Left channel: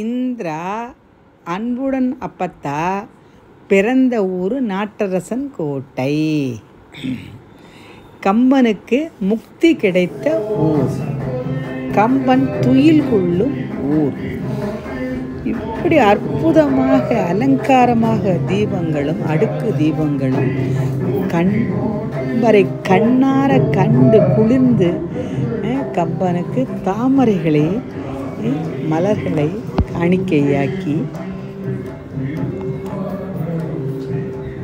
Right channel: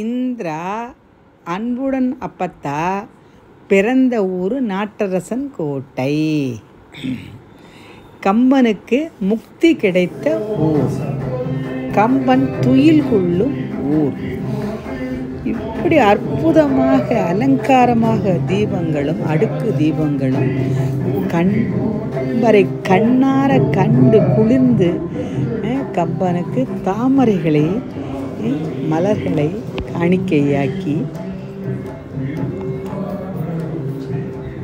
இந்திரா அன்புடன் அப்பத்தா பிறந்த ஊர் நாட்டரசன் கோட்டை. கம்பனுக்கு முக்தி கிடைத்த ஊர், கம்பன் துயில் கொள்ளும் ஊர். இப்படி அற்புதமாக அலங்காரமாக தீபங்களும் அடுக்கு தீபங்களும் கம்பரை கண்ணார கண்டு குளிர்ந்து கம்பனுக்கு தாமரைகளை மலர்களை காணிக்கையாக்கி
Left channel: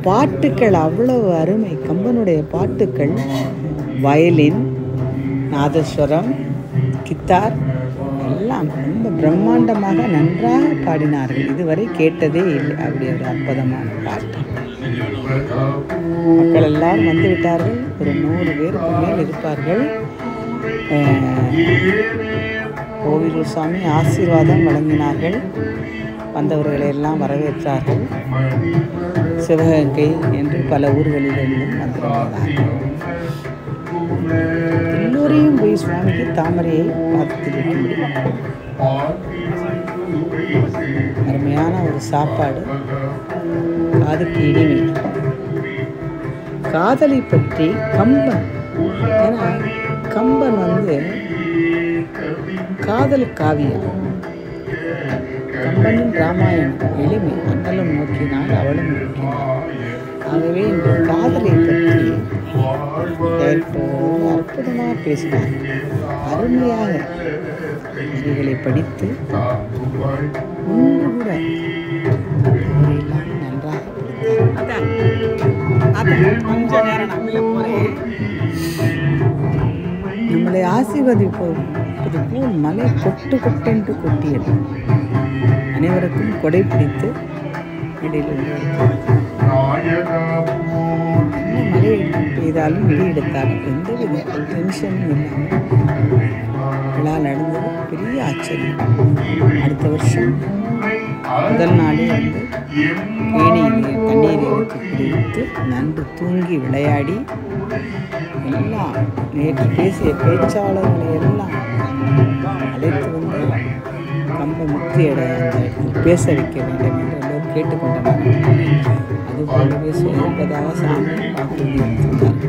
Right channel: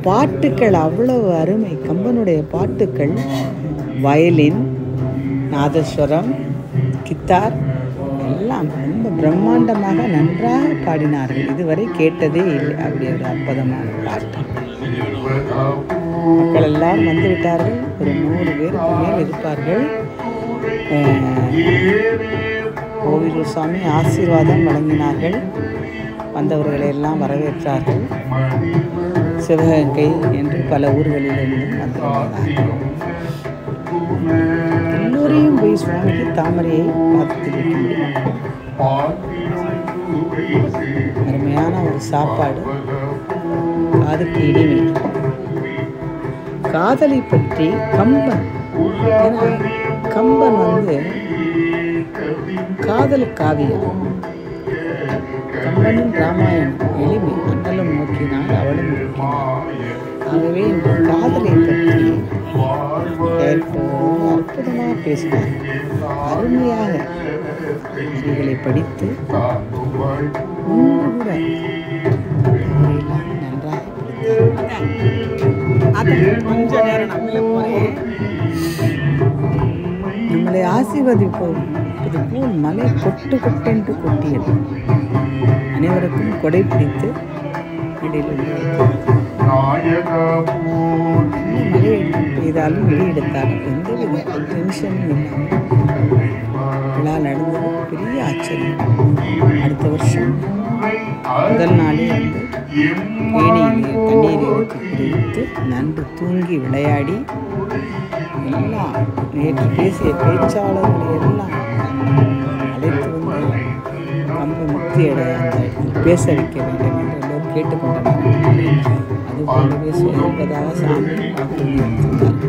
பாட்டுக்கள் அவ்வளவு அருமை. கம்பனுடைய பாட்டுக்கள் வயலின், நாதஸ்வரம், கித்தார் எல்லாம் ரொம்ப பிரம்மாண்டமாக நன்றாக பாடினார்கள். இதுவரை கேட்டதே இல்லை அப்படி ஒரு அற்புதமான பாட்டு. மக்கள் எல்லாரும் வந்து விட்டார்கள். ஒரு 100 பேருக்கு மேல் இருப்பார்கள். கோவிலூர் சுவாமி ஆசீர்வாதம் வழங்கினார்கள். வந்தவர்களை எல்லாம் வரவேற்றார்கள். சிவகங்கை என்று பல ஊர்களிலிருந்தும் வந்திருந்தார்கள். எல்லோரையும் போய் சுவாமிக்கு தாமரையை பாதத்தில் வைக்க முடியும். அருமையான ஒரு சாப்பாடு, காதுக்கு இனிமை. காதலை பற்றி கம்பன், ஏன்னா கம்பன் காதல் காவியம். கம்பனின் ராமாயணம் எளிமை. அண்ணலும் நோக்கினாள் அவளும் நோக்கினாள். ஆகவே இன்று காதலை பற்றி அற்புதமாக பேசினார். அருமையாக வரிகளை படித்து ஒன்று கூட அவரையெல்லாம் நன்றாக நம்மளை ஆசீர்வதிப்பது போல் மலை கொட்டு கொட்டென்று கொட்டியது. அனைவருக்கும் கொடை பிடித்து இடையில் என்ன மழை பெய்தாலும் இடி எடுத்தாலும் எந்தவித டென்ஷனும் இல்லாமல் விழா நடந்தது. பெரிய ஆச்சரியம். அடுத்த வருஷம் முதல் நாளே கேணியிலே தண்ணீரை வச்சு குடித்து நன்று தூங்கி விளையாடி எல்லாம் நேற்று பேசிய பேச்சாளர்களை எல்லாம் அழைத்து வந்து கம்ப முக்தியடைய அந்த இடத்தில் பேச வைக்க வேண்டும் என்று எல்லோரும் கேட்டுக்கொண்டனர். அதுபோலவே சொல்வதாக சாமி வாக்குறுதி அளித்துள்ளார்.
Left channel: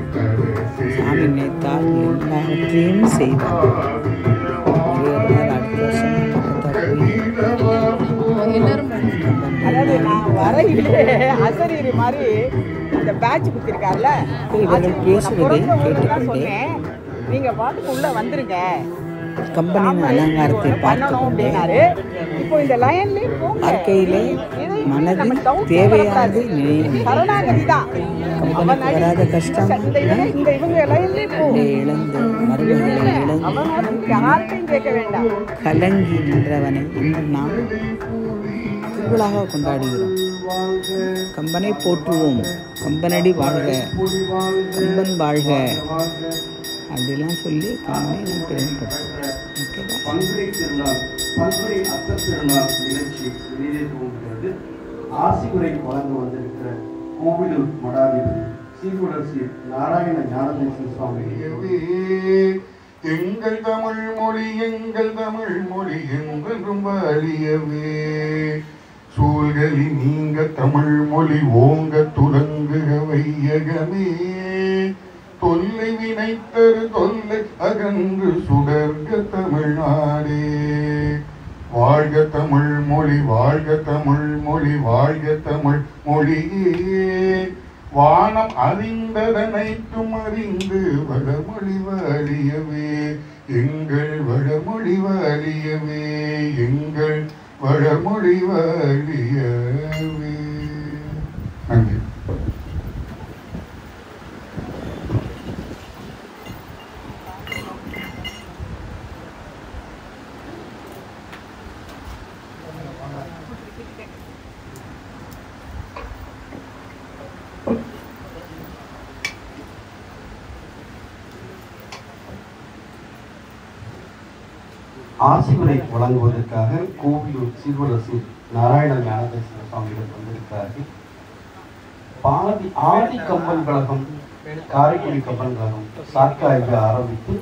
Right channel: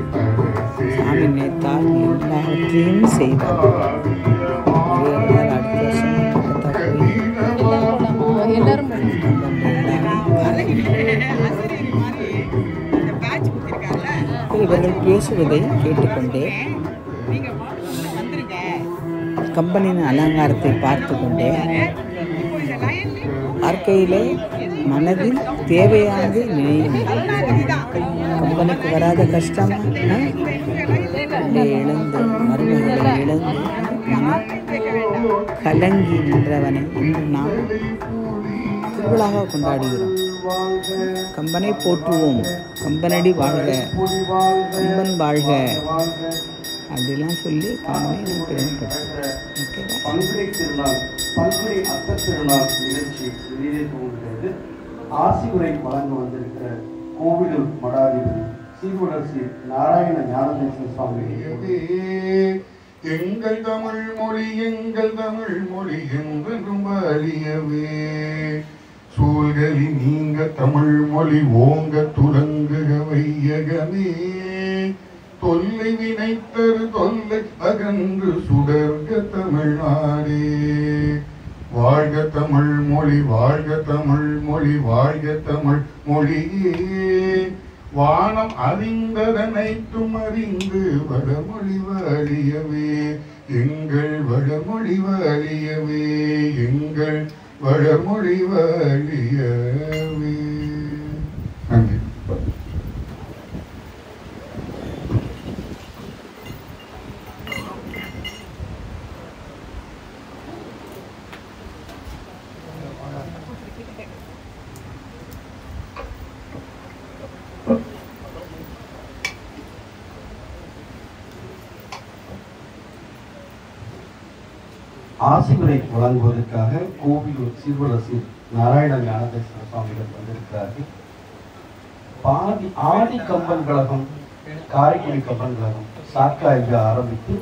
சாமி நினைத்தால் எல்லாவற்றையும் செய்வார். ஒரே ஒரு நாள் அடுத்த வருஷம் பக்கத்தா போய் இவர்கள் பேசுவதை கேட்டுக்கொண்டே கம்பனின் அலங்காரத்தை பார்த்து கொண்டே வாழ்க்கையிலே மனதில் தேவையானது நினைவு. கம்பனுக்கு வராத கஷ்டம் இழந்து மருமகளை இழந்து கலங்கி நின்றவனை இன்று நாம் திருவிழாக கொண்டாடுகிறோம். கம்பனை போற்றுவோம், கம்பனடி வாழ்க, கம்பன் வாழ்க அப்படிலாம் சொல்லி கம்பனை நாம் பெருமைப்படுத்துவோம். ஆசிகுரை வழங்க வந்திருக்கிற கோவிலூர் மடாதிபதி சீர்வரசி நாராயண ஞானதேசன் சுவாமி. எங்கள் தமிழ் மொழி என்றும் வலியவே சூழ்களி நீங்க தமிழ் மொழி ஓங்க துலங்குக வையகமே தொல்லை வினைத்தரு தொல்லை அகன்று சுடர்க தமிழ்நாடே. வாழ்க தமிழ் மொழி, வாழ்க தமிழ் மொழி, வாழ்க தமிழ் மொழியே. வானம் அறிந்ததனைத்தும் அறிந்து வடமொழி வாழியவே எங்கள் வடமொழி வாழியவே எங்கள் வடமொழி வாழியவே. நன்றி. ஆசிகுரை வழங்குவதற்காக கோவிலூர் சீர்வரசி நாராயண ஞானதேசன் சுவாமிகள் வந்திருக்கிறார்கள். ஆதி கம்பன் கழகம், காரைக்குடி கம்பன் கழகம் சாக்காய்க்கு ஆரம்பித்து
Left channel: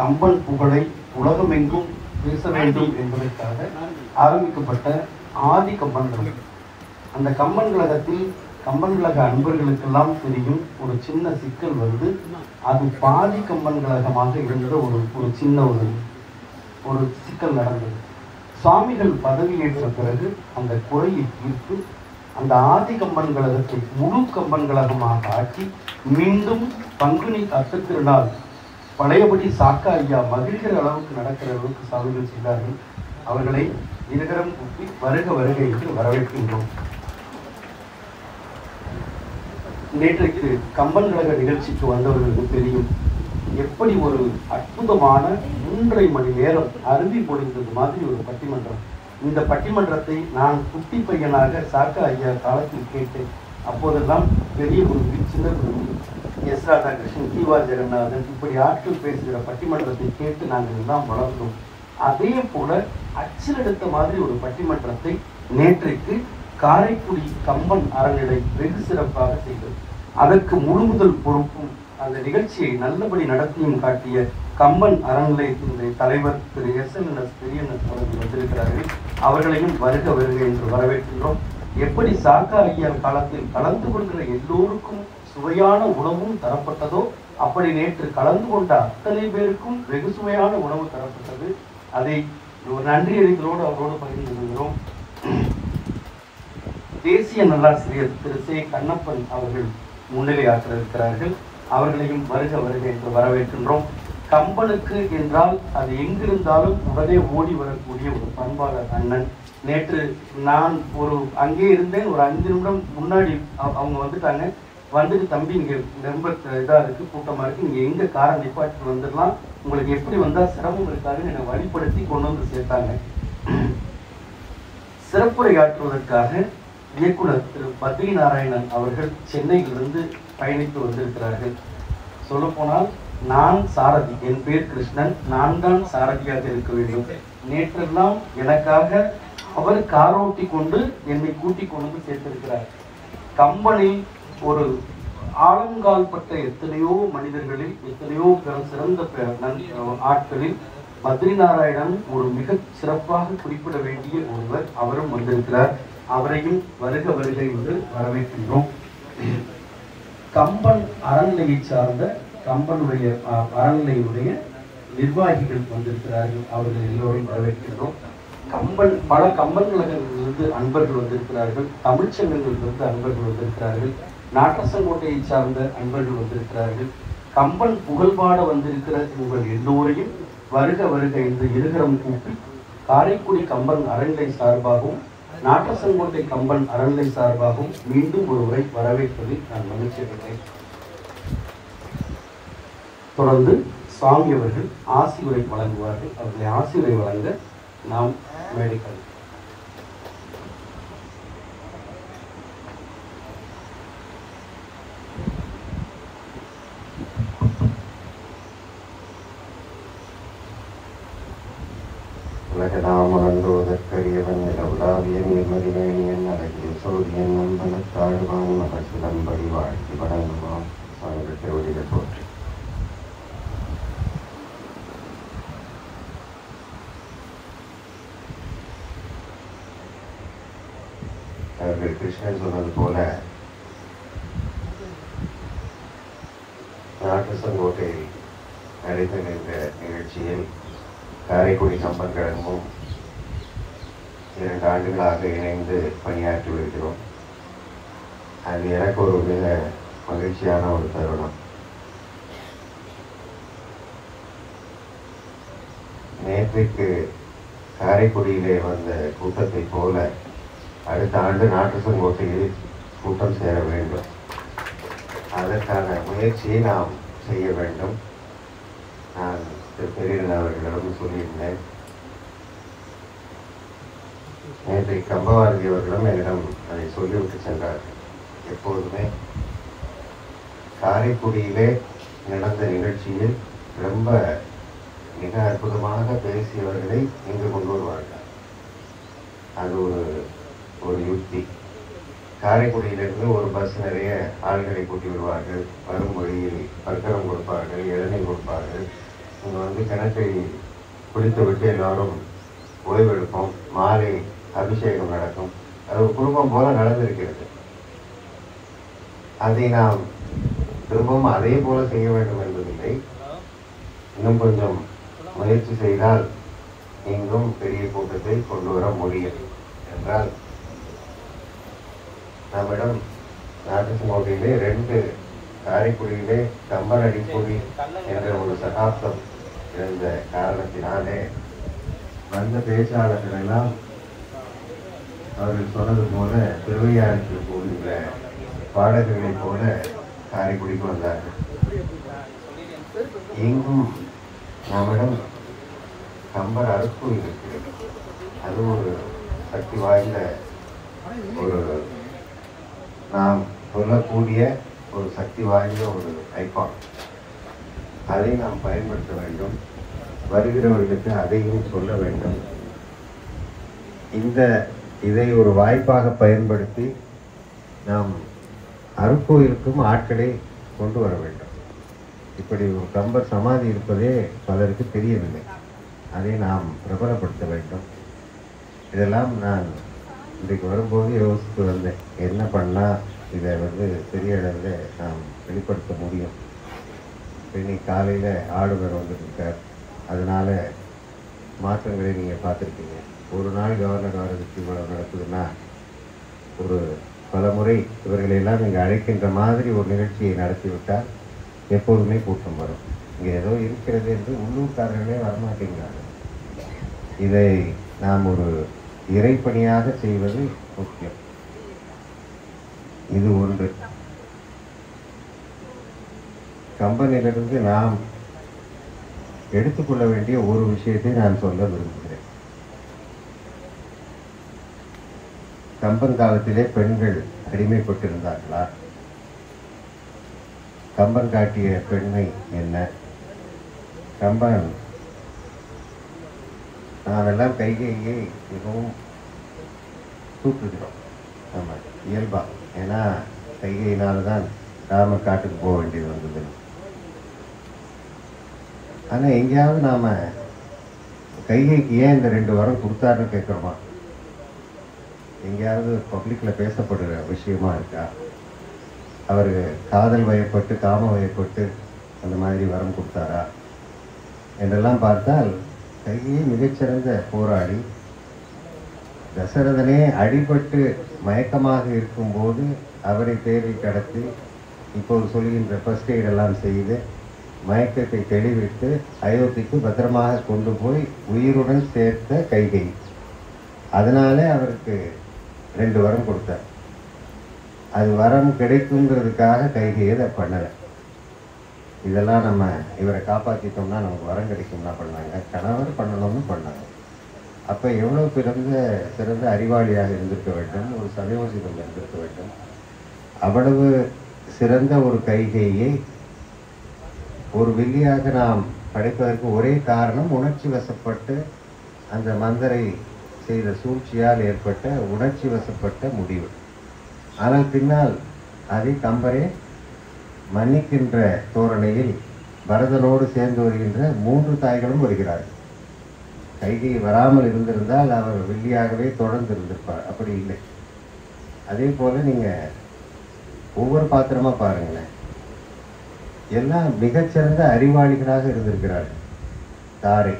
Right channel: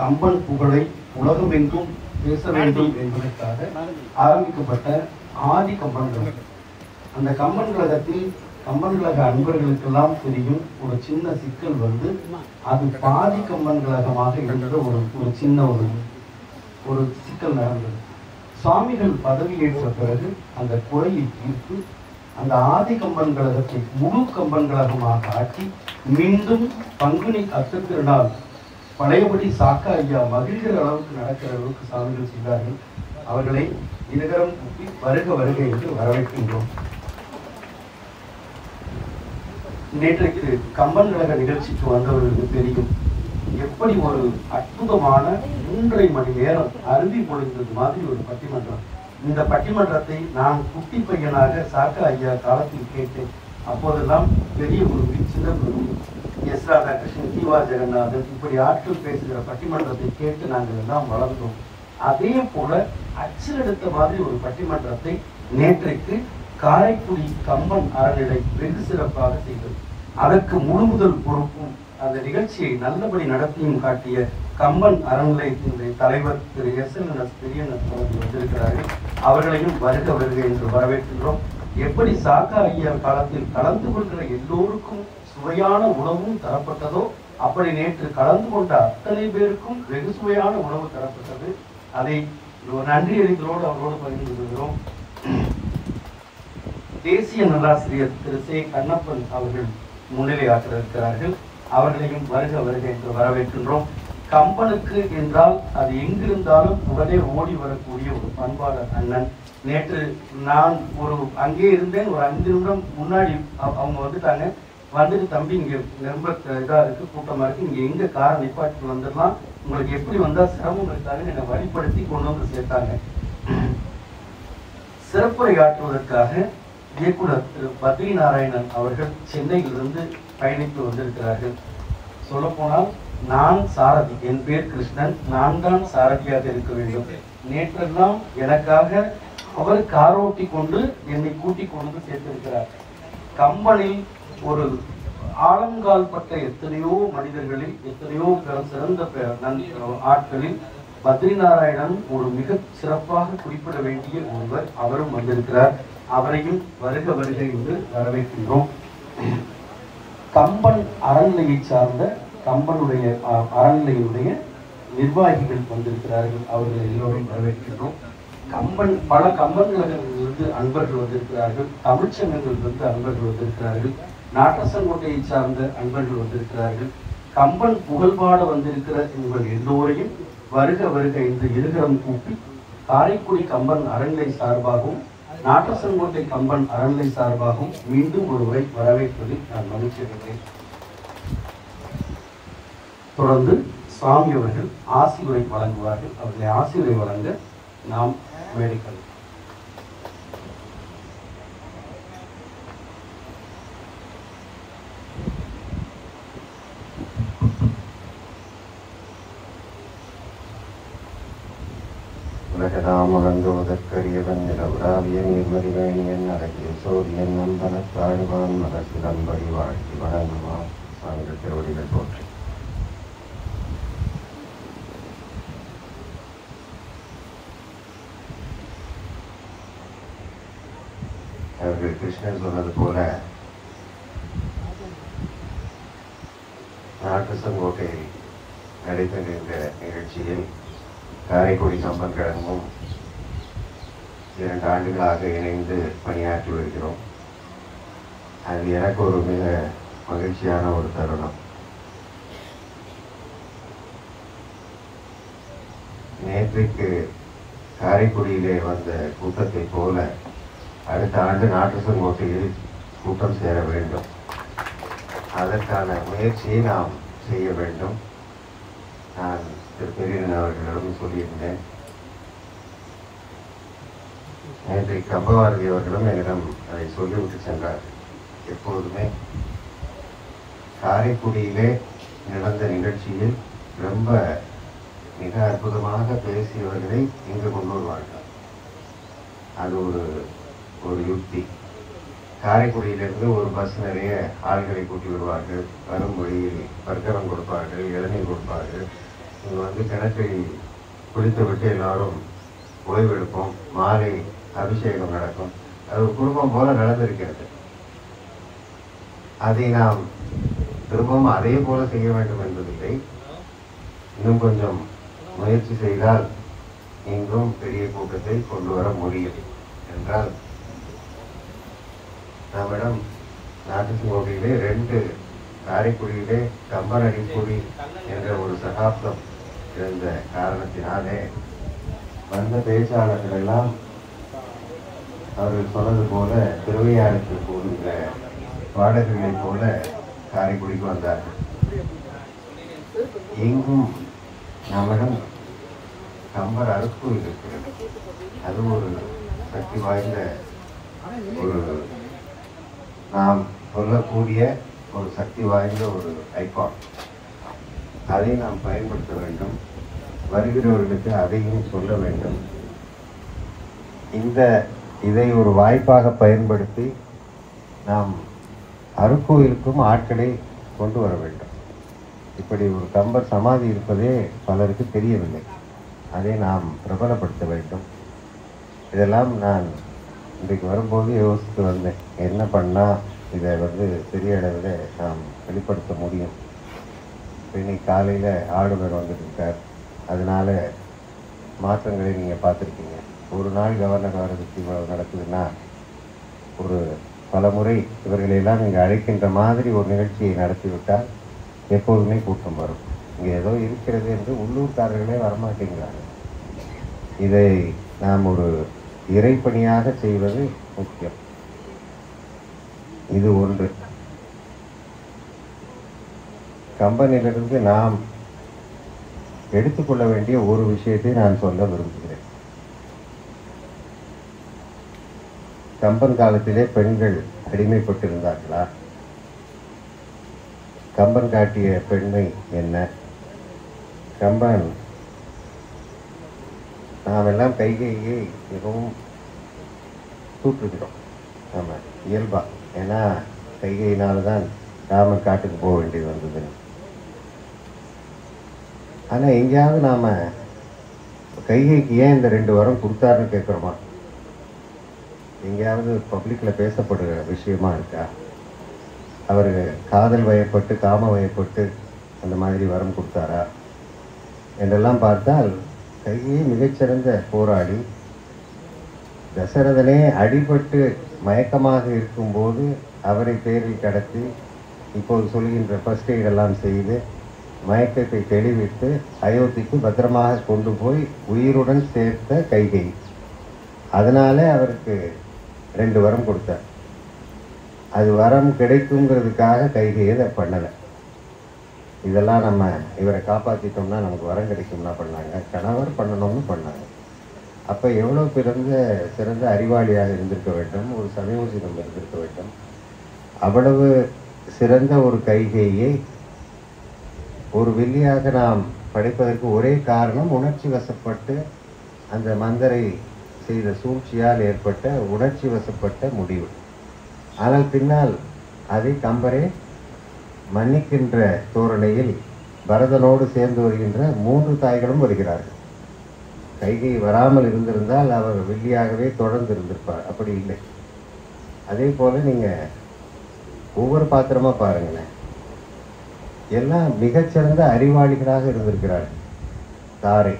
கம்பன் புகழை உலகமெங்கும் பேச வேண்டும் என்பதற்காக ஆரம்பிக்கப்பட்ட ஆதி கம்பன் கழகம். அந்த கம்பன் கழகத்தில் கம்பன் கழக அன்பர்களுக்கெல்லாம் தெரியும் ஒரு சின்ன சிக்கல் வந்து அது பாதி கம்பன் கழகமாக இருந்த ஒரு சின்ன ஒரு சிக்கல் நடந்தது. சுவாமிகள் பதவியேற்ற பிறகு அந்த குறையை தீர்த்து அந்த ஆதி கம்பன் கழகத்தை முழு கம்பன் கழகமாக ஆக்கி மீண்டும் பங்குனி அட்டத்திருநாள் பழையபடி சாக்கா ஐயா மகிழ்கிற அளவுக்கு நடக்கிற அளவுக்கு சாமிகள் செய்தார்கள். அவர்களை இருகரம் கூப்பி வருக வருக என்று வரவேற்கின்றோம். நேற்றைக்கு கம்பன் கழக நிகழ்ச்சிக்கு வந்தவர்களுக்கு தெரியும் எப்படி ஒரு அற்புதமான 3.5 மணி நேரம் அருவி பொழிந்தது மாதிரி ஒரு பட்டிமன்றம். இந்த பட்டிமன்றத்தை நான் குட்டி பையனாக சாக்கா ஐயா காலத்தில் கேட்டேன். அப்போதெல்லாம் பெரிய குருவி, சின்ன குருவி, எஸ் ராதாகிருஷ்ணன், தீவா ஜெகநாதன் இப்படி ஆட்கள் பேசுகிற பட்டிமன்றத்தை கேட்டு நாங்கள் எல்லாம் வளர்ந்தோம். அதே போல அச்சிலெடுத்த மாதிரி ஒரு பட்டிமன்றத்தை நேற்றைக்கு காரைக்குடி கம்பன் அறநிலை வெகு சிறப்பாக செய்தது. அதற்கு முழுமுதல் பொறுப்பும் அந்த நிகழ்ச்சியை நல்லபடி நடத்தியும் காட்டிய கம்பன் அறநிலையத்தினுடைய தலைவர் திரு எஸ்.என்.எஸ். பெரியண்ணன் அவர்கள் வந்திருக்கிறார்கள். அவர்களையும் வருக வருக என்று வரவேற்கின்றோம். எப்படி சாக்கா ஐயா காலத்தில் கலந்து கொள்கிற எல்லோருக்கும் சுவையான உணவும் தரப்பட்டதோ அப்படி நேற்று கலந்து கொண்ட அத்தனை பேருக்கும் வெகு சுவையான உணவு தரப்பட்டது. அதை நன்றி அறிந்தோடு அவரோடு பகிர்ந்து கொள்கிறோம். தேசிய நல்லாசிரியர் திரு சே. கண்ணப்பன் அவர்கள் முன்னிலையாற்ற இருக்கிறார்கள். அவர்களையும் வருக வருக என்று வரவேற்கின்றோம். கம்பனுக்கு என்றால் அது எங்கிருந்தாலும் உடனே ஓடி வரக்கூடிய ஒரு பண்பாளர் அண்ணன். நேற்று நான் அங்கே இருந்தேன். ஒரு 5 நிமிடம் முன்னாடி அவங்க வந்துட்டாங்க. வந்துட்டு தம்பி இங்க ரொம்ப இதா இருக்கு, கூட்டமா இருக்கு, நீங்க எங்க காரை நிப்பாட்டி வந்துடலாம், உங்களுக்கு எப்படி வந்தா சிரமம் இருக்காதுன்னு என்னை வழிப்படுத்தி கொண்டு வந்து சேர்த்தாங்க. சிறப்புரையாற்றுவதற்காக இயக்குனர் திரு பத்ரி நாராயணன் அவர்கள் சென்னையிலிருந்து பயணித்து வந்திருக்கிறார்கள். சொல்ல போனால் நான் சாரதி, என் பேர் கிருஷ்ணன், நான் தான் சாரதியாக இருக்க வேண்டும். நேற்றெல்லாம் எனக்காக அவர் காரோட்டி கொண்டு என்னை கூட்டிக் கொண்டு சேர்த்திருக்கிறார். கம்பனில் ஒரு ஆழங்கால் பட்ட எத்தனையோ மனிதர்களில் எத்தனையோ சிறந்த ஆட்களில் பத்ரி நாராயணன் ஒரு மிக சிறப்பாக குறிப்பிட வேண்டிய ஒருவர். அவரும் வந்திருக்கிறார். அவரையும் வருக வருகை என்று வரவேற்கின்றோம். கம்பன் அறநிலையை சார்ந்த கம்பனுடைய அறநிலையுடைய நிர்வாகிகள் வந்திருக்கிறார்கள். அவர்கள் எல்லோரும் வரவேற்கின்றோம். பல கம்பன்களிலிருந்து அன்பர்கள் வந்திருக்கிறார்கள். தமிழ்ச்சங்கங்களிலிருந்து அன்பர்கள் வந்திருக்கிறார்கள். நாட்டசங்கோட்டையை சார்ந்த அன்பர்கள் வந்திருக்கிறார்கள். கம்பன் புகழ்பாட வந்திருக்கிற உங்கள் எல்லோரையும் வருக வருக என்று இருகரம் கூப்பி காரைக்குடி கம்பன் அறநிலை சார்பாகவும் நாட்டசங்கோட்டை கம்பன் அறநிலை சார்பாகவும் மீண்டும் ஒருவரை வரவேற்பதில் நான் மகிழ்ச்சி அடைகிறேன். தொடர்ந்து சுவாமி அவர்கள் ஆசியுரை வழங்குவார்கள். அவர்களை ஆசியுரை வழங்க நாம் மேடைகள் உலகதாமகன்றோதற்கரியவன் உலாவிய நீர்மதிவேணியன் அழகிய சோதியன் நம்பனத்தாழ்வான் மகசிலம்படி வாழ்த்தி வணங்குவான் சான்று திருவடிகள் போற்றி. அவர்கள் கிருஷ்ணன் சொன்னது போல நாட்டசங்கோட்டையில் நடைபெற நின்ற நிகழ்ச்சியில் காரைக்குடி கம்பன் கழகமும் 2 ஆண்டுகளாக இணைந்து பணியாற்றி வருகிறோம். அது எனக்கு ஒரு மிக மகிழ்ச்சியான ஒரு தருணம். நேற்றைக்கு காரைக்குடியிலே வந்த கூட்டத்தை போல அடுத்த ஆண்டு நாட்டசங்கோட்டையில் கூட்டம் சேர வேண்டும். அதற்கான முயற்சியை நாம் செய்ய வேண்டும். நான் திரு பெரியண்ணன் அவர்களிடம் சொல்லியிருந்தேன். நேற்றைக்கு கம்பவாரதி அவர்களும் என்னிடம் அதை சொல்லிவிட்டு சென்றார்கள். எப்போதுமே காரைக்குடியிலே நடந்த நிகழ்ச்சியில் ரொம்ப மிக அற்புதமாக பேசியவர்களை இங்கு கொண்டு வருவார்கள். அது ஒரு யுக்தி. காரைக்குடியிலிருந்து ஒரு பஸ் நிறைய ஆள்களை கூட்டி விடுவார்கள். வரும் வழியில் பர்க்கரம் கொடுப்பார்கள், இளநீர் கொடுப்பார்கள். இங்கே வந்து கிணற்றை குளித்துவிட்டு எல்லோரும் ஓய்வெடுப்போம். மாலை அபிஷேகம் நடக்கும். அது குடும்பம் போல நடந்திருக்கிறது. அதை நாம் திரும்பவும் அதே போல செய்ய வேண்டும் என்பதில்லை. இன்னும் கொஞ்சம் முயற்சி செய்தால் இங்கும் பெரிய கூட்டத்தை கொண்டு வர முடியும் என்றால், நம்மிடம் நாட்டுக்கோட்டையிலே 2 காரைக்குடியிலே கம்பன் அடிப்பொடி என்ற ஒரு சகாப்தம் இருந்த காரணத்தினாலே வந்த பேச்சாளர்கள் எல்லாம் அவர்கள் சொன்னது போல திருவையாறுக்கு போகின்ற பாடகர்களைப் போல காரைக்குடிக்கு வந்தார்கள். எங்கும் நம்மிடம் கம்பர் அருட்கோயில் இருக்கிறது. அது ஒரு சக்தி வாய்ந்த ஒரு நாம் சொல்லக்கூடிய ஒரு சக்தி வாய்ந்த ஒரு ஐகான். அதை நாம் பயன்படுத்த வேண்டும். வருகிறவர்களுக்கு அதையும் சொல்ல வேண்டும். இதை ஒரு வாய்ப்பாக பயன்படுத்தி நாம் அருட்கோயிலுக்கும் ஆட்களை கொண்டு வர வேண்டும். இப்படி ஒரு கம்பர் சமாதி இருப்பதே பலருக்கு தெரியவில்லை. அதை நாம் பிரபலப்படுத்த வேண்டும். இதெல்லாம் நான் இன்றைக்கு வரும்போது யோசித்து வந்தேன். என்ன பண்ணால் இதை பெரிய அளவில் நாம் வெளிப்படுத்த முடியும். இன்னைக்கு காலையில் ஆளுநர் வந்துருக்கார். அதனால மாற்றங்களை நீங்கள் பார்த்துருக்கீங்க. ஒரு நாள் கவர்னர் வரதுக்கு இவ்வளவு நடக்குதுன்னா, ஒரு பல முறை இவர்களெல்லாம் இங்கே அழைக்கின்ற மாதிரி ஒரு நிகழ்ச்சியை நடத்திவிட்டால் எப்போதுமே கூட்டம் வரும். இங்கே ஏதோ இருக்கிறது என்று உள்ளூர்காரர்களே வரமாட்டேங்கிறாங்க. இதை நாம் ஒரு இறைப்பணியாக செய்வது முக்கியம். இது ஒன்று. கம்பனிலிருந்து நாம் எடுத்துக்கொள்ள வேண்டிய ஒரு விஷயத்தை நான் சொல்ல விரும்புகிறேன். கம்பன் காலத்திலே பெண்கள் அடிமைப்பட்டிருந்தார்களா? கம்பன் காட்டிய பெண்மை என்ன? கம்பன் நாம் எல்லாம் கைகையை மிகவும் தூற்றுகிறோம். நம்ம இயல்பா. ஏன்னா கைகையினால்தான் ராமர் காட்டுக்கு போக வேண்டியது வந்தது. ஆனால் எங்கேயாவது நாம் கைகைக்கு ஏன் இந்த 2 வரம் கொடுத்தாருன்னு கேட்குறோமா? எங்கேயாவது பப்ளிக்கில் பேசப்படுற விஷயமா இருக்கா? அவர் காதல் வயப்பட்டு காம வயப்பட்டு அந்த மாதிரி வரம் கொடுத்தாரா என்றெல்லாம் பார்த்தால், கைகையை மிகச்சிறந்த போராடி தசரதனே அடிபட்டு மயக்கமாக இருக்கும்போது அவரை தேரில் கடத்தி இப்போது சொல்கின்ற ஃபர்ஸ்ட் எய்ட் எல்லாம் செய்து மயக்கத்தை தெளிவித்து அயோத்திக்கு பத்திரமாக கொண்டு போய் உயிருடன் சேர்த்த கைகை. அதனாலே அவருக்கு 2 வரம் கொடுத்தார். அது வரம் கிடைக்குங்கிறதுக்காக கைகையை அதை பண்ணலை. இதெல்லாம் நம்ம இவரை காப்பாற்றிட்டோம்னா நமக்கு வரம் கிடைக்கும்னா பண்ணாங்க. கணவர் பண்ணணும்னு பண்ணாங்க. அப்போ எவ்வளோ சிறந்த அறிவாளியாக இருந்திருக்க வேண்டும், ஒரு சமயோசிதம் இருந்திருக்க வேண்டும். அவ்வளவு சிறந்த ஒரு கைகையை ஒரு வில்லியாக நாம் படைப்பதற்கு ஒரே காரணம், உணர்ச்சி வசப்பட்டு அந்த மந்தரை செய்த சூழ்ச்சியால் ஏற்பட்ட உணர்ச்சி வசப்பட்ட முடிவு. ஆனால் பின்னால் அதை கம்பரே மன்னிக்கின்ற தோரணையில் பரதனோடு சேர்ந்து வருகின்ற 3 தாய்களும் வருகிறார்கள். கைகை வராமல் இருந்திருந்தால் அவர் வில்லியாகவே தொடர்ந்து இருந்திருப்பார். அப்படி இல்லை. அதே போல நீங்க ஒவ்வொரு பாத்திரமா பாருங்களேன். எல்லாம் மிகச்சிறந்த அறிவாளிகளாக இருந்திருக்கிறார்கள். தாரை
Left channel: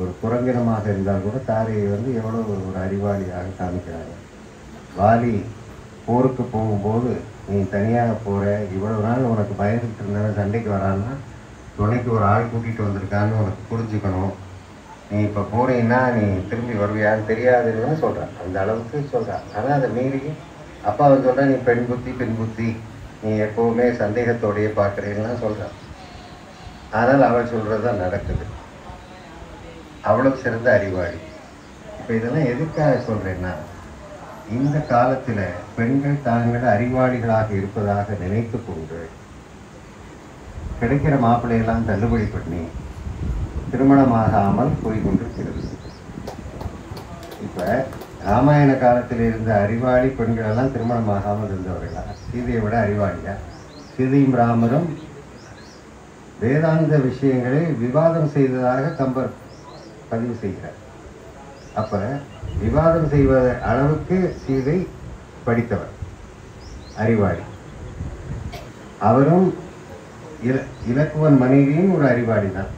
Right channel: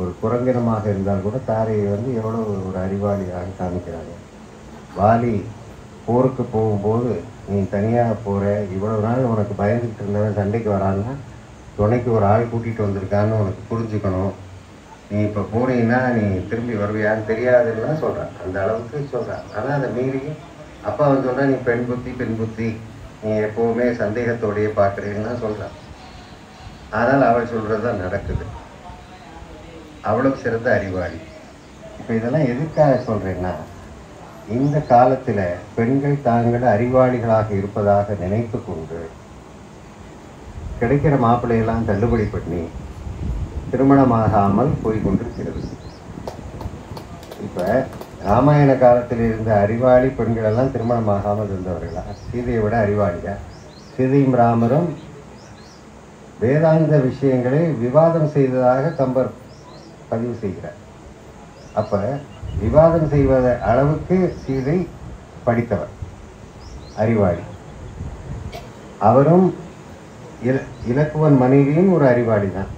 ஒரு குரங்கினமாக இருந்தால் கூட தாரையை எவ்வளவு ஒரு அறிவாளியாக காமிக்கிறாங்க. வாலி போருக்கு போகும்போது, நீ தனியாக போகிற, இவ்வளவு நாள் உனக்கு பயந்துட்டு இருந்தவன் சண்டைக்கு வரான்னா துணைக்கு ஒரு ஆள் கூட்டிகிட்டு வந்திருக்கான்னு உனக்கு புரிஞ்சுக்கணும். நீ இப்போ போறீங்கன்னா நீ திரும்பி வருவியான்னு தெரியாதுன்னு தான் சொல்கிறான். அந்த அளவுக்கு சொல்கிறான். ஆனால் அதை மீறி அப்பா சொல்கிறான், நீ பெண் புத்தி, நீ எப்போவுமே சந்தேகத்தோடையே பார்க்குறீன்னு தான் சொல்கிறான். ஆனால் அவள் சொல்கிறது தான் நடக்குது. அவ்வளவு சிறந்த அறிவாளி. இப்போ இதெல்லாம் எதுக்காக சொல்கிறேன்னா, இந்த காலத்தில் பெண்கள் தாங்கள் அறிவாளிகளாக இருப்பதாக நினைத்து கொண்டு கிடைக்கிற மாப்பிள்ளையெல்லாம் தள்ளுபடி பண்ணி திருமணமாகாமல் போய்கொண்டிருக்கிறது. இப்போ ராமாயண காலத்தில் இருந்த அறிவாளி பெண்கள் எல்லாம் திருமணமாகாமல் இருந்தவர்களா? சீதையை விட அறிவாளியா? சீதையும் ராமரும் வேதாந்த விஷயங்களை விவாதம் செய்ததாக கம்பர் பதிவு செய்கிறார். அப்ப விவாதம் செய்வத அளவுக்கு சீதை படித்தவர், அறிவாளி. அவரும் இலக்குவன் மனைவியும் ஒரு அறிவாளி தான்.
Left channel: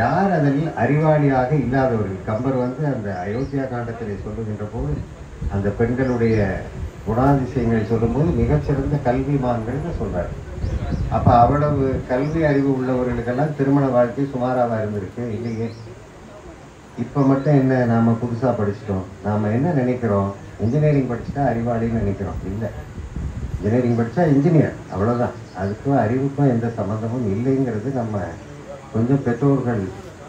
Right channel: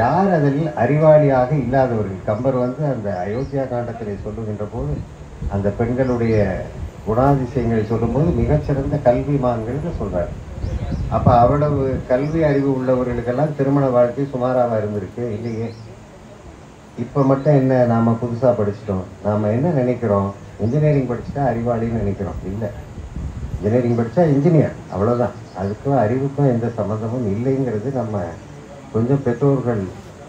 யார் அதில் அறிவாளியாக இல்லாதவர்கள்? கம்பர் அந்த அயோத்தியா காண்டத்திலே சொல்லுகின்ற போது அந்த பெண்களுடைய குணாதிசயங்களை சொல்லும்போது மிகச்சிறந்த கல்விமான்கள் சொல்றாரு. அப்ப அவ்வளவு கல்வி அறிவு உள்ளவர்களுக்கெல்லாம் திருமண வாழ்க்கை சுமாராக இருந்திருக்கு இல்லையே. இப்ப மட்டும் என்ன, நாம புதுசா படிச்சிட்டோம், நாம என்ன நினைக்கிறோம், இன்ஜினியரிங் படிச்சுட்டா அறிவாளின்னு நினைக்கிறோம். இல்லை, இன்ஜினியரிங் படித்தா இன்ஜினியர், அவ்வளோதான். அதுக்கும் அறிவுக்கும் எந்த சம்மந்தமும் இல்லைங்கிறது நம்ம கொஞ்சம் பெற்றோர்கள்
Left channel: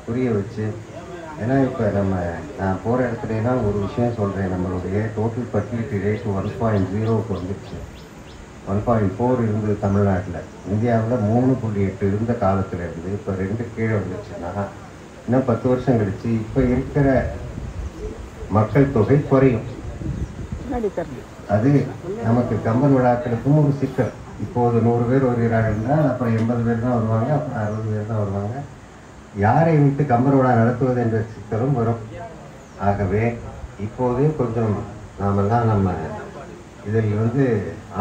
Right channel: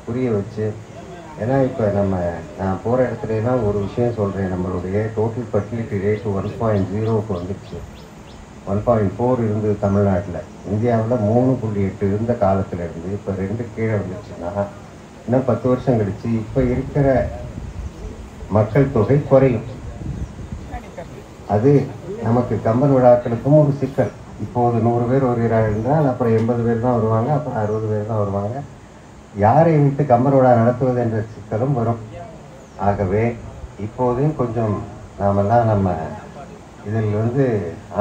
புரிய வச்சு. ஏன்னா இப்போ நான் போகிற இடத்துலலாம் ஒரு விஷயம் சொல்கிறேன், நம்மளுடைய டோட்டல் ஃபர்டிலிட்டி ரேட் 1.0க்கு வந்துடுச்சு. 1.4 இருந்தது தமிழ்நாட்டில். இந்தியாவில் 3.8 இருந்த காலத்தில் இருந்து இப்போ 2 கீழே வந்துடுச்சுன்னா இன்னும் 10 வருஷம் கழிச்சு இப்போ இருக்கிற மக்கள் தொகை குறையும். அது நமக்கு கம்பன் விழாக்களுக்கும் ஒரு சிக்கல். இப்போது 100 பேர் வருகிறார்கள் என்றால் அப்புறம் 80 பேர் தான் வருவாங்க, அப்புறம் 60 பேர் தான் வருவாங்க. யாரை வைத்து கம்பன் விழா நடத்துவது என்ற சிக்கலும் வரும். ஆகவே இப்போதே கொஞ்சம் நாமெல்லாம் நம்ம இதில்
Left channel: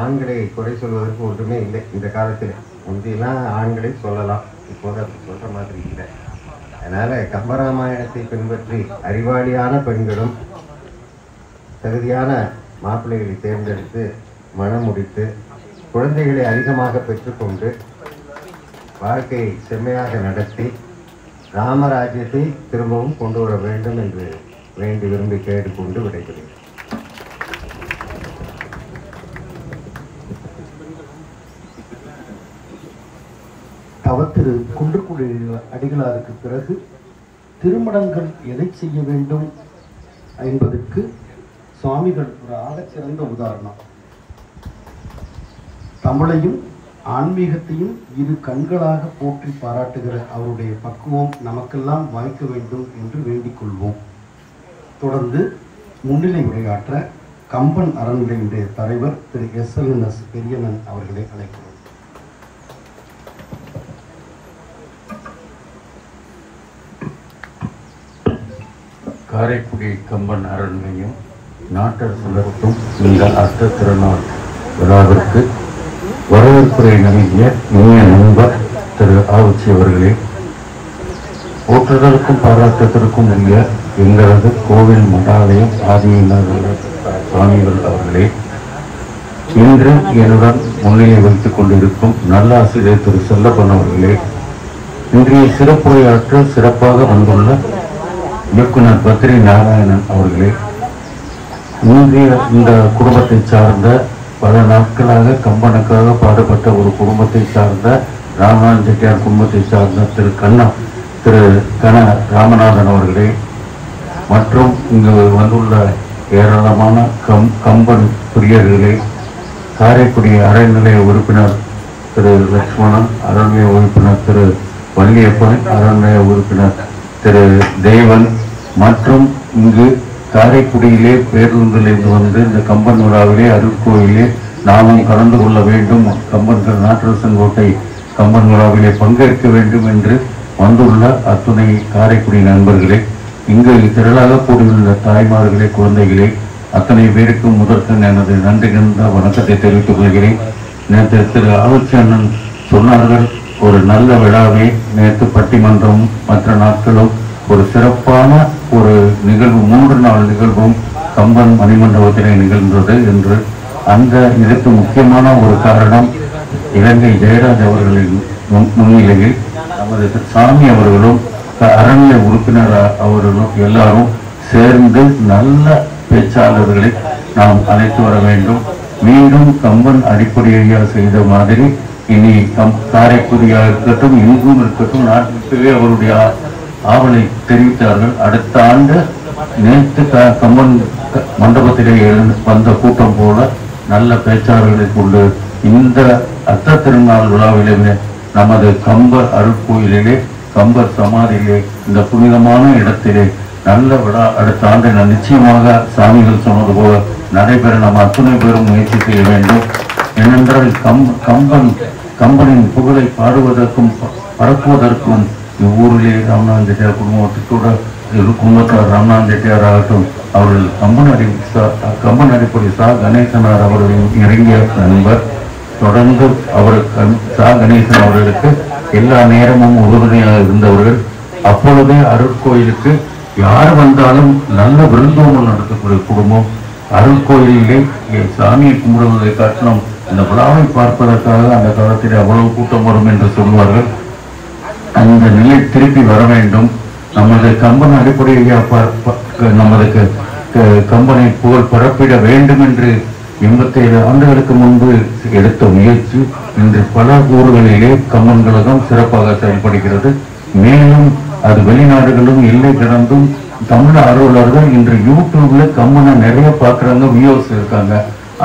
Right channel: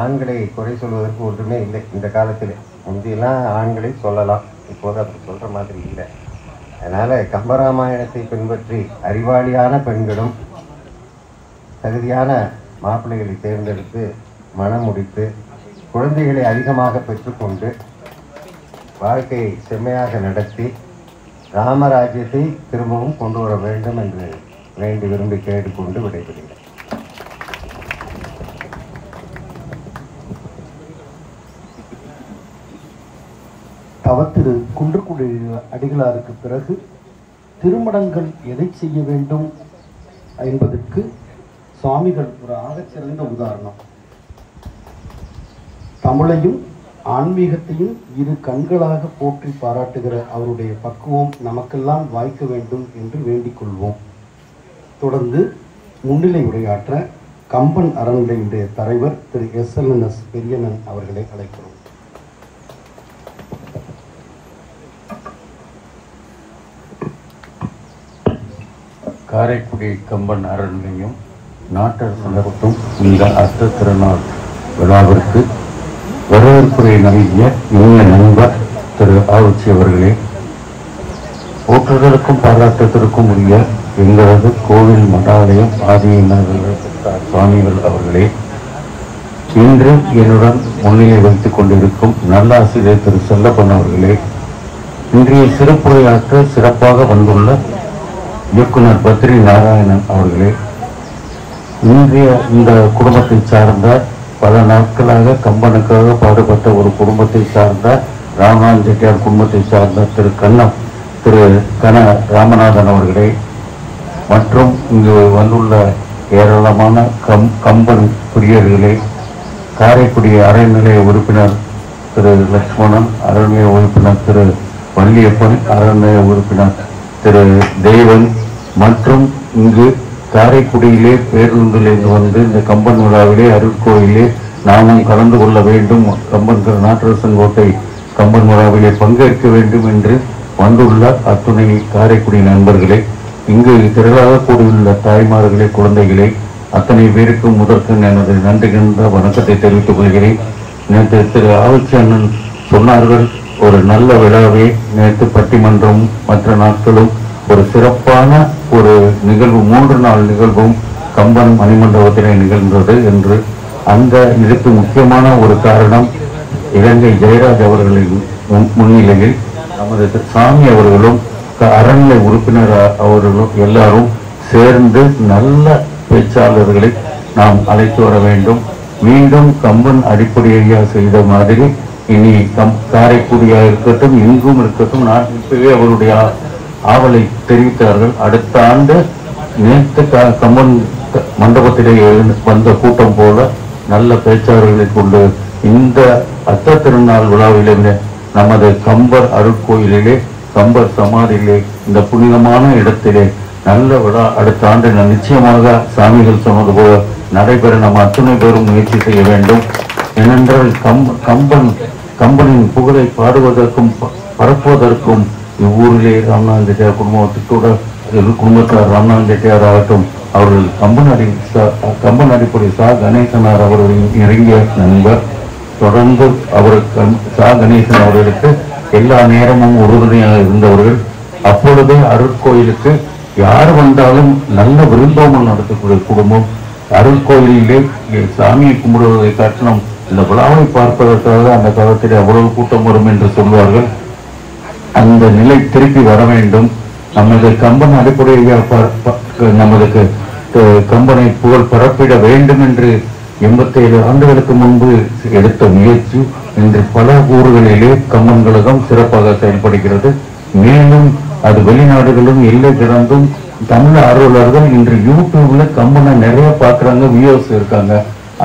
ஆண்களை குறை சொல்வதற்கு ஒன்றுமே இல்லை. இந்த காலத்தில் முந்தியெல்லாம் ஆண்களை சொல்லலாம், இப்போது அப்படி சொல்கிற மாதிரி இல்லை. அதனால் கம்பராமாயணத்தை பின்பற்றி அறிவாளியான பெண்களும் தகுதியான மாப்பிள்ளைகளை தேர்ந்தெடுத்து மனம் முடித்து குழந்தைகளை அதிகமாக பெற்றுக்கொண்டு வாழ்க்கையை செம்மையாக நடத்தி ராமராஜ்யத்தை திரும்பவும் கொண்டு வர வேண்டும் என்று வேண்டி விரும்பி கேட்டுக்கொண்டு விடைபெறுகிறேன். தவத்திரு குன்றக்குடி அடிகளாருக்கு பிறகு திருமணங்கள் எதை செய்ய வேண்டும் என்பதற்கு சுவாமிகள் ஒரு ஆகச்சிறந்த உதாரணம். தமிழையும் ஆன்மீகத்தையும் இரு கண்களாக போற்றி பாராட்டுகிற அவருடைய பக்குவம் நமக்கெல்லாம் வாய்க்க வேண்டும் என்று வேண்டிக் கொள்வோம். தொடர்ந்து முன்னிலை உரையாற்ற கம்பன் அறநிலையுடைய தலைவர் திரு SLNS பெரியண்ணன் அவர்களை அழைக்கிறோம். காரைக்குடி கம்பன் அறநிலையம் நாட்டரசு நடத்தும் இந்த அர்த்த திருநாள் விழாவிற்கு வரவேற்புரை நல்கிய இனிய நண்பர் திரு ஆவுச்சி அவர்களே, போற்றுதலுக்கும் பாராட்டத்திற்கும் உரிய எங்களது கோவில் மடாலயம் ஆதியினர்கள் சுவாமிகள் அவர்களே, இன்று என்னுடன் முன்னிலை வைத்துக் கொண்டிருக்கும் நல்லாசிரியர் திரு செல்லப்பன் அவர்களே, இன்றைய சிறப்புரையாற்ற சிறப்பாக வந்துள்ள இயக்குனர் பத்ரி நாராயணன் அவர்களே, இன்றைய இந்த குடும்பத்தை சார்ந்த பல நாட்களாக கம்பனுக்காக பாடுபட்ட ஒரு குடும்பத்தை சார்ந்த ராமநாதன் செட்டியார் குடும்பத்தை சார்ந்த திரு கன ராமநாதன் அவர்களே, மற்றும் இங்கு வந்துள்ள ஏராளமான கம்பன் பிரியர்களே, காரைக்குடி அறநிலைய உறுப்பினர் திரு லட்சுமணன், அறநிலைய உறுப்பினர் திரு வள்ளியப்பன், அறநிலைய உறுப்பினர் திரு தேவன், மற்றும் இங்கு காரைக்குடியிலே பேருந்திலிருந்து வந்து இந்த கம்பன் விழாவிலே அருட்கோயிலே நாமும் கலந்து கொள்ள வேண்டும், கம்பன் நாட்டரசன் கோட்டை கம்பன் விழாவிலே பங்கேற்க வேண்டும் என்று வந்துள்ள அத்துணை காரைக்குடி நண்பர்களே, இங்கு திரளாக கூடியுள்ள தாய்மார்களே, குழந்தைகளே, அத்தனை பேருக்கும் முதற்கு எனது நன்றி கண்ட வணக்கத்தை தெரிவித்துக் கொள்கிறேன். நேற்று திரு ஆவுச்சி அண்ணன் சொன்னார்கள், ஒரு நல்ல விழாவை நேற்று பட்டிமன்றம் மற்ற நாட்களும் ஒரு சிறப்பான ஒரு நிகழ்வு, 3 நாள் நிகழ்வும் கம்பன் மணிமண்டபத்திலே நிகழ்ந்தது என்று. அந்த இதுக்கு முக்கியமான ஒரு காரணம் இலங்கை ஜெயராஜ் அவர்களின் முன்னிலையில் நமது சாமி அவர்களும் அறநிலை உறுப்பினர் அவர்களும் எல்லாரும் சேர்ந்து நல்ல பேச்சாளர்களை நாம் அழைத்து வர வேண்டும். மீண்டும் கம்பன் அடிப்படையாக செய்த மாதிரி இனி காரைக்குடியாக இருக்கட்டும், எங்கும் இருக்கட்டும், நாட்டிற்கே அவருடைய ஆவலை தெரிவித்தார்கள். அடுத்த ஆண்டு நேற்று கம்பன் மண்டபத்திலே வந்த கூட்டம் போல நல்ல பேச்சாளர்களை கொண்டு இந்த அர்த்த திருநாள் விழாவிலே நமது கம்பர் அருட்கோயிலிலே, கம்பர் சமாதியிலே, இந்த புனிதமான இடத்திலே நல்ல விழா அடுத்த ஆண்டு நிச்சயமாக சாமிகள் சொன்னது போல நடைபெற நம்ம அத்துணை பேரும் முயற்சி செய்ய வேண்டும். ஏனென்றால் கம்பனின் புகழை பாடுவதற்கும் பரப்புவதற்கும் இவ்வூரிலே ராமநாதன் குடும்பத்தோட குடும்பத்தார் ராமநாதன் ரெட்டியார் ஆகட்டும், அவர்கள் கம்பன் அடிப்படை சா கணேசனார் அவர்களின் இறங்கிய நண்பர். தொடர்ந்து சா கணேசன் அவர்களுக்கு எல்லா நேரமும் உறுதுணையாக இருந்தவர்கள். அப்பொழுதே அருட்கோயிலுக்கு யார் வந்தாலும் நல்ல விருந்தோம்பல் நடத்தக்கூடிய குடும்பம். அருட்கோயிலே சாமியை கும்பிடுவதை காட்டிலும் இந்த விழாவை பார்ப்பதற்காக அந்த காலத்தில் அவ்வளவு கூட்டம் வரும் என்று சொல்வார்கள். அந்த நிலை திருப்பி வர வேண்டும். நமது கம்பன் அடிப்படையாக நமது கம்பனை புகழ் பரப்பிட வேண்டும் என்று 87 ஆண்டுகளுக்கு முன்பு எடுத்த முயற்சி இன்று பல ஊர்களிலே கம்பன் கழகம் சிறப்பாக செயல்படுகிறது. மேலும் அது வெளிநாடுகளும் எல்லை கடந்தும் தமிழ் ஆர்வலர்கள் இன்று யூடியூப்ல கம்பனை நிறைய பார்க்கறாங்க, வியூஸ் இருக்காங்க.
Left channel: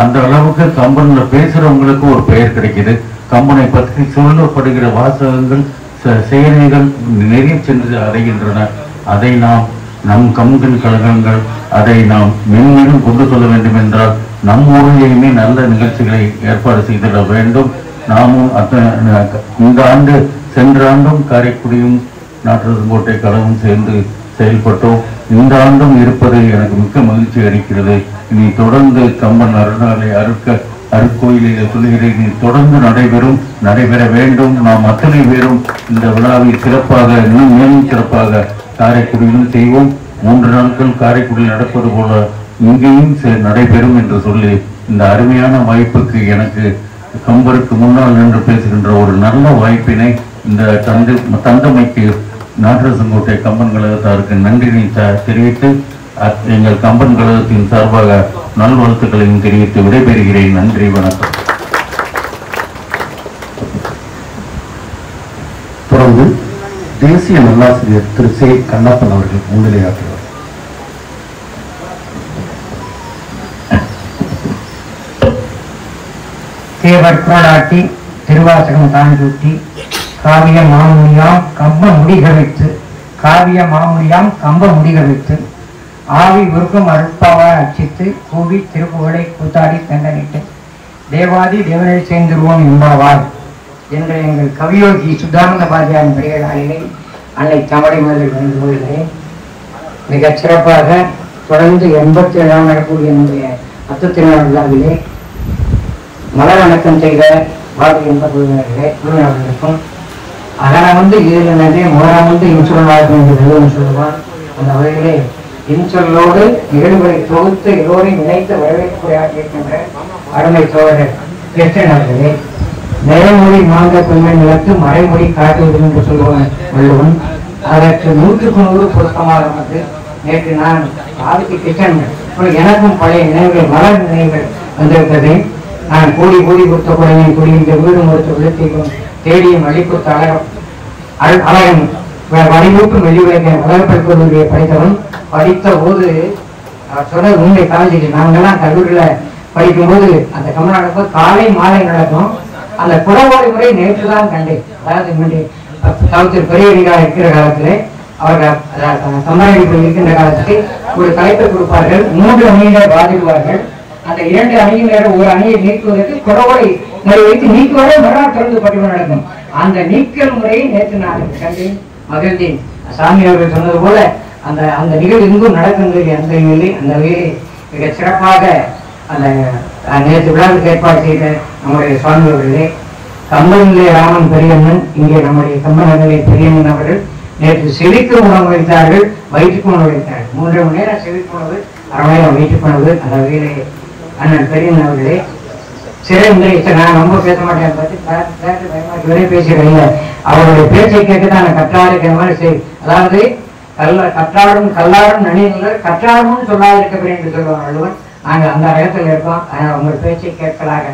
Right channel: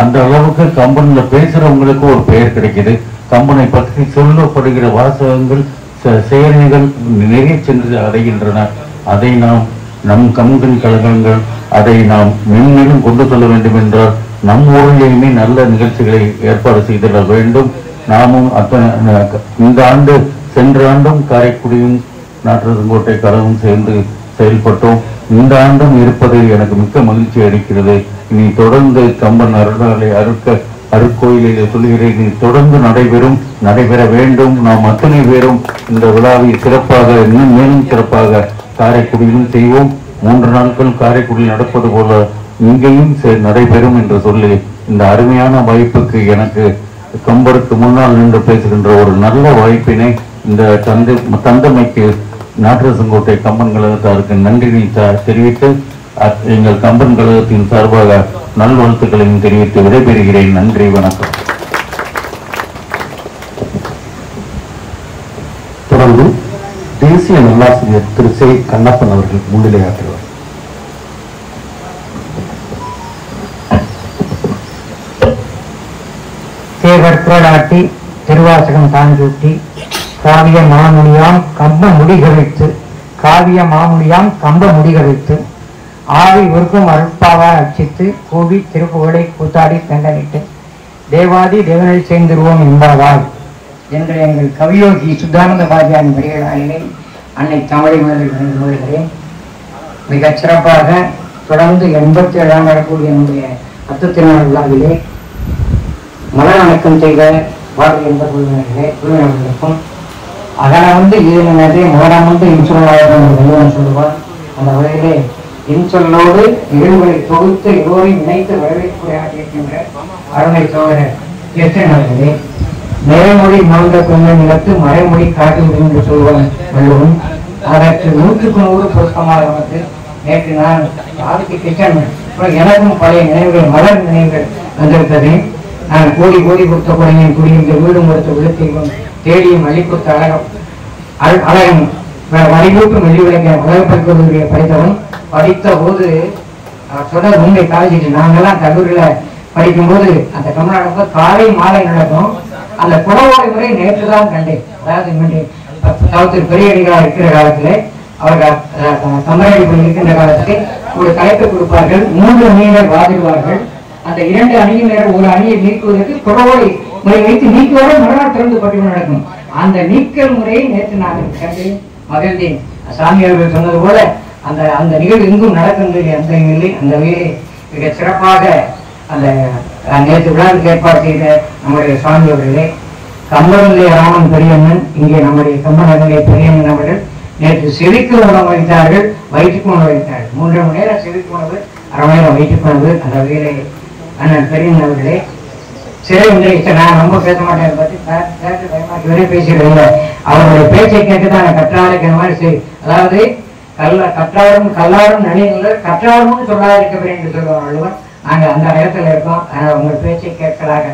அந்த அளவுக்கு கம்பன்ல பேசுறவங்களுக்கு ஒரு பெயர் கிடைக்குது. கம்பனை பற்றி சொல்லப்படுகிற வாசகங்கள் செயலிகள் நிறைய சென்று அடைகின்றன. அதை நாம் நம் கம்பன் கழகங்கள் அதை நாம் மென்மேலும் கொண்டு செல்ல வேண்டும் என்றால் நம் ஊரிலேயுமே நல்ல நிகழ்ச்சிகளை ஏற்பாடு செய்திட வேண்டும். நாமும் இந்த ஆண்டு சென்ற ஆண்டும் காரைக்குடியும் நாட்டுக்கோட்டை கழகம் சேர்ந்து செயல்பட்டோம். இந்த ஆண்டும் இருப்பது எனக்கு மிக்க மகிழ்ச்சி அளிக்கிறது. இனி தொடர்ந்து கம்பன் அருளாலை அருட்கோயிலை சொல்கிறேன், இனி தொடர்ந்து நடைபெற வேண்டும். நாம் அத்தனை பேரும் இந்த விழாவை சிறப்பாக இன்னும் மேலும் சிறப்பாக காரைக்குடியிலும் செய்வோம். 3 நாட்கள் காரைக்குடியில் நடப்பது போல இங்கேயும் நடைபெறும் என்று சொல்லி இந்த அருமையான வாய்ப்புக்கு எனக்கு கம்பருக்கு முன்னால் நின்று பேசுகின்ற ஒரு நல்ல வாய்ப்பினை இந்த தந்தமைக்கு நாட்டரசங்கோட்டை கம்பன் கழகத்தாருக்கு நன்றினை தெரிவித்து எங்கள் கம்பன் கழகத்தின் சார்பாக நல்வாழ்த்துக்களையும் தெரிவித்து விடைபெறுகிறேன். நன்றி, வணக்கம். தொடர்ந்து தேசிய நல்லாசிரியர் திரு சே கண்ணப்பன் அவர்கள் முன்னிலையாற்றுவார். தேவர் புரளாட்டி திருவாசகம் தாஞ்சூட்டி காவிய மாமுனியாம் கம்ப முடிகழித்து ஆவி உருக்கும் அருட்பாவா அச்சித்து கூவி திருப்புகழை கூத்தாடி தண்டனிட்டு தேவாதி தேவனை சேர்ந்திருவோம் எம்பாவாய் என்ற எங்கள் கவியோகி சுத்தானந்த பாஜாவின் பெரியலாளினை அன்னை தமிழை மொழிகிறேன். மிகச் சிறப்பாக தொடர்ந்து 87 நாள் நடக்கூடிய நம்முடைய அத்தத்தினர் விழாவிலே மலர் அடக்கம் செய்த பாரதிய குழுவினர்களுக்கும் அதனை இதில் நிறைய மோரம் இன்சொல்லாயிரம் சொல்லுவார். அந்த வகையிலே இன்சொல்லோடு நிகழ்வுகளை தொகுத்து எல்லோரையும் இணைத்து வரவேற்புரை ஆற்றியிருக்கின்ற அருமை தோழர் கிருஷ்ணன் அவர்களே, நிறைமொழி மாந்த பெண்மை நிலத்து மறைமொழி காட்டுவது என்று சொல்வன் வள்ளுவன். அதற்கு 100க்கு 100 பொருத்தமாக வந்து நேற்று நான் ஆதிக்கு கிருஷ்ணன் எனக்கும் பழைய நினைவுகள் மலர் நினைவுகள் வந்திருக்கிறது. நான் கோடி கொடுத்த குறையும் கூடிய வீடும் கொடுத்த விழுத்தையும் தேடியும் அள்ளிக்கொடுத்த அழகன் வரைமூட்டும் வெள்ளிவிளக்க வளர்ப்பல் கல்லூரியை படித்தவன். படித்த போது சொன்ன உண்மை காலேஜ் நாங்கெல்லாம் கல்லூரியில படிக்கும் போது அந்த தமிழ்நாடு காலை மாலை நடக்கும். அந்த குடவோடை முறை நேற்று தான் கண்டேன். அதாவது பெரியடிகளாக இருக்கிற காலத்திலே அவர்கள் கம்பனடிப்பு இருக்கின்ற காலத்தில் ஒரு தலைப்பை கொடுப்பார்கள். 3 அணியினர் வாதிடுவார்கள். அந்த 2 அணியினர் ஒரு அணியை நீக்குவதற்கு குடவோடை முறை வைத்து நீக்குவத மறுநாள் தொடர்ந்து பட்டிமன்றம் நடக்கும். அந்த நீக்கல் முறையை நேற்று நான் கண்டேன், மகிழ்ந்தேன். சாமி அவர்கள் சொன்னது போல அந்த நிகழ்வு எங்கும் நடக்கின்றது. அந்த வகையிலே மிக சிறப்பாக அந்த நேற்று விழாவுக்கு ஏற்பாடு செய்த நம்முடைய சுவாமி அவர்களே, கம்பனிலே ராமன் பெரியண்ணன், இங்கே நம்முடைய கம்பனிலே பெரியண்ணன் அவர்கள் நேற்று செவிக்கு உணவு வைத்தார்கள், வயிற்றுக்கு உணவு வைத்தார்கள். 3 மணி நேரம் செவிக்கு உணவு, 1/2 மணி நேரம் வயிற்றுக்கு உணவு. அந்த வகையிலே அண்ணன் பெரியண்ணன் அவர்களே நான் ரொம்ப பேச மாட்டேன் பற்றி பயமாக்கி பேசுறதில்லை. அவருடைய பேச்சை கேட்டுதான் கற்றாருக்கிற மாதிரி அதாவது கற்றாரும் கல்லாரும் நனியுள்ளர் கற்றாரும் சொல்லாதிருக்கவில்லை என்று சொல்லுவார் வள்ளுவர். நாங்கள் அந்த இடத்துல இருக்கோம். உங்கள் பேச்சை கேட்கலாக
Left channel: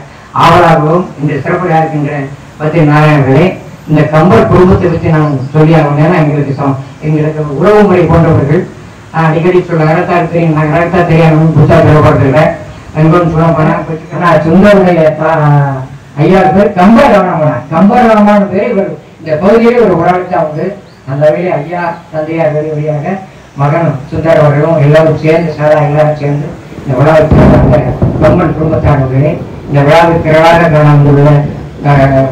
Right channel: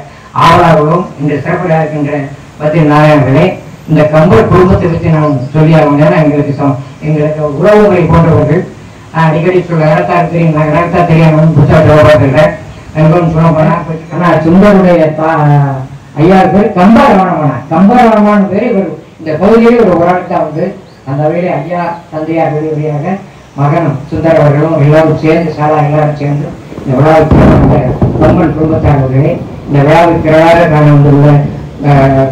ஆவலாகவும் இந்த சிறப்புடைய இருக்கின்ற பத்தி நாராயணர்களே, இந்த கம்பர் குடும்பத்தை பற்றி நான் சொல்லியாகும். ஏன்னா எங்களுக்கு உலக முறை போன்றவர்கள் நான் அடிக்கடி சொல்ல இடத்தார் தெரியும், நான் இடத்தா தெரியாமல் புதுசாக சொல்லப்பட்டிருக்கேன். சுந்தருடைய ஐயா பேர் கம்பர் ரமணன். கம்பர் ரமணன் பேர் இவர் இந்த பகுதியிலே ஒரு உடனே வந்து அந்த வகையிலே ஐயா தந்தையார் வழியாக மகன் சுந்தர் அவர்களும் எல்லாரும் சேர்ந்து எல்லாரும் சேர்ந்து இந்த விழாவை கம்பன் குடும்பத்தானவர்களே இந்த விழாவை திரளாக காண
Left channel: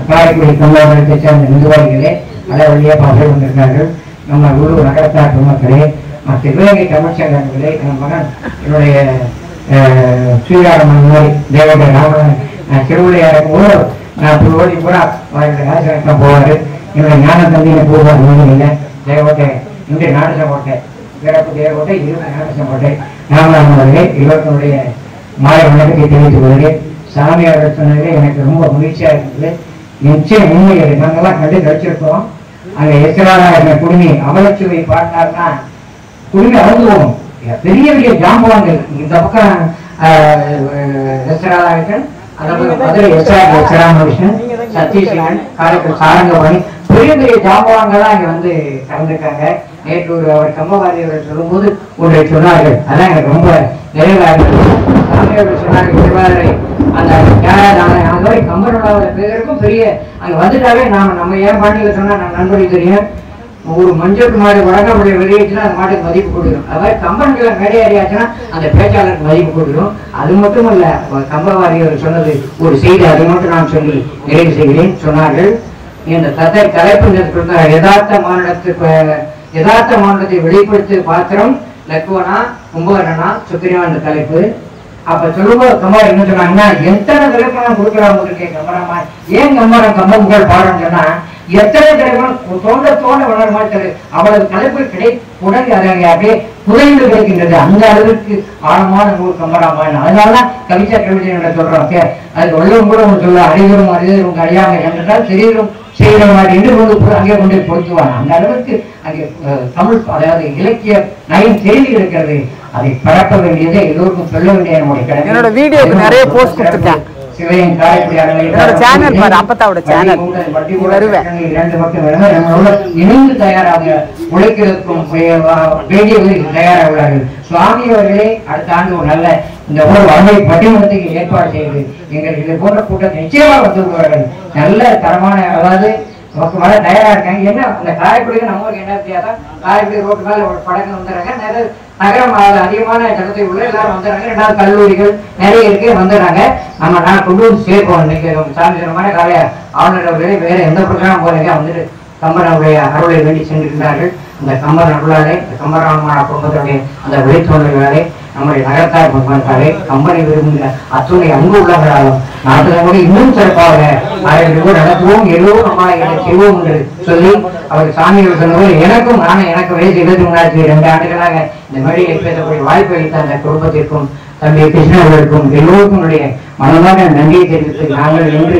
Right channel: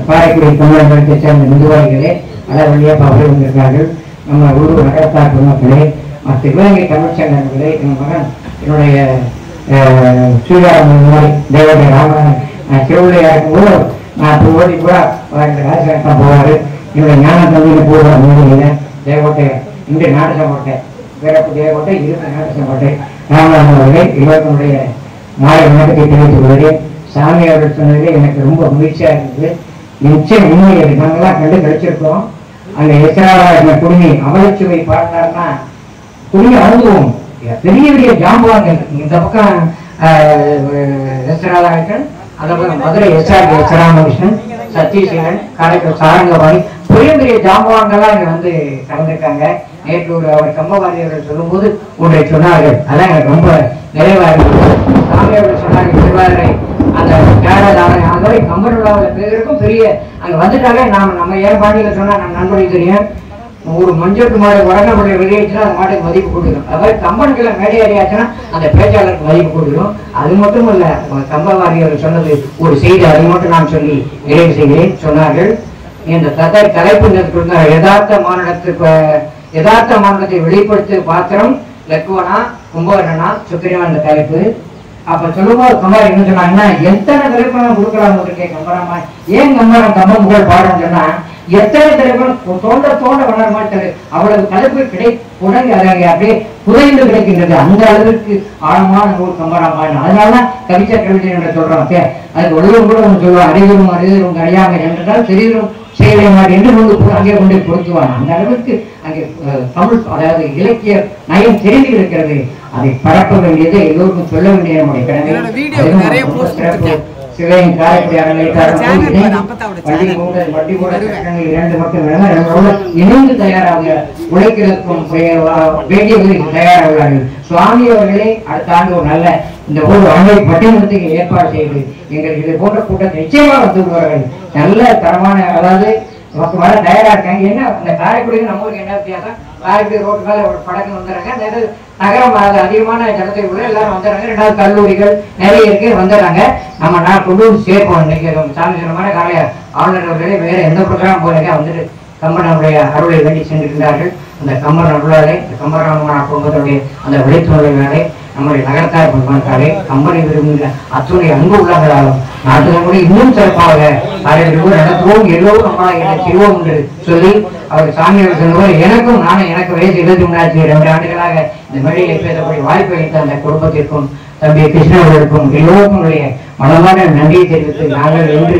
பாயக்கூடிய கம்பளத்தை சேர்ந்த நிர்வாகிகளே அதை வழியாக பகிர்ந்திருக்கிறார்கள். நம்ம ஊர் நகரத்தார் மக்களே, சிவகங்கை தமிழ்ச்சங்கத்திலே என் மகன் என்னுடைய ஸ்ரீராமன் தேவடைய ராம திருவிளையாடும் போது நான் திருவடி கூட ராஜகட்டம் போவாரு, என்னுடைய ஞான தம்பியில போவார். தேவகோட்டை இங்கே நாடகம் போட்டேன், பிறப்பு தேவகோட்டை இருபது நாடகம் போட்டேன். ராமநாதன் அவர்களே இவர்களுடைய மாலை வணக்கத்தை தெரிவித்துக் கொள்கிறேன். சாமி அவர்கள் சொன்னதிலே எனக்கு ரொம்ப மகிழ்ச்சியா இருந்தது. நிச்சயம் உண்மையை நாங்கெல்லாம் கண்டு கழிச்சிருக்கோம். அங்க எத்தனால என்ன குடுமி அவலச்சுவை பாடினார்னா குடுமி அழுதுவோம். பெரிய பெரிய ஜாம்பவான்கள் இந்த பக்கம் எஸ்ராதாகிருஷ்ணன், அந்த பக்கம் மதுரை எஸ்ராமகிருஷ்ணன், சத்தீஸ்வரன், காரைக்கால் சாரங்கபாணி, பெரிய பெரிய ஜாம்பவான்கள்லாம் இங்க வந்து கலந்துருக்காங்க. நேற்று அவர் கம்பவாரி அவர்கள் சொல்லும் போது ஒன்றை சொன்னார்கள், அதான் எனக்கு ரொம்ப நிறைவா இருந்தது. சாமி அவர்கள் சொன்னார்கள் திருவாரூரை அந்த தியாகராஜ கம்பனோட பேருக்கும் பெரிய அங்க வந்துட்டாலே நம்ம ஏன் பாண்டியில சொன்னா நம்ம நண்பர்களுக்கு தெரியும், ஒரு மஞ்சட்டு மாடு வடங்கப்படைய வெளியேச்சுன்னா அந்த மாட்டுக்கு மதிப்பு கொடுக்கணும். அதாவது கம்பன்களை மேடையாடியாச்சுன்னா அந்த பேச்சாளருக்கு மதிப்பு கொடுக்கணும். அது மட்டும் இல்ல, கம்பவாரியர் சொன்னது ஒரு செய்தி, அதை மட்டும் நான் சொல்லி நிறைவு செய்கிறேன். சொன்னார்கள், இந்த தலைப்பு யதார்த்த மாநிலத்தை வெளிப்படுத்த பாத்திரம் லக்குவனா கும்பகர்ணனா சுக்கிரவன் அந்த தலைப்பு. அப்ப சொல்லும்போது கம்பார் என்ன சொன்னாங்கன்னா, எத்தனை திரைப்படம் கொடுக்கலாம் இருக்கேன் கம்பரமா, ஏன் கம்பரம் கம்ப புகழ் பாடம் சொன்னா எத்தனை திரைப்படம் தோண்ட வளர மாட்டாரு, அவ்வளவு தலைப்பு உடனே அப்படியே புதைந்து கிடைக்கின்றது. அந்த அளவுக்கு ஆழமான நூல் கம்பராமாயணம். அதனாலதான் கவிஞர் கவிதை சொல்றோம், அது உள்ளவங்க கூட சொல்லுவாங்க, அறிவரும் அறிவரும் அறியாமை என்றால் தெரியும் செய்ய மாட்டேன் என்று நூலுக்கு அங்கே கொண்டு பொருத்துவாங்க. அந்த அளவுக்கு அங்கே தமிழ் அதாவது இலக்கிய நயம் தெரிந்து இருக்கிறது. அதை பரப்ப வேண்டியதை எல்லோருக்கும் சொல்ல வேண்டிய நம்முடைய கடமை. நிறைய போஸ்ட் கொடுத்துட்டேன். சிவகங்கை இணைந்து தயாராக உழைக்கிறதுக்கும் வேண்டியவர்களுக்கு தயாராகிறார்கள். சுவாமி அவர்களே அடுத்த ஆண்டு ஒரு நல்ல இந்த ஊர் அறுவை பட்டிமன்றத்துக்கு ஏற்பாடு செய்து எங்களுக்கு இது போன்ற கூட்டத்தை நிச்சயமாக வந்துள்ளார்கள். நல்ல தரமான அதாவது வர தயாரா இருக்காங்க. என்ன அந்த காரைக்குடிக்கு நம்ம ஊருக்கு என்ன வித்தியாசம், காரைக்குடி ரோட்டு மேல ஒரு படங்கள் வந்துடுறாங்க, நகரம் அதிகமான ஜனத்தை உள்ள எல்லாரும் வந்துடுறாங்க. ரெண்டாவது கல்லூரிகள் நிறைய இருக்கு வந்துடுறாங்க. நம்ம நான் கொண்டு வந்து சேர்ப்போம். இன்னைக்கு சாமி சொன்னமான காலைய ஆளுநர் அவர்களே வேற எந்த பிரச்சனையும் போறாங்க வந்துட்டு கம்பனுடைய அருளை வேண்டி சென்றிருக்கிறார்கள். அந்த கம்பன் அருளாலே கம்பராம குடும்பத்தினுடைய அந்த விளைச்சொல்லினாலே நம்முடைய நகரத்தார் பொறுப்பாலே கம்பனை விரும்புகிற அத்துணை அன்பு உள்ளவர்களாலும் நாட்டுக்கு இன்னும் சிறப்பாக நடத்துவோம், எல்லோரும் நம்ம செய்வோம் என்று சொல்லி அவர் சாமியார் சொன்னபோது எனக்கும் எனக்கு வயசு 23 ஆண்டுகளாக இந்த மேடையில் பேசக்கூடிய வாய்ப்பு அளித்த அந்த குடும்பத்திற்கும் தம்பி கிருஷ்ணா அவர்களுக்கும் எல்லோருக்கும் மனமாக நன்றியை தெரிவித்து நாங்கள் என்று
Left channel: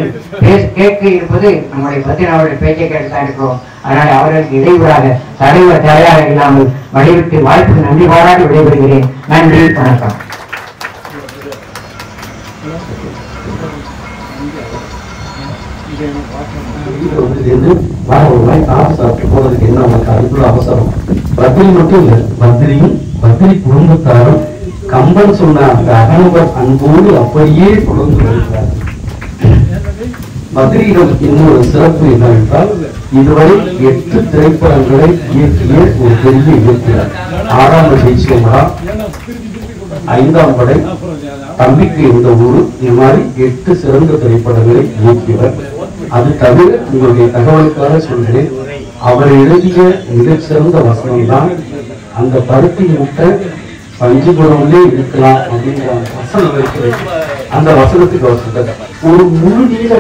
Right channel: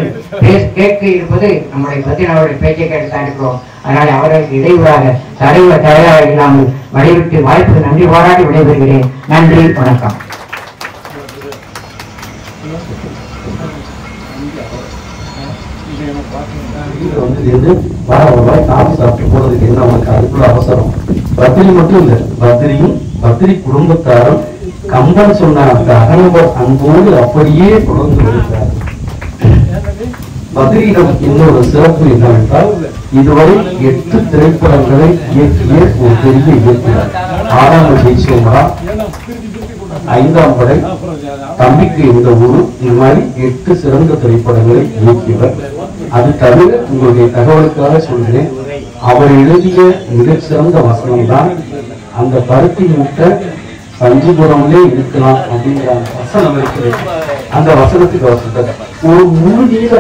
கேட்க இருப்பது நம்முடைய பத்தினாவுடைய பேச்சை கேட்டுத்தான் இருக்கிறோம். அதனால அவர்களுக்கு இடையூறாக தடையாக இல்லாமல் வழிவிட்டு வாய்ப்புக்கு நன்றி பாராட்டி விடைபெறுகிறேன். நன்றி, வணக்கம். காஃபி சாப்பிட்டு போறதுக்கு என்ன அவனுக்கு அதுக்குள்ள அவசரம்? பத்திரி மட்டும் இல்ல, பத்திரி குடும்பத்தாரும் கம்பன் சொன்ன அந்த அகனுவர் அன்போடு அப்படியே தொடர்ந்து வருகிறார். பத்ரியிடம் இன்னொரு சிறப்பு என்னவென்றால், இதுவரை 8 திரைப்படங்களை இயக்கிய ஒரு பெரிய இயக்குனர். 6ஆம் தேசியமடா, 5ஆம் படை, தம்பிக்கு இந்த ஊரு, இந்த மாதிரி 8 சிறந்த திரைப்படங்களை இயக்கியவர். அது தவிர உங்களுடைய தகவலுக்காக சொல்கிறேன், அவர் எழுதிய மிகச்சிறந்த வசனம் தான் அந்த பருத்தி முட்டை பஞ்சுபுரம்லே இருக்கலாம் அப்படிங்கிற வசனம் இருக்கிறது. அந்த வசனத்துக்கு அவர் சொல்றார், ஒரு முழு நீள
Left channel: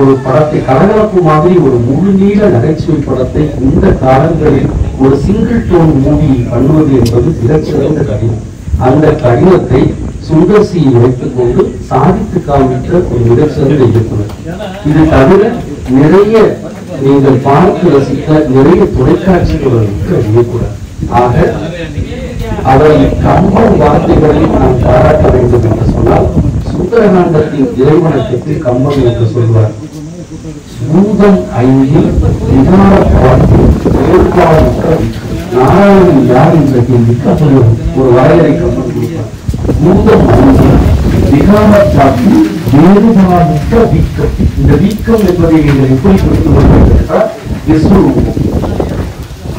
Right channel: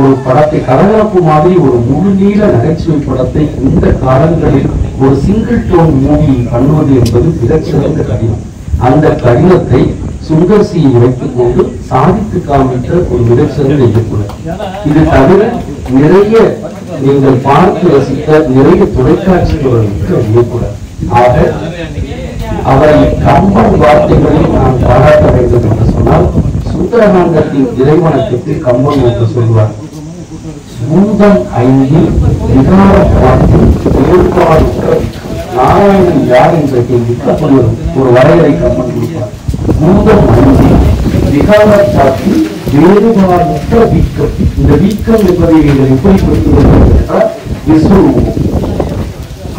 ஒரு படத்தை கலகலப்பு மாதிரி ஒரு முழு நீள நகைச்சுவை படத்தை இந்த காலங்களில் ஒரு சிங்கிள் டோன் மூவி பண்ணுவது என்பது மிகச்சிறந்த கடினம். அந்த கடினத்தை சுந்தர்சியை வைத்துக் கொண்டு சாதித்து காமித்த ஒரு மிகச்சிறந்த இயக்குனர். இது தவிர நிறைய நீங்கள் பார்த்து ரசித்த நிறைய தொலைக்காட்சி தொடர் இயக்குனர். ஆக அவரை கம்பன் வார்த்தைகளில் நாம் பாராட்ட வேண்டும் என்று சொன்னால், சுந்தரகாண்டத்தின் இறைவனத்துக்கு கம்பன் என்று சொல்வார். பூதம் 5 விகார நாராயணன் யார் என்ற கேள்விக்கு ஒரு வரையறை கம்பன் கொடுப்பார். பூதம் 5 விகார வேறுபாடற்ற வீக்கம். இந்த வீக்கம் என்பதை நீங்கள் எப்படி புரிந்து கொள்வீர்கள்? விஸ்வரூபம்.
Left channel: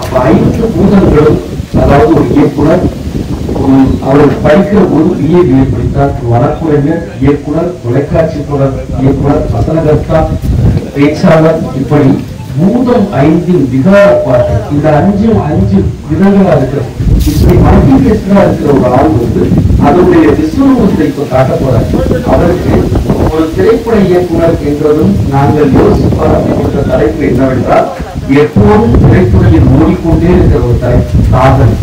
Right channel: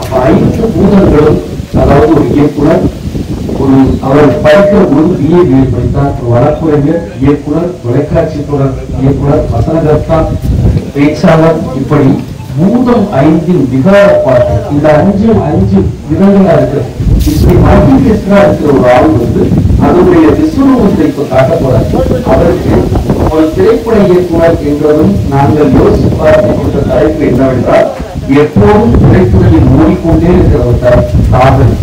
அப்ப 5 பூதங்களும், அதாவது ஒரு இயக்குனர் அவர் படிக்கிற போது BA படித்தார், வழக்குரைஞர், இயக்குனர், தொலைக்காட்சி தொடர் இயக்குனர், வசனகர்த்தா, பேச்சாளர், இப்படி பூதம் 5 விகார பாட்டு. இந்த 5 விதங்களா இருக்கிறது. இப்படி மல்டிபிளேஷனா இருக்கிற ஒரு ஆள் அதனுடைய விஸ்வரூபத்தை இப்ப காட்ட போறாரு. அவருக்கு ஒரு திரைப்பட இயக்குனர் என்றதும் நாங்கள் யோசிப்பார்த்து கொடுத்த தலைப்பு என்னவென்றால், எப்போதும் திரைத்துறையில் மூடிக்கொண்டே இருக்கிற ஒரு தலைப்பு காதல்.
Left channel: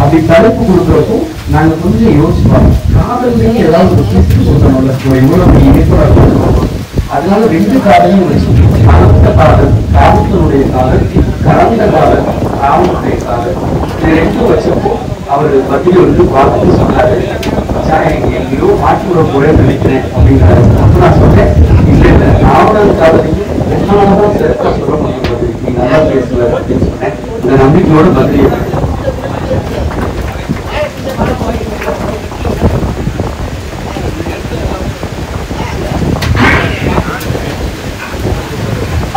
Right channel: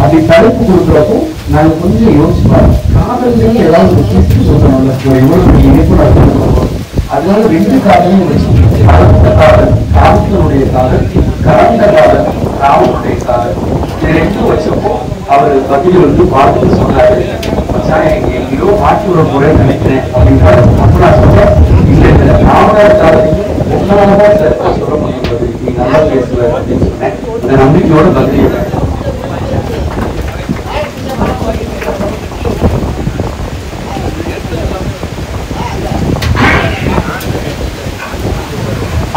அப்படி தலைப்பு கொடுக்குறப்போ நாங்க கொஞ்சம் யோசிப்பாங்க, காதல்லையே ஏதாவது ஒரு சுற்று சொல்லணும்ல, எவ்வளவு பெரிய இயக்குனர் சொல்றோம். அதனால 2 காதலையும் வச்சு, கலந்த காதல் காமத்தினுடைய காதல், கலந்த காதல் காமனுடைய காதல், இது 2 வச்சப்போ அவரு பதில் பார்த்துட்டு சொன்னாரு, எங்கேயோ மாற்றி விட போறேன்னு நினைக்கிறேன் அப்படின்றாரு. அப்ப நான் சொன்னேன், இல்ல இல்ல, ராமனார் காதலையும் ஒன்னாலதான் சிறப்பா சொல்ல முடியும், நீ நல்லா பேசுவ அப்படின்னு சொன்னேன். இந்த நம்பிக்கையோட பதிலியை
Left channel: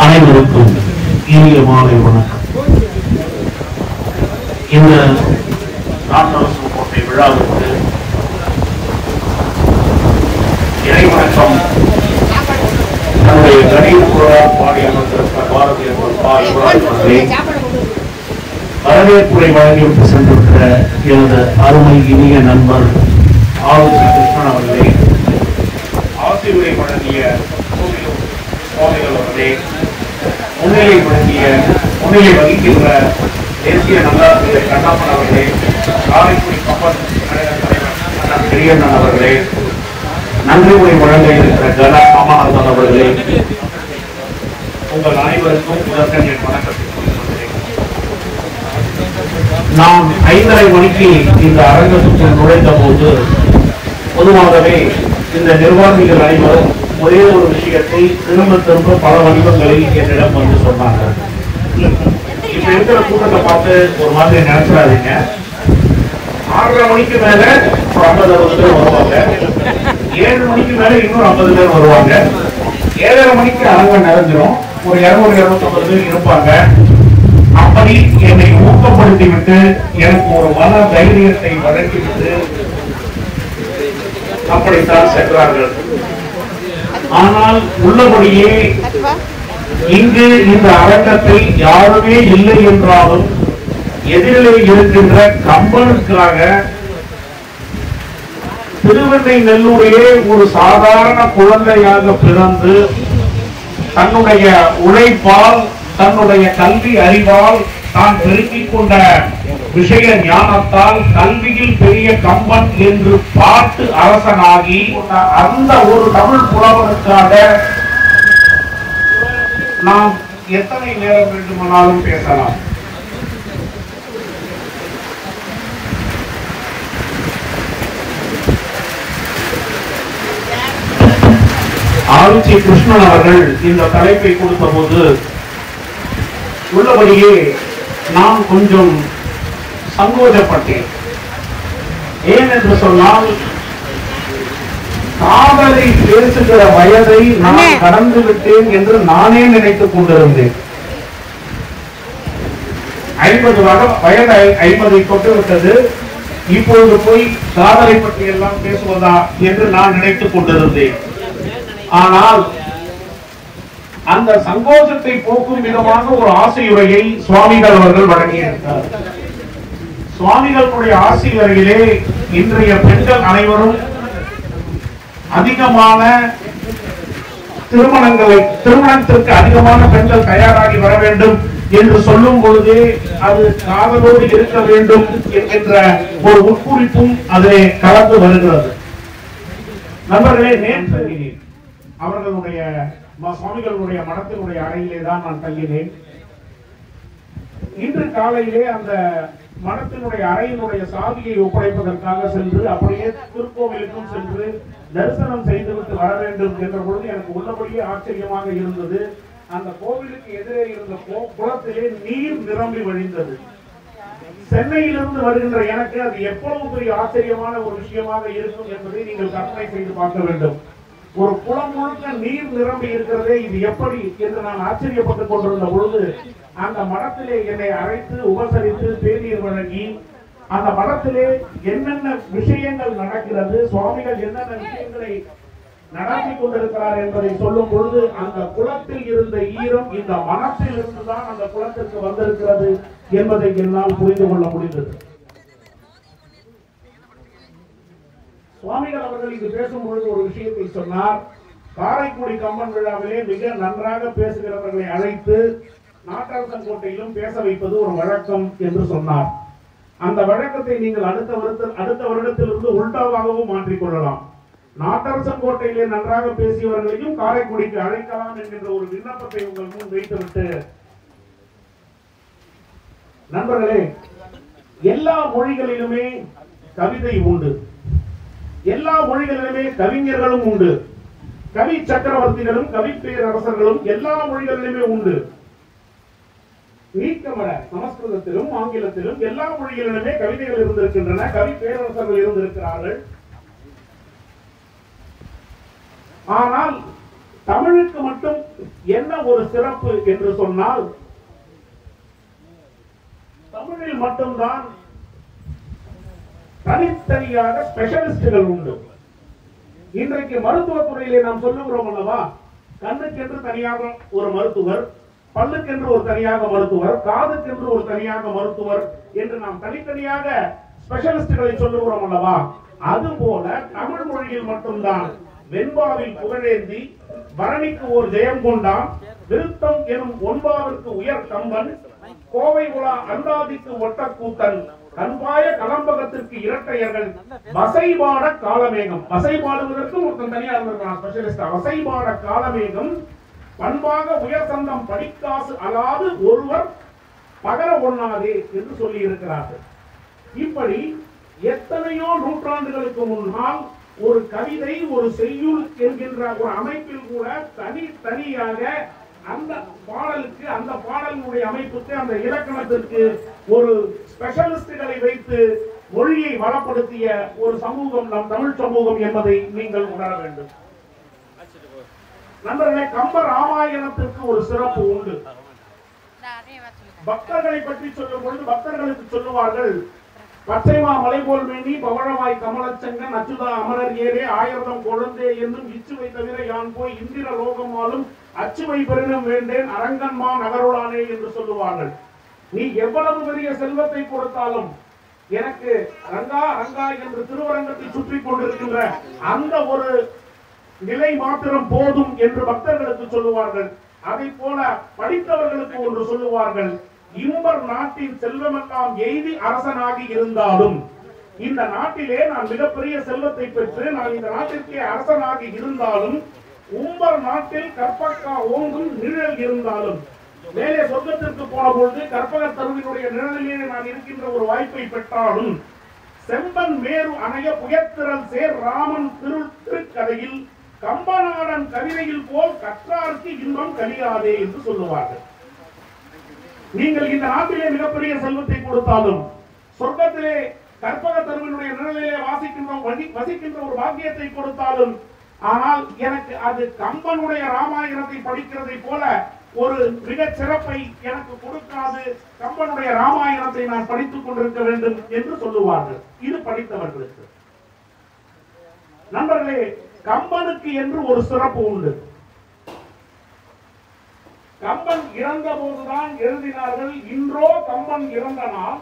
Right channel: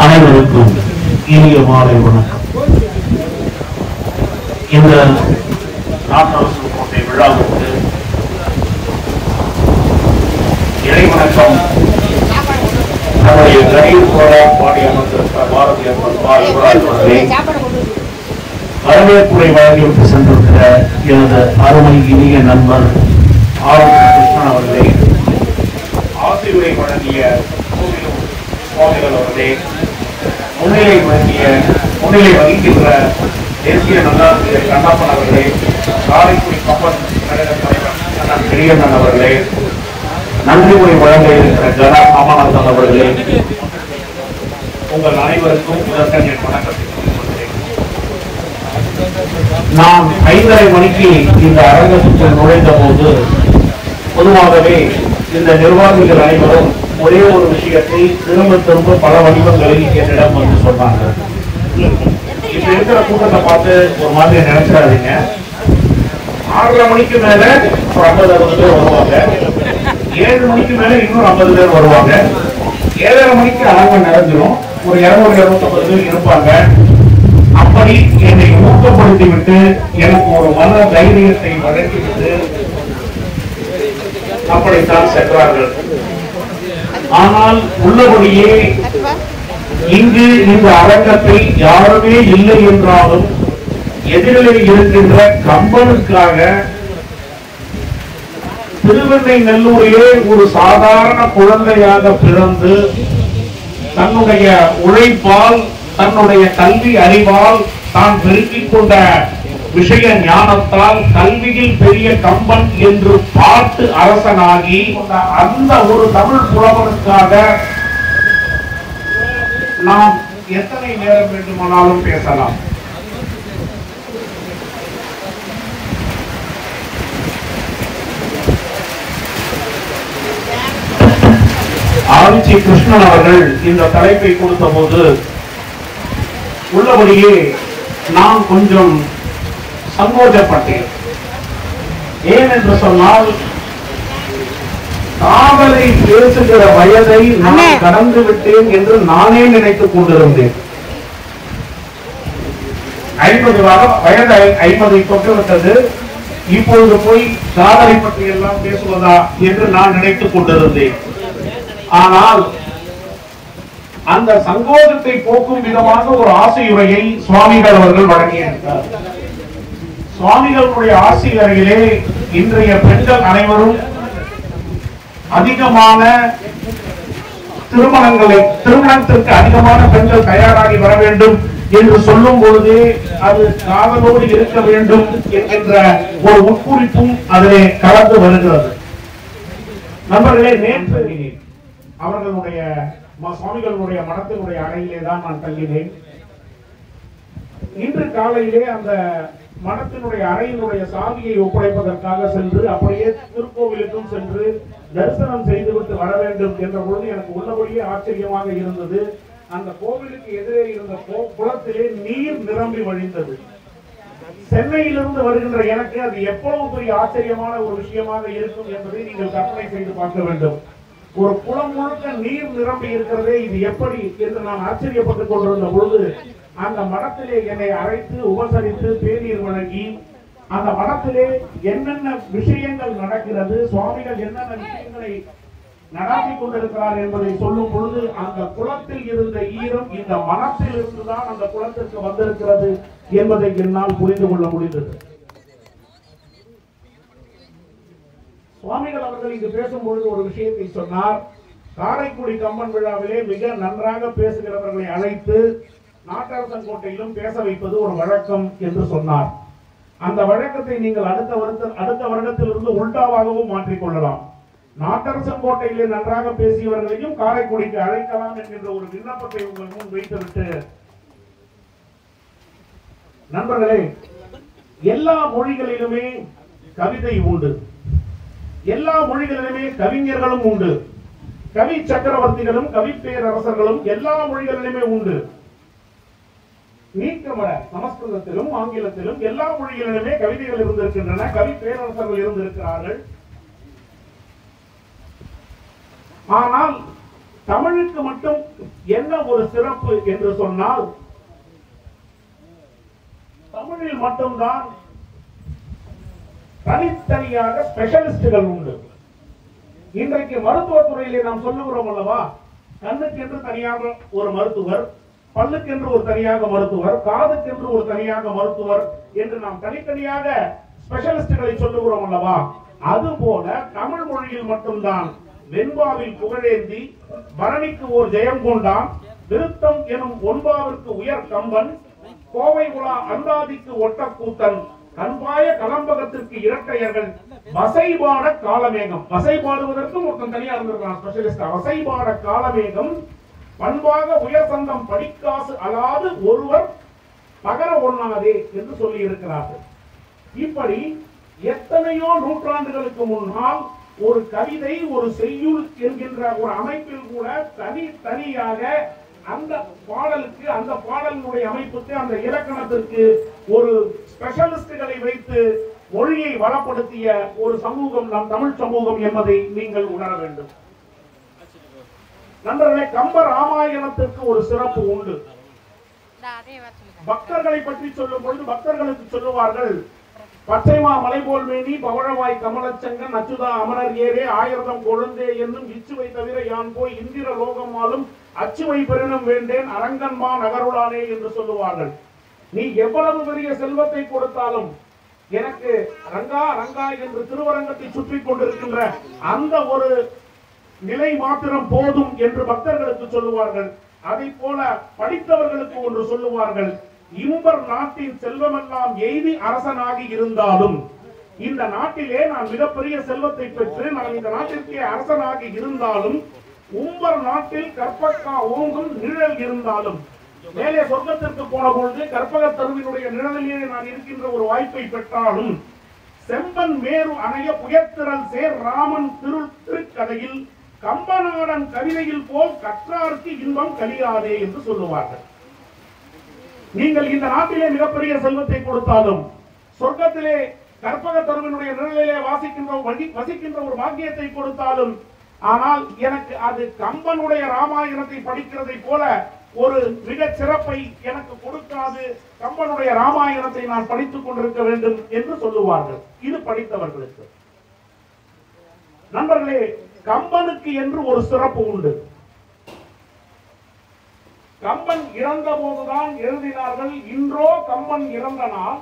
அனைவருக்கும் இனிய மாலை வணக்கம். இந்த நாட்டரசு கோட்டை விழாவிற்கு இறை வணக்கம் நம்முடைய கணீர் கோரால் பாடி அமர்ந்திருக்கிற பாரதிய அவர்களே, வரவேற்புரை வழங்கிவிட்டு சென்றிருக்கிற எனது அருமை இனிய நண்பர் கிருஷ்ணன் அவர்களே, ஆசிரியரை வழங்கிய சுவாமிகள் அவர்களே, முன்னிலை வகிக்கின்ற தேசிய நல்லாசிரியர் கண்ணப்பன் அவர்களே, காரைக்குடி கம்பன் கழக தலைவர் அண்ணன் பெரியண்ணன் அவர்களே, நன்றி உரை வழங்க இருக்கிற கன ராமநாதன் அவர்களே, உங்கள் அனைவருக்கும் முதற்கண் என் வணக்கத்தை சொல்கிறேன். நான் 5:30 மணிக்கு இந்த அரங்கத்துக்குள் நுழைந்த போது பொதுவாகவே இந்த நிர்வாகிகள் அனைவரும் ஒரே ஒரு விஷயத்தை திரும்ப திரும்ப பல வடிவங்களில் என்னிடம் வந்து சொன்னாங்க. இப்ப இருக்கிற கூட்டத்தை பார்த்து ஒரு மாதிரி நினைச்சிடாதீங்க. 6:30 மணிக்கு மேல 50-60 பேர் வருவாங்க, 7 மணிக்கு மேல இன்னொரு 50 பேர் வருவாங்க, 7:30 மணிக்கு அரங்கம் நிறைஞ்சிடும், ஒரு 200-250 பேர் இருப்பாங்க. அப்படி என்னை ஊக்கப்படுத்தி விட்டு எனக்கு ஒரு மன தைரியத்தை வழங்கிவிட்டு அப்படித்தான் சென்றார்கள். ஆனால் உள்ளபடியே இங்கு இந்த அரங்கத்தை யாருமே இல்லை என்றாலும் எதிரிலே இருக்கின்ற கம்பனுக்காக திருவெண்ணெய்நல்லூரிலே ஒரு சாதாரண குழந்தையாக பிறந்து தன்னுடைய உழைப்பால், தன்னுடைய கல்வி அறிவால், தான் பெருக்கிக் கொண்ட விஷய ஞானத்தால் கல்வியில் பெரிய கம்பன் என்று பாட்டு அரசனாகி அந்த ஒரு தமிழ் புலவனுக்காக நாம் எத்தனை நேரம் வேண்டுமானாலும் பேசலாம். ஆளுச்சி கிருஷ்ணன் அவர்கள் இந்த தலைப்பை கொடுத்த போது உள்ளபடியே நான் கொஞ்சம் சங்கோஜப்பட்டேன். ஏன் என்று சொன்னால், காதலை பேசுகிற வயதை நான் கடந்து விட்டேன் என்று நானே நினைத்துக் கொண்டிருந்தேன். 50 வயது 50 தொட்டுவிட்டது, இப்பொழுது போய் காதலை பற்றி எல்லாம் பேசுவதா என்று நான் நினைத்துக் கொண்டிருந்தேன். ஆனால் அந்த சங்கோஜத்தை போக்கும் விதமாக ஒரு ஆசையுரையை சுவாமிகள் அவர்கள் வழங்கியிருக்கிறார். சுவாமிகளுடைய ஆசிரியரிலே இன்றைய பெண்கள் அனைவரும் அதிகமான திருமணத்திற்கு அதிகமான பெண்கள் தயாராகி வர வேண்டும் என்று சொல்லும் பொழுதே அது காதலோடு இருக்க வேண்டும் என்கின்ற ஒரு உட்குறிப்பும் அதிலே கலந்து வருகிறது. நண்பர்களே, நேற்று அவர்களுடைய சுவாமிகளுடைய மடத்தினுடைய அறையிலே தான் நான் தங்கினேன். இன்று காலையிலே அந்த மடத்தினுடைய அறையினுடைய சாவியை ஒப்படைப்பதற்காக சென்று அப்படியே திருக்கோவிலுக்கும் சென்று தரிசனம் செய்துவிட்டு வர வேண்டும் என்ற பொழுது எனக்கு உள்ளபடியே ஆச்சரியமாக இருந்தது. அந்த கோவிலுக்கு எதிரே இருந்த குளத்திலே நீர் நிரம்பி வழிந்தது. சென்னையிலிருந்து வருகின்ற எனக்கு அது எவ்வளவு பெரிய ஆச்சரியமான ஒரு விஷயமாக இருக்கும் என்பதை நீங்கள் கற்பனை செய்து பார்க்க வேண்டும். ஒரு குளம் முழுக்க நீர் நிரம்பி இருக்கிறதே, இது எப்படி என்று நான் ஆச்சரியப்பட்டுக் கொண்டிருந்த பொழுது அந்த மடத்திலே என்னை அழைத்து உபசரித்து தேநீர் வழங்கி அந்த மடத்திலே என்னென்ன விஷயங்கள் நடக்கிறது, சுவாமிகள் என்னென்ன விஷயங்களை நடாத்தி கொண்டிருக்கிறார் என்பதை சொல்லும் பொழுது அந்த குளத்தில் இருந்த ஈரம் இந்த மனத்தில் இருந்துதான் அந்த குளத்திற்கு வந்திருக்கிறது என்பதை என்னால் புரிந்து கொள்ள முடிந்தது. சுவாமிகள் அவர்கள் இங்கு பேசும்பொழுது ஒரு விஷயத்தை சொன்னார். காரைக்குடி கம்பன் விழாவிலே மிக நன்றாக பேசுகிறவர்களை அழைத்து நாட்டரசங்கோட்டையிலும் பேச வைப்பது ஒரு வழக்கம் என்று சொன்னார். அந்த வழக்கத்தை நீங்கள் அடுத்த வருடத்திலிருந்து உல்டாவாகவும் மாற்றிக்கொள்ளலாம். நாட்டரசங்கோட்டையிலே நன்றாக பேசியவர்களையும் காரைக்குடிக்கு அழைக்கலாம் என்கின்ற ஒரு விண்ணப்பத்தை உங்கள் முன் வைத்துவிட்டு, நண்பர்களே, எல்லா மொழிகளிலுமே கவிதை உண்டு, எல்லா மொழிகளிலுமே கவிஞர்களும் உண்டு, கவி சக்கரவர்த்திகளும் கவி பேரரசர்களும் எல்லா மொழிகளிலுமே உண்டு. நீக்கமர சமஸ்கிருதத்திலும் ஆங்கிலத்திலும் எல்லா மொழிகளிலுமே கவிதைகள் இருந்திருக்கின்றன, கவி பேரரசர்கள் இருந்திருக்கிறார்கள். ஆனால் தமிழுக்கு மட்டும் என்ன ஒரு சிறப்பு என்று சொன்னால், தமிழில் மட்டும்தான் தனித்தனியாக ஸ்பெஷலிஸ்டுகள் உண்டு. இன்றைக்கு மருத்துவத்துறையிலே நாம் சொல்லுகிறோம் அல்லவா, கண்ணுக்கென்று தனியாக ஒரு மருத்துவர், பல்லுக்கென்று ஒரு தனியாக மருத்துவர், காதுக்கென்று ஒரு தனியாக மருத்துவர் என்று நாம் தனித்தனியாக ஸ்பெஷலிஸ்டுகளை சொல்லுகிறோம் அல்லவா. அதுபோல தமிழ் மொழியில் மட்டும்தான் வெண்பாவில் புகழேந்தி, பரணிக்கு ஒரு ஜெயம் கொண்டான், விருத்தம் எனும் ஒன்பாவிற்கு உயர் கம்பன், கோவை உலா அந்தாதிக்கு ஒட்டக்கூத்தன், கண்பாய கலம்பகத்திற்கு இரட்டையர்கள், வசைபாட காலமேகம், வசைபாடுவதற்கும் ஒருத்தன் தனியா இருந்திருக்கான் ஸ்பெஷலிஸ்ட், வசைபாட காலமேகம், பண்பாக உயர் சந்தம் படிக்காசு அலாது ஒருவர் பகர ஒண்ணாதே என்று சொல்லி இருக்கிறார்கள். இப்படி எத்தனையோ நூற்றாண்டுகளுக்கு முன்னால் ஒரு கவிதை, ஒரு செய்யுள் என்கின்ற ஒரு அமைப்பில் கூட தனியாக அந்த பாடலுக்கு, அந்த பாடலினுடைய அமைப்புக்கு, அந்த இலக்கணத்திற்கு ஒரு ஸ்பெஷலிஸ்டுகளை வைத்து மொழியை வளப்படுத்திய ஒரு சமூகம் நம் தமிழ் சமூகம் என்பதை நீங்கள் உணர வேண்டும். நண்பர்களே, கம்ப ராமாயணத்திற்கு ஒரு சிறப்பு உண்டு. பக்தர்களை பற்றி சொல்லும் பொழுது பக்தர்களுக்கு சொல்லுவார்கள், பச்சைமா மலைபோல் மேனி பவழவாய் கமலச்சங்கன் அச்சுதா அமரர் ஏரே ஆயிரதம் கொழுந்தே என்னும் இச்சுவை தவிர யான் போய் இந்திர லோகமாலும் அச்சுவை பெருணும் வேண்டேன் அரங்கன்மா நகருளானே என்று சொல்லுவார்கள். நீ எவ்வளவு பெரிய செல்வத்தை கொடுத்தாலும் எனக்கு ரங்கா ரங்கா என்று திருவரங்கத்தை சுற்றி கொண்டிருக்கின்ற அந்த ஒரு நிலை மாத்திரம் போதும் என்று பக்தர்களுக்கு சொல்லுவார்கள். அதை போல படித்தவர்களுக்கு ஒன்று சொல்லுவார்கள், இம்பர் நாட்டின் செல்வமெல்லாம் எய்தி அரசனாகி இருந்தாலும், இந்த நாட்டிலே நான் மிகப்பெரிய செல்வத்தை பெற்று நான் இந்த நாட்டிற்கே அரசனாகி இருந்தாலும், உம்பர் நாட்டில் கற்பகா ஓங்கும் நிழல் இருந்தாலும், மேலே சொர்க்கத்திற்கு போன பொழுது கற்பக தருவினுடைய நிழலிலே நான் இருக்கின்ற ஒரு வாய்ப்பை பெற்றாலும், செம்பன் மேரு அணைய புயத்திரல் சேர் ராமன் திருக்கதையில் கம்பநாடன் கவிதையில் போல் கற்றாருக்கு இன்பம் கலியாதே என்று சொல்லுவார்கள். நீங்கள் இந்த நாட்டிலே மிகப்பெரிய செல்வத்தை கொடுத்தாலும், சொர்க்கத்திலே கற்பக தருவினுடைய நிழலிலே வசிக்கின்ற ஒரு பாக்கியத்தை கொடுத்தாலும், ஆனால் எனக்கு அது கம்பனுடைய ராமாயணத்தை படிக்கிறதை போல ஒரு மிக சிறப்பை எனக்கு கொடுக்காது, கம்பனுடைய ராமாயணத்தை நான் படித்துக் கொண்டிருக்க வேண்டும் என்று சொல்லுவார்கள். இது படித்தவர்களுக்கு. நண்பர்களே, கம்பனுக்கு என்று ஒரு சிறப்பு உண்டு. கம்பன் இறந்த போதுதான் எழுதினார்கள், இன்றோ கம்பன் இறந்த நாள்,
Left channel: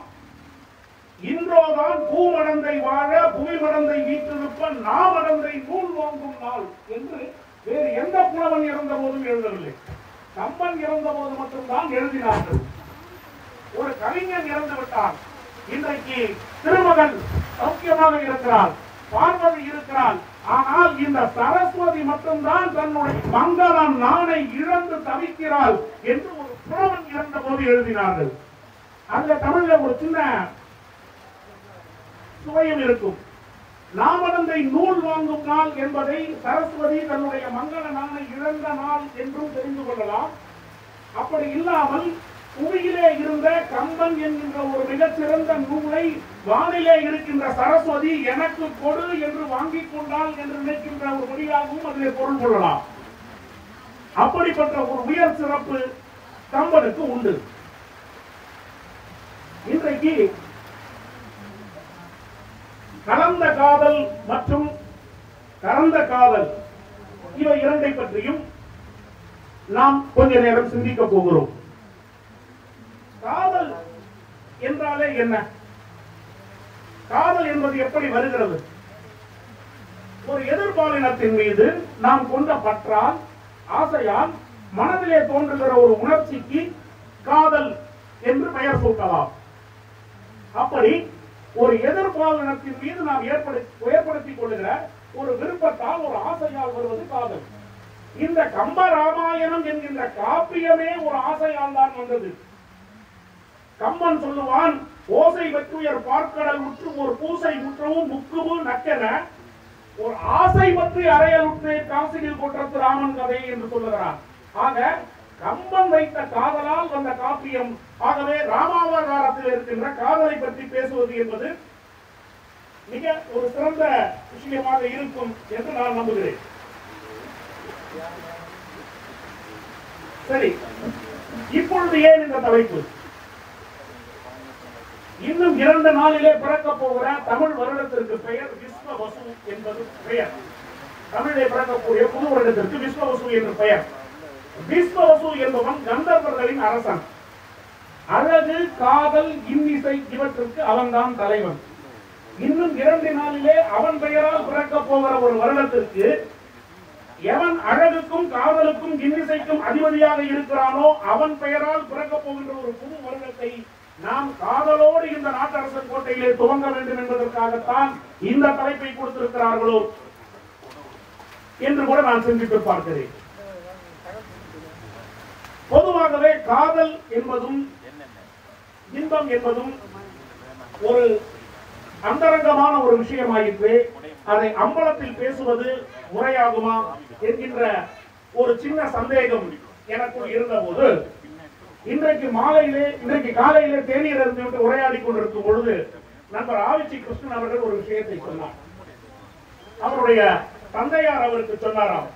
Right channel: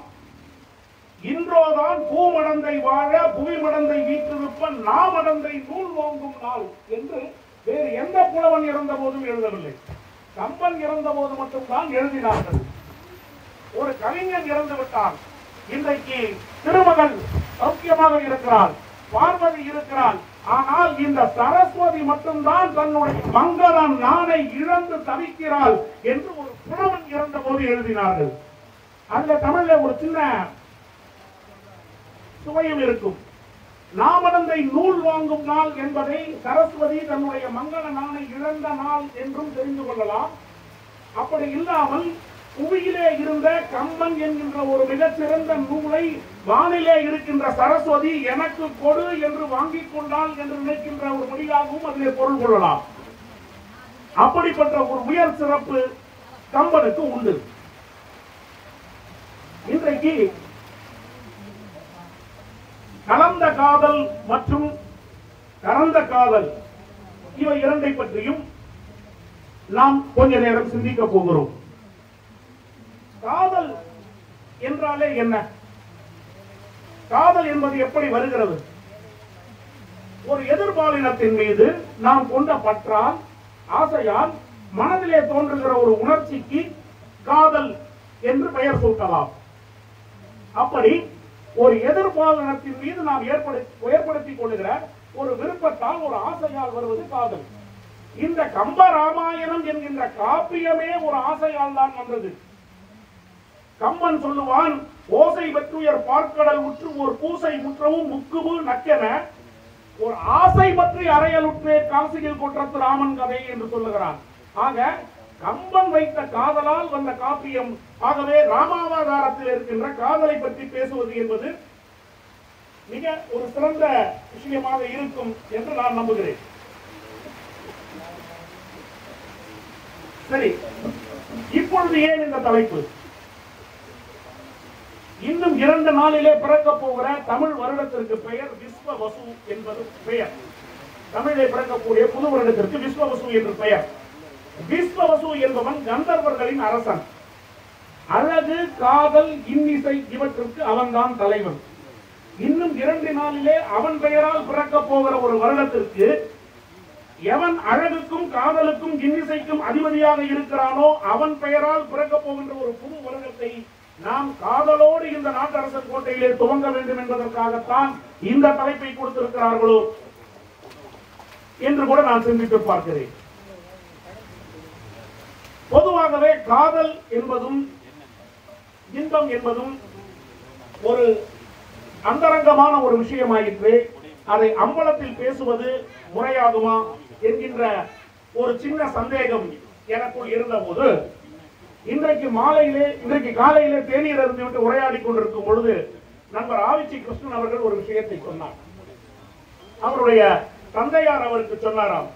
இன்றோதான் பூமடந்தை வாழ புவிமடந்தை வீற்றிருப்ப நாமடந்தை நூல் வாங்கும் நாள் என்று வேறு எந்த புலவன் இறந்த போதும் எழுதவில்லை. கம்பன் இறந்த போது மட்டும்தான் எழுதினார்கள். ஒரு கவிஞன் இறந்து விட்டார். இன்றைக்கு திருமகன் சௌக்கியமாக இருக்கிறார், பார்வதி இருக்கிறார். ஆனால் இந்த சரஸ்வதி மட்டும்தான் தன்னுடைய மங்களம் நானை இழந்து தவிக்கிறாள் என்று ஒரு புலவன் இறந்த போது எழுதினார்கள். அந்த தமிழ்ல ஒரு சின்ன சுவையும் இருக்கும். நாமடந்தை நூல் வாங்கும் நாள் என்பதை சரஸ்வதி தன்னுடைய மங்கள நானை இழந்த நாள் என்றும் தெரிந்து கொள்ளலாம். அப்படி இல்லாமல் புவியிலே இருந்த கம்பன் என்கின்ற ஒரு மிகச்சிறந்த நூலை வானிலே இருக்கின்ற சரஸ்வதி எனக்கு கொடு என்று வாங்கிக் கொண்டாள் என்று நினைக்கின்ற ஒரு வழியாகவும் அதிலே பொருள் கொள்ளலாம். அப்படிப்பட்ட ஒரு உயர் சிறப்பு கம்பனுக்கு உண்டு. இன்றைக்கு கலந்த காதல் மற்றும் கறந்த காதல் இவை இரண்டை பற்றியும் நாம் கொஞ்ச நேரம் சிந்திக்க போகிறோம். காதல் என்றாலே என்ன? காதல் என்பது எப்படி வருகிறது? ஒரு எதிர்பாலினத்தின் மீது நாம் கொண்ட பற்றால், ஆசையால் மனதிலே தோன்றுகிற ஒரு உணர்ச்சிக்கு காதல் என்று பெயர் சூட்டலாம். அப்படி ஒரு எதிர்பாலினத்தின் மீது நாம் ஏற்படுத்திக் கொள்ளுகிற ஒரு விருப்பத்தால், ஒரு ஆசையால் வருவது காதல். இந்த கம்ப ராமாயணம் என்கின்ற காப்பியமே ஒரு ஆசையால் தான் வந்தது. கம்பன் சொல்லுவான், ஓசை பற்றுயர் பார்க்கடல் உற்று ஒரு பூசை முற்றவும் முக்குபு நக்கென ஒரு ஆசை பற்றி அறையலுற்றே காசியில் கொற்றத்து ராமன் கதை என்று சொல்லுகிறான். ஆக கம்பன் வைத்த காதலால் வந்த காப்பியம். ஆகவே ராமாவதாரத்தில் இருக்கின்ற காதலை பற்றி பேசுவது என்பது மிக ஒரு சிறந்த விஷயமாக இருக்கும் என்று நான் நம்புகிறேன். சரி, இப்பொழுது ஏன் இந்த தலைப்பு? இன்னும் 2 நாளிலே பிறக்க போகிற தமிழ் வருடத்திற்கு பெயர் விஸ்வவசு என்பது பெயர். தமிழிலே பிறக்கக்கூடிய புது வருடத்திற்கு விஸ்வவசு என்று பெயர். விஸ்வவசு என்பவன் கந்தர்வர்களின் அரசன். அழகு, காதல், இன்னிசை இவற்றுக்கு அவன்தான் தலைவன். இன்னும் 2 நாளிலே அவன் பெயரால் பிறக்க போகிற ஒரு வருடத்திற்கு எவன் அழகுக்கும் காதலுக்கும் இன்னிசைக்கும் அதிபதியாக இருக்கிறானோ அவன் பெயரால் பிறக்க போகின்ற ஒரு புது வருடத்தை நாம் காதலோடு இந்த நாட்டரசன் கோட்டையிலே துவங்க வேண்டும் என்பதற்காகத்தான் இந்த தலைப்பை கொடுத்திருக்கிறார்களோ என்று கூட நான் சிந்தித்து பார்க்கிறேன். பொதுவாகவே காதல் என்பதும் இன்பம் என்பதும் ஒரு அந்தரங்கமான ஒரு விஷயமாயிற்று. அதை அம்பலத்தில் பேசுவது முறையாகுமா என்கின்ற ஒரு சின்ன சந்தேகம் எனக்குள் இருந்தபோது, இன்றைக்கு காலையிலே தேநீர் அருந்திவிட்டு உரையாடி கொண்டிருக்கும் பொழுது நண்பர் ஆவிச்சி கிருஷ்ணன் அவர்கள் ஒரு விஷயத்தை சொன்னார். அவருடைய தந்தையார் அவருக்கு சொன்னாராம்,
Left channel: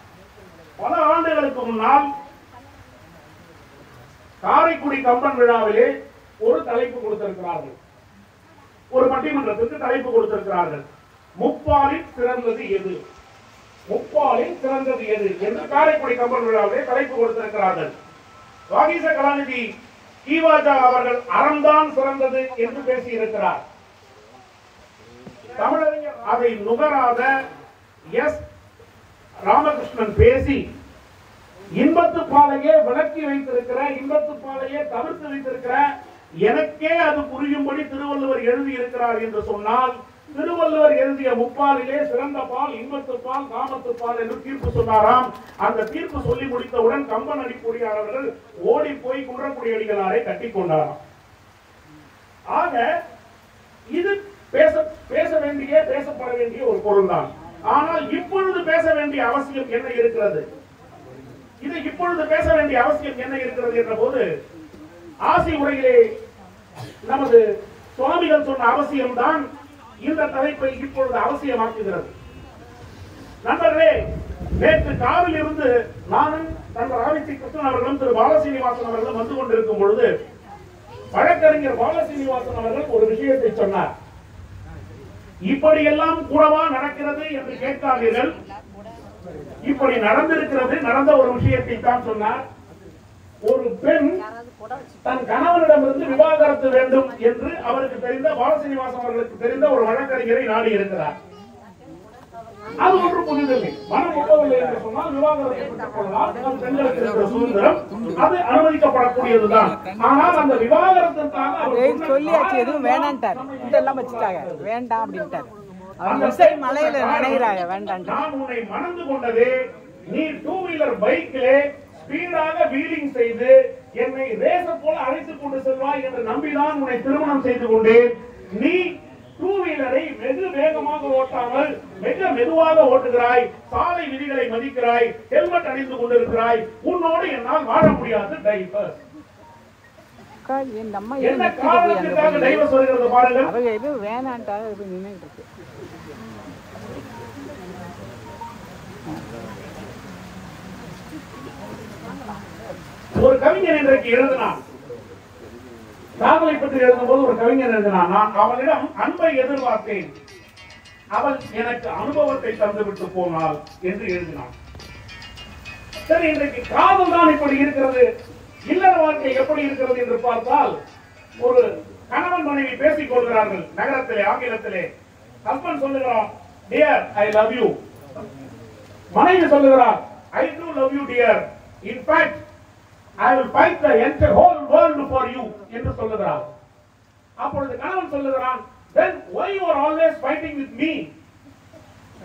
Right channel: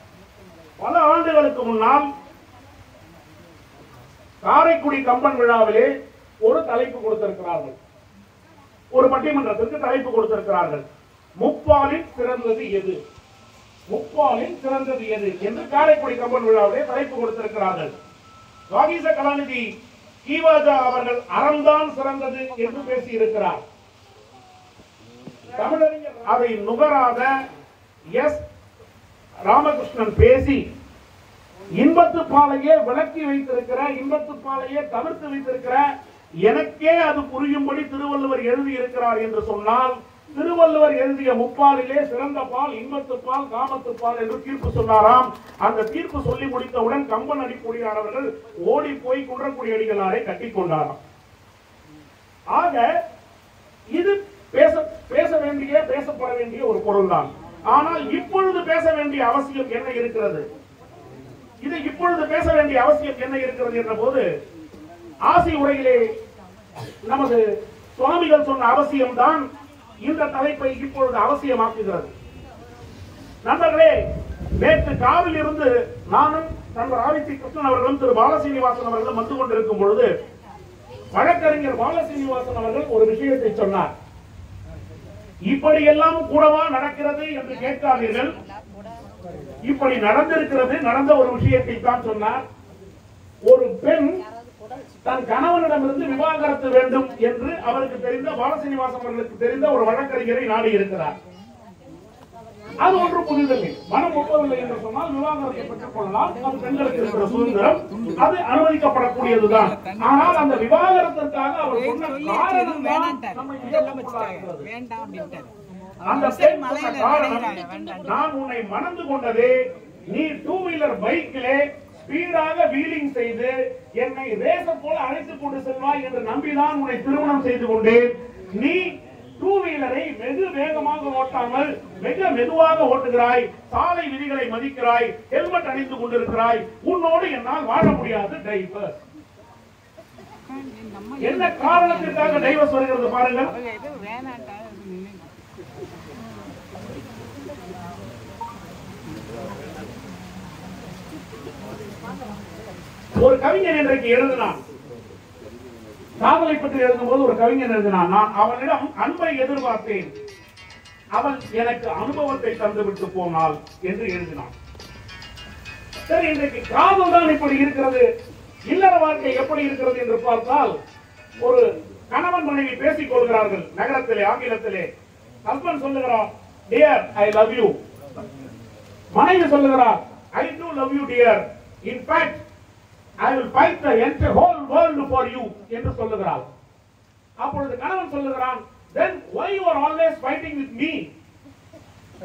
பல ஆண்டுகளுக்கு முன்னால் காரைக்குடி கம்பன் விழாவிலே ஒரு தலைப்பு கொடுத்திருக்கிறார்கள். ஒரு பட்டிமன்றத்திற்கு தலைப்பு கொடுத்திருக்கிறார்கள். முப்பாலில் சிறந்தது எது? முப்பாலில் சிறந்தது எது என்று காரைக்குடி கம்பன் விழாவிலே தலைப்பு கொடுத்திருக்கிறார்கள். வாகீச கலாநிதி ஈவாஜா அவர்கள் அறம்தான் சிறந்தது என்று பேசியிருக்கிறார். தமிழறிஞர் அதை நுகராத எஸ் ராமகிருஷ்ணன் பேசி இன்பத்து பாலையே விளக்கி வைத்திருக்கிற, இன்பத்து பாலையே தவிர்த்து வைத்திருக்கிற, எனக்கே அது புரியும்படி திருவள்ளுவர் எழுதியிருக்கிறார் என்று சொன்னால், திருவள்ளுவர் எழுதிய முப்பாலிலே சிறந்த பால் இன்பத்து பால் காமத்து பால் என்று தீர்ப்பு சொன்னாராம். அந்த தீர்ப்பு சொல்லி முடித்தவுடன் கம்பன் அடிப்பொடியார் அவர்கள் ஓடி போய் குன்றக்குடி அடிகளாரை கட்டிக் கொண்டாராம். ஆக இது பேசப்பட வேண்டிய ஒரு பொருள் தான். ஆனால் இப்பொழுது பேச வேண்டிய அவசியம் என்ன இருக்கிறது? இது இப்பொழுது பேச வேண்டிய அவசியம் என்ன இருக்கிறது என்ற போது, ஆசி உரையிலே நமது சுவாமிகள் சொன்ன அவசியம்தான் இந்த தலைப்பை இப்பொழுது அவசியமாக்குகிறது. நண்பர்களே, நேற்று காரில் இருந்து நானும் நண்பர் ஆவிச்சி கிருஷ்ணன் அவர்களும் திரு பாலசீனிவாசன் அவர்களும் வந்து கொண்டிருக்கும் பொழுது வழக்கறிஞர் பாலசீனிவாசன் அவர்கள் ஒரு விஷயத்தை சொன்னார். இப்படியெல்லாம் கூடவா நடக்கிறது என்று கேட்காதீர்கள், இப்படி நடந்திருக்கிறது. நடந்த ஒரு விஷயத்தை தான் சொன்னார். ஒரு பெண் தன் கணவனிடமிருந்து விவாகரத்து வேண்டும் என்று அவருக்கு தெரிந்த, பாலசீனிவாசன் அவர்களுக்கு தெரிந்த ஒரு வழக்கறிஞரை நாடி இருக்கிறார். அது ஒன்று புதிதில்லை. மனம் ஒப்பவில்லை என்று சொன்னால் விவாகரத்தை பெற்றுக் கொள்ளலாம். அது பெண்களுக்கு இருக்கிற சுதந்திரம், அது அனுமதிக்கப்படக்கூடியதுதான். ஆனால் அந்த விவாகரத்திற்காக அவர் சொல்லியாச்சு, எதுவும் வேண்டான்ட்டார், இதெல்லாம் வச்சுட்டாங்க, வேண்டாம் அப்படின்ட்டார். மலையில நினைக்கிறாங்க வேண்டாம். நான் உன்னை மணந்து கொண்டதே நீ 2 வீலர் பைக்கிலே ஸ்பீடாக வீலிங் செய்து என்னை ரேசர் போல அழைத்துக் கொண்டு செல்வாய் என்று நம்பிதான் உன்னை திருமணம் செய்து கொண்டேன். நீ 2 வீலரை வெகு வேகமாக ஓட்டாமல் மிக மெதுவாக ஓட்டுகிறாய், சாலை விதிகளை மதிக்கிறாய், ஹெல்மெட் அணிந்து கொண்டிருக்கிறாய், உன்னோடு என்னால் வாழ முடியாது. டைவர்ஸ். என்ன காரணத்திற்காக டைவர்ஸ் வருகிறது பாருங்கள். எதுவும் வேணான்ட்டாங்க நின்றுட்டு. ஒரு கவிஞர் இன்றைக்கு எழுதினான், காதலை பற்றி எழுதும்போது ஒரு கவிஞர் எழுதினான், நான் அவளிடம் அன்பை எதிர்பார்த்தேன், அவள் எனக்கு அனுபவத்தை தந்துவிட்டு போனாள் என்று எழுதினான். சரி, இன்றைக்கு காதல் தான் இப்படி இருக்கிறது. இல்லற வாழ்க்கை எப்படி இருக்கிறது என்று பார்த்தால், ஒரு கணவன் மனைவி பேசிக் கொள்கிறார்கள் நகரத்திலே, ஆங்கிலத்திலே. ஹஸ்பண்ட் சொல்லுகிறார், டியர் ஐ லவ் யூ. மனைவி சொல்லுகிறார், I do love you dear, in fact I will fight the entire whole world for you என்று சொல்லுகிறார். அப்பொழுது கணவன் சொல்லுகிறான், then why you are always fighting with me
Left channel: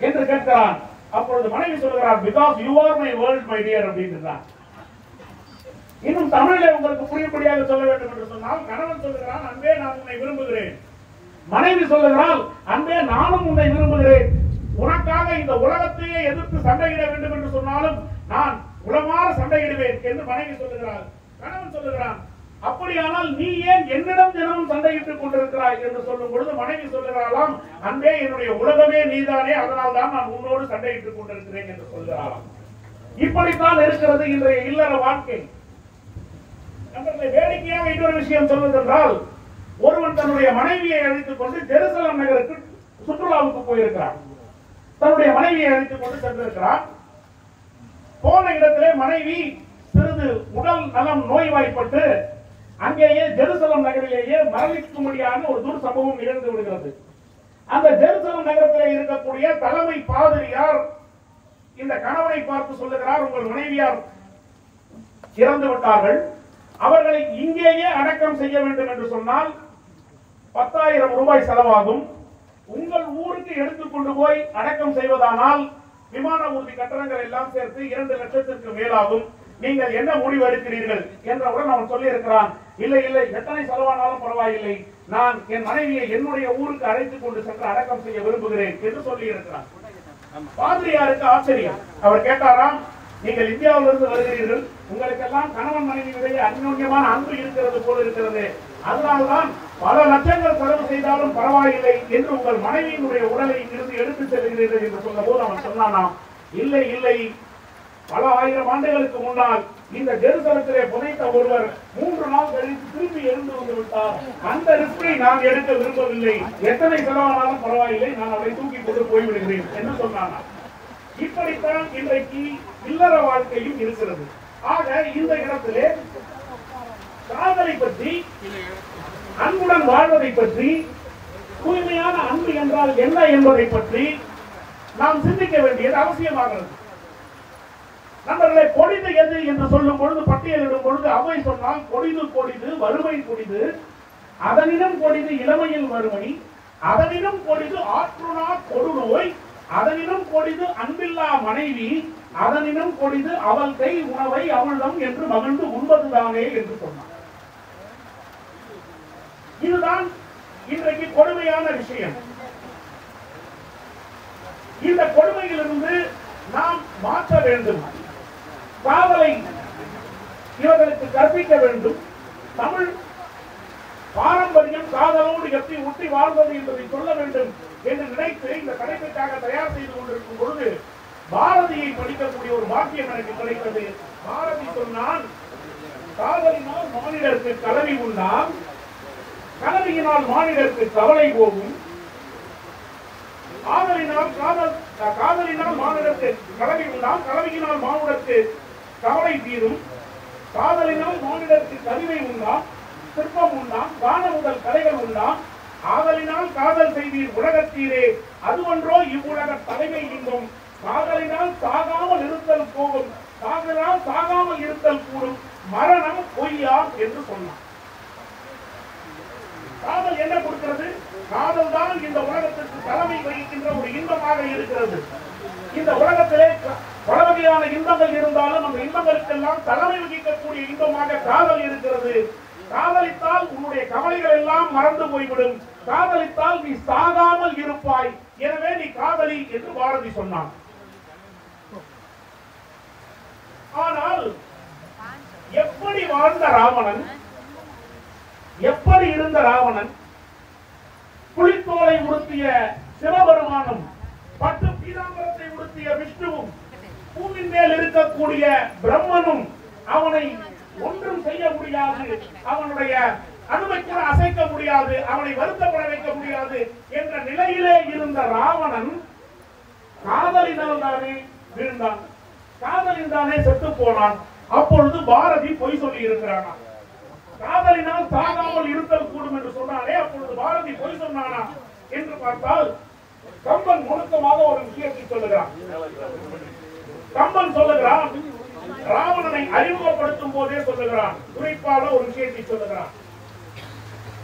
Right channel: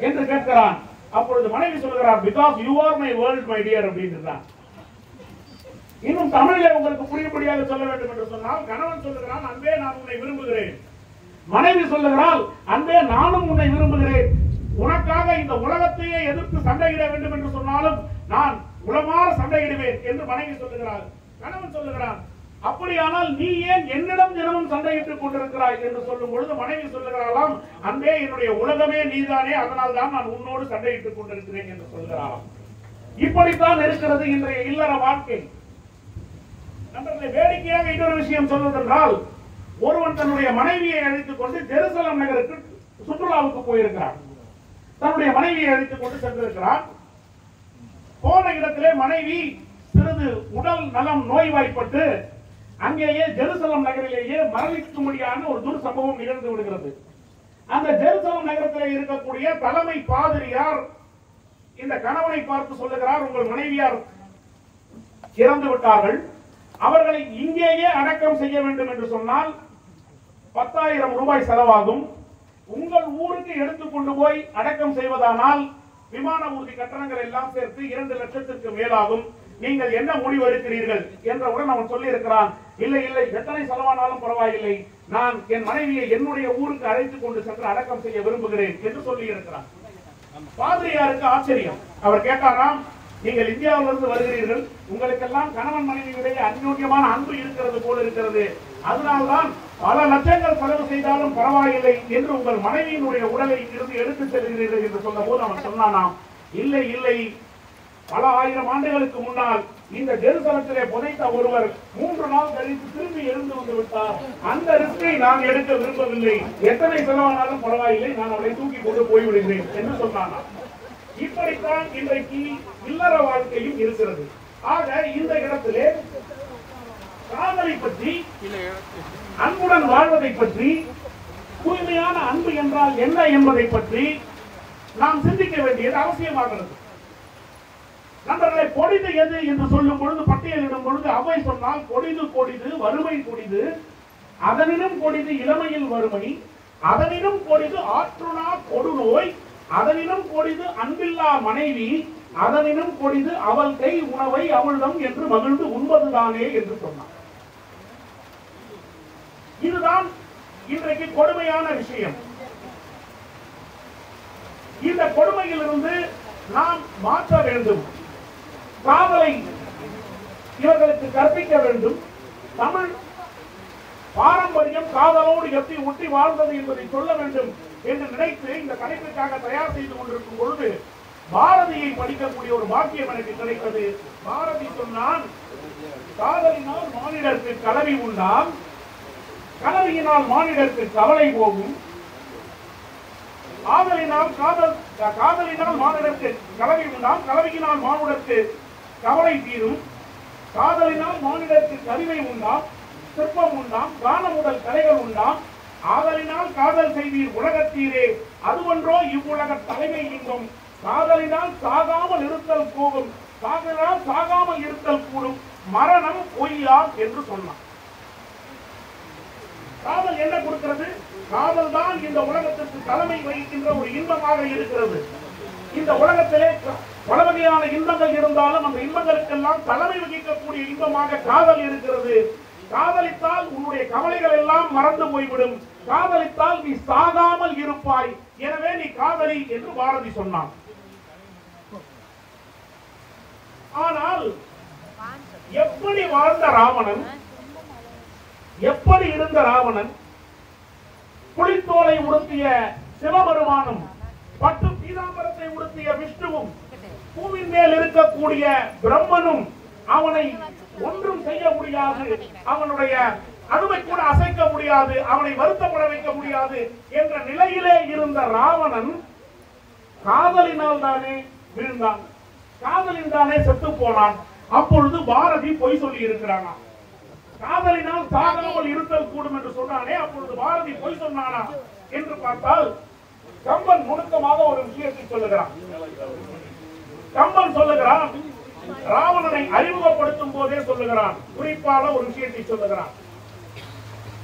என்று கேட்கிறான். அப்பொழுது மனைவி சொல்லுகிறார், because you are my world my dear அப்படின்றான். இன்னும் தமிழிலே உங்களுக்கு புரியும்படியாக சொல்ல வேண்டும் என்று சொன்னால், கணவன் சொல்லுகிறான், அன்பே நான் உன்னை விரும்புகிறேன். மனைவி சொல்லுகிறாள், அன்பே நானும் உன்னை விரும்புகிறேன். உனக்காக இந்த உலகத்தையே எதிர்த்து சண்டையிட வேண்டும் என்று சொன்னாலும் நான் உளமாற சண்டையிடுவேன் என்று மனைவி சொல்லுகிறாள். கணவன் சொல்லுகிறான், அப்படியானால் நீ ஏன் என்னிடம் தினமும் சண்டையிட்டுக் கொண்டிருக்கிறாய் என்று சொல்லும் பொழுது மனைவி சொல்லுகிறாளாம், அன்பே என்னுடைய உலகமே நீதானே, அதனால் தான் நான் உன்னோடு சண்டையிட்டுக் கொண்டிருக்கிறேன் என்று சொல்கிறாளாம். இப்படித்தான் இருக்கிறது இன்றைய இல்லற வாழ்க்கை. நண்பர்களை, வேடிக்கையாக இன்னொரு விஷயம் சொல்வதென்றால், ஒருவன் தன்னுடைய மனைவியை அழைத்துக் கொண்டு ஜெருசலம் நகருக்கு சுற்றுலாவுக்கு போயிருக்கிறார். தன்னுடைய மனைவியை அழைத்துக் கொண்டு சென்றிருக்கிறார். போன இடத்திலே மனைவி சிறிது உடல் நலம் நோய்வாய்ப்பட்டு அங்கேயே ஜெருசலம் நகரிலேயே மரணிக்கும்படியான ஒரு துர்சம்பவம் நிகழ்ந்து விடுகிறது. அந்த ஜெருசலம் நகரத்திலே இருக்கக்கூடிய தலைமை பாதிரியார் இந்த கணவனை பார்த்து சொல்லுகிறார், உங்கள் மனைவியார் இறந்து விட்டார்கள், அவர்களை இங்கேயே அடக்கம் செய்ய வேண்டும் என்று சொன்னால் 10,000 ரூபாய் செலவாகும். உங்கள் ஊருக்கு எடுத்துக்கொண்டு போய் அடக்கம் செய்வதானால் விமான ஊர்தி கட்டணங்கள் எல்லாம் சேர்த்து 2 லட்சத்திற்கு மேலாகும். நீங்கள் என்ன முடிவு எடுக்கிறீர்கள் என்றவுடன் அவன் சொல்லி இருக்கிறான், இல்லை இல்லை, எத்தனை செலவானாலும் பரவாயில்லை, நான் என் மனைவியை என்னுடைய ஊருக்கு அழைத்துக் கொண்டு சென்று அடக்கம் செய்ய விரும்புகிறேன் என்று சொல்லி இருக்கிறான். பாதிரியாருக்கு ஆச்சரியம். அவர் கேட்டாராம், நீங்கள் இந்தியாவிலிருந்து வருகிறீர்கள், உங்களுக்கெல்லாம் கணவன் மனைவியிடையே அந்யோன்யமான அன்பு இருக்கிறது போல இருக்கிறது, அதனால்தான் பல லட்சங்கள் செலவு செய்தாலும் பரவாயில்லை என்று உங்கள் மனைவியினுடைய உடலை இருந்து எடுத்து செல்கிறீர்கள் என்று சொன்ன போது அவன் சொன்னானாம், இல்லை இல்லை, பல ஆயிரம் ஆண்டுகளுக்கு முன்னால் இந்த ஜெருசலத்திலே புதைத்த ஒருவர் 3 நாள் கழித்து திரும்பி எழுந்து வந்து விட்டார். அந்த ரிஸ்கை நான் எடுக்க விரும்பவில்லை, எத்தனை செலவானாலும் பரவாயில்லை, நான் அவரை தூக்கி கொண்டு போய்விடுகிறேன் என்று சொன்னானா. இப்படித்தான் இன்றைக்கு இல்லற வாழ்க்கையும் இருக்கிறது. ஆக இந்த இடத்திலே காதலை பற்றி, அன்புடன் வாழ்வதை பற்றி, தூய்மையான அன்பு என்றால் என்ன என்பதை பற்றி நாம் சிந்திக்க வேண்டியது அவசியமாகிறது. நண்பர்களை, கொடிது எது என்று சொல்லும் பொழுது, பட்டியலிடும் பொழுது அவை சொன்னால், கொடிது கொடிது வறுமை கொடிது, அதனினும் கொடிது இளமையில் வறுமை, அதனினும் கொடிது ஆற்றுணா கொடுநோய், அதனினும் கொடிது அன்பில்லா மனைவி, அதனினும் கொடிது அவள் கை உணவை அவளிடம் என்று மகிழ்ந்து உண்பதுதானே என்று சொன்னார். இதுதான் இன்றைக்கு கொடுமையான விஷயம். இந்த கொடுமையிலிருந்து நாம் மாற்ற வேண்டும். காதலை இவர்களுக்கு கற்பிக்க வேண்டும். தமிழ் பாரம்பரியம் காதலோடு எப்படி ஒட்டி வாழ்வது என்பதை சொல்ல வேண்டும் என்று நினைத்து இந்த கடைப்பிற்காக தயார் செய்து கொண்டிருக்கும் பொழுது பாரதியை படிக்கக்கூடிய ஒரு பாக்கியம் எனக்கு கிடைத்தது. பாரதி சொன்னான், காதலினால் மானிடருக்கு கலவி உண்டாம், கலவியினால் மானிடருக்கு கவலை போகும், காதலினால் மானிடருக்கு கலவி உண்டாம், கலவியினால் மானுடருக்கு கவலை தீரும், காதலினால் மானிடருக்கு கவிதை உண்டாம், சிற்பம் உண்டாம், காண முதல் கலைகள் உண்டாம், ஆதலினால் காதல் செய்வீர் உலகத்தீரே, அதுவன்றோ இவ்வுலக தலைமை இன்பம், காதலினால் சாகாமல் இருத்தல் போகும், காதலால் சாகாமல் இருத்தல் கூடும், மரணம் பொய்யா என்று சொன்னார். காதல் என்ன கொடுக்கிறது? காதல் தான் இந்த உலகத்திற்கு தலைமை வகிக்கின்ற ஒரு இன்பமாக இருக்கிறது. இந்த உலகத்திலே பல வகையான இன்பங்கள் இருந்தாலும் அந்த இன்பங்களுக்கெல்லாம் தலைமை வகிக்கக்கூடிய இன்பமாக காதல் இருக்கிறது. காதலித்தால் உன்னுடைய கவலைகள் எல்லாம் மறந்து போய்விடும், காதலித்தால் நீ சாகாமல் இருப்பாய், எனவே நீ காதலி என்று பாரதி சொன்னான். ஆனால் எப்படி வாழ்ந்த ராவணன், எப்படி இருந்த ராவணன், புலித்தோலை உடுத்திய சிவபெருமானும் பட்டு பீதாம்பரத்தை உடுத்திய விஷ்ணுவும் பூமியின் மேல் இருக்கக்கூடிய பிரம்மனும் அவனை ஒன்றும் செய்ய முடியாது, அவனுடைய அணுவை கூட அசைக்க முடியாது, அவனை வருத்தப்பட வைக்க முடியாது என்ற நிலையிலே இருந்த ராவணன் காதலினால் தானே வீழ்ந்தான். காதலில் தானே செத்து போனான். அப்பொழுது பாரதி பொய் சொல்லி இருக்கிறானா? காதலினால் சாகாமல் இருத்தல் கூடும் என்று சொன்னானே, அப்பொழுது பாரதி பொய் சொன்னானா என்று பார்த்தால் கம்பன் நுணுக்கமாக ஒரு விஷயத்தை சொல்லுகிறான். கம்பன் சொல்லுகிறான், ராவணனை அறிமுகப்படுத்தும் போதே சொல்லுகிறான், குறிப்பாக ஒரு விஷயத்தை சொல்லுகிறான்.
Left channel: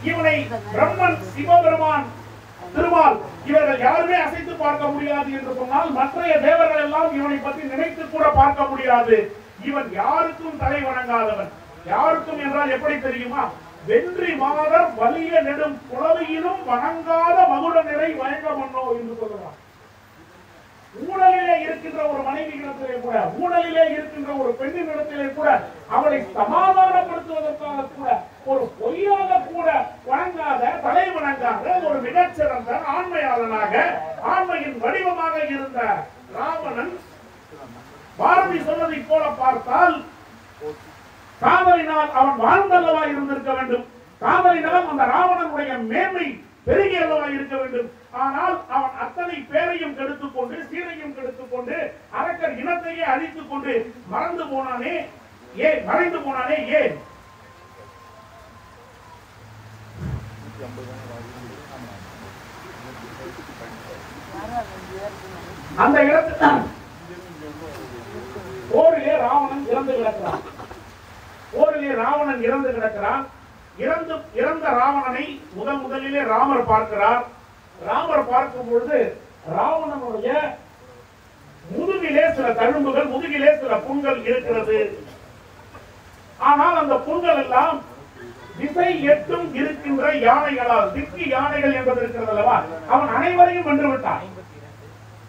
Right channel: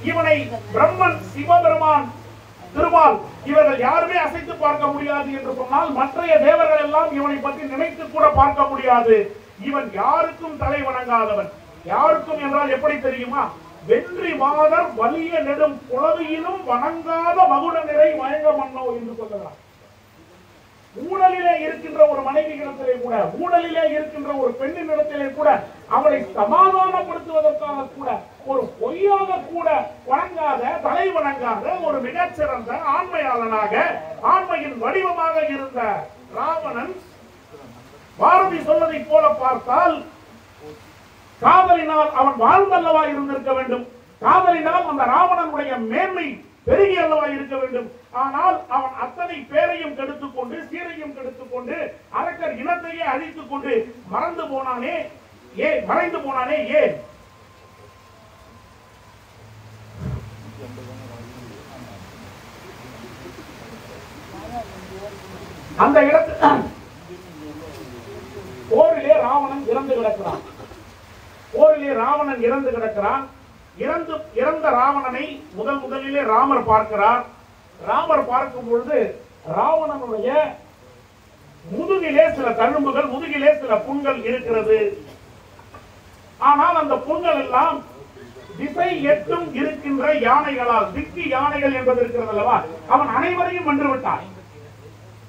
இவனை பிரம்மன், சிவபெருமான், திருமால் இவர்கள் யாருமே அசைத்து பார்க்க முடியாது என்று சொன்னால், மற்றைய தேவர்கள் எல்லாம் இவனை பற்றி நினைத்து கூட பார்க்க முடியாது. இவன் யாருக்கும் தலை வணங்காதவன். யாருக்கும் என்றால் எப்படி தெரியுமா? வென்றி மாதர் வலிய நெடும் குளவியிலும் வணங்காத மகுட நிறை மயங்க மன்னோ என்று சொல்லுகிறார். ஊழலிலே இருக்கின்ற ஒரு மனைவியிடத்திலே கூட, ஊழலிலே இருக்கின்ற ஒரு பெண்ணினிடத்திலே கூட, அவளை சமாதானப்படுத்துவதற்காக கூட, ஒரு பொய்யாக கூட வணங்காத, தலை வணங்காத ஒரு மிகச்சிறந்த ஆண்மையாளனாக, ஆண்மையின் வடிவமாக இருந்த ராவணன் பாரதி சொன்னதை போல பார்த்தால், காதலினால் அவன் வாழ்ந்தல்லவா இருந்திருக்க வேண்டும். காதலினால் அந்த ராவணனுடைய மேன்மை பெருகி அல்லவா இருக்க வேண்டும். ஆனால் அவன் அத்தனை பேரையும் கெடுத்துக் கொண்டு, சீரையும் கெடுத்துக் கொண்டு, அரக்கர் இனத்தையே அழித்துக் கொண்டு மறைந்து போனானே ஏன்? அந்த இடத்தில் போரிலே ராவணன் இறந்து கிடக்கிறான். இறந்த ராவணனை முதலிலே ராமர் பார்க்கிறார். ராமர் பார்க்கும் பொழுது ராவணனுடைய முதுகிலே சில தழும்புகள், முதுகிலே சில புண்கள் இருக்கிறது. ஆனால் அந்த புண்கள் எல்லாம் திசை எட்டும் இருக்கின்ற யானைகளால், திக்கி யானைகள் என்பது இருக்கிறது அல்லவா, அவன் அனைவரையும் வென்று விட்டான்.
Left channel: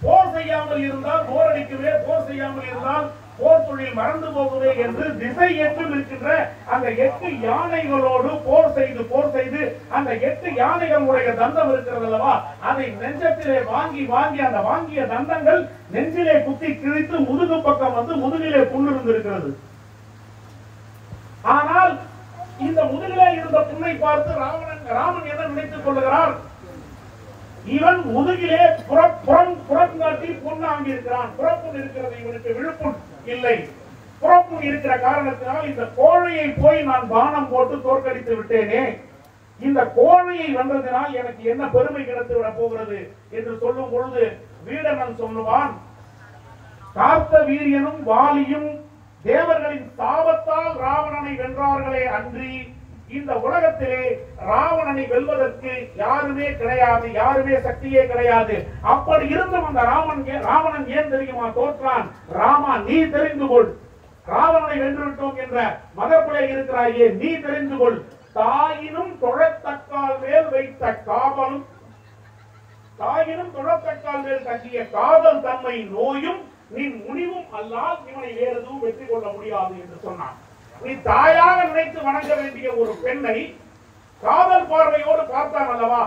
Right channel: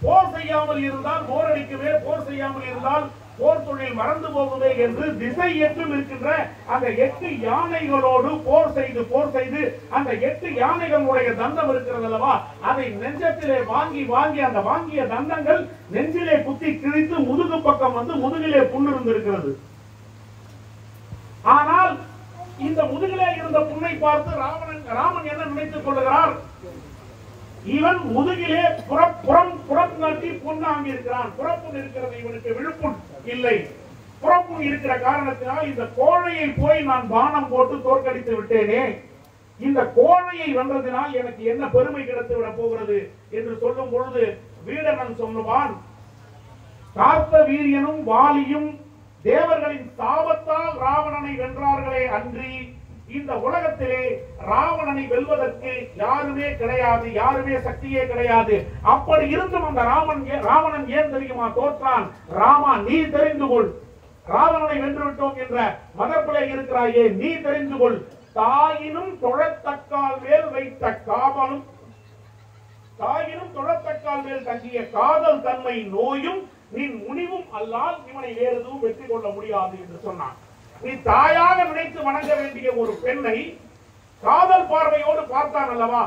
போர் செய்யாமல் இருந்தால் போர் அடிக்கவே, போர் செய்யாமல் இருந்தால் போர் தொழில் மறந்து போகுதே என்று திசை எட்டும் இருக்கின்ற அந்த 8 யானைகளோடு போர் செய்து அந்த 8 யானைகளுடைய தந்தம் இருக்கிறது அல்லவா, அதை நெஞ்சத்திலே வாங்கி அந்த வாங்கிய தந்தங்கள் நெஞ்சிலே குத்தி கிழித்து முதுகு பக்கம் வந்து முதுகிலே புண்ணு இருந்திருக்கிறது. ஆனால் இந்த முதுகிலே இருந்த புண்ணை பார்த்து ராமன் என்ன நினைத்துக் கொள்ளுகிறார்? இவன் முதுகிலே புறம் காட்டி புண்ணாங்கி இருக்கிறான். புறப்புண் இருக்கிறது, இவனுக்கு விழுப்புண் இல்லை. புறப்புண் இருக்கிற காரணத்தினால் இந்த கோழையை போய் நான் பானம் போட்டு தோற்கடித்து விட்டேனே, இந்த கோழையை வென்றதினால் எனக்கு என்ன பெருமை கிடைத்து விட போகிறது என்று சொல்லும் பொழுது வீரனன் சொல்லுவான், கார்த்த வீரியனும் வாலியும் தேவர்களின் சாபத்தால் ராவணனை வென்றார்களே அன்றி இந்த உலகத்திலே ராவணனை வெல்வதற்கு யாருமே கிடையாது, யாருமே சக்தியே கிடையாது. அப்படி இருந்தும் அந்த ராவணன் ஏன் தெரியுமா தோற்றான்? ராமா, நீ தெரிந்து கொள், ராவணனை வென்றுவிட்டோம் என்ற மதப்பிலே இருக்கிறாயே, நீ தெரிந்து கொள். தாயினும் தொழத்தக்கால் மேல் வைத்த காவலும், தாயினும் தொழத்தக்கால் மேல் தங்கிய காதல் தன்மை நோயும் நீ முனிவும் அல்லால் இவனை வேறு எதுவும் வெற்றி கொள்ள முடியாது என்று சொன்னான். நீ தாயாக நினைத்து வணங்க வேண்டிய ஒரு பெண்ணை காதல் பார்வையோடு பார்த்தான் அல்லவா,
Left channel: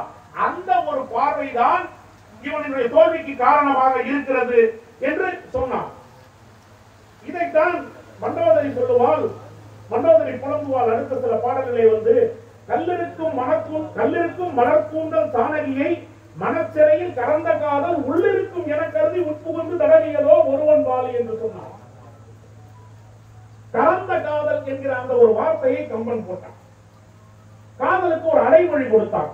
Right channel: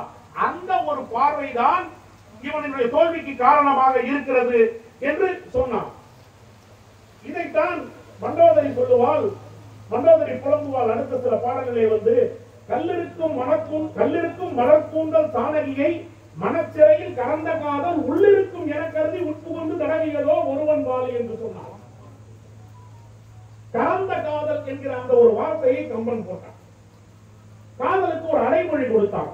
அந்த ஒரு பார்வைதான் இவனுடைய தோல்விக்கு காரணமாக இருக்கிறது என்று சொன்னான். இதைத்தான் மண்டோதரி சொல்லுவாள், மண்டோதரி புலம்புவாள். அடுத்த சில பாடல்களை வந்து, கல்லிருக்கும் மலர்கூந்தல் தானகியை மனச்சிறையில் கறந்த காதல் உள்ளிருக்கும் என கருதி உட்புகுந்து தடவியதோ ஒருவன் வாழி என்று சொன்னான். கலந்த காதல் என்கிற அந்த ஒரு வார்த்தையை கம்பன் போட்டான். காதலுக்கு ஒரு அடைமொழி கொடுத்தான்.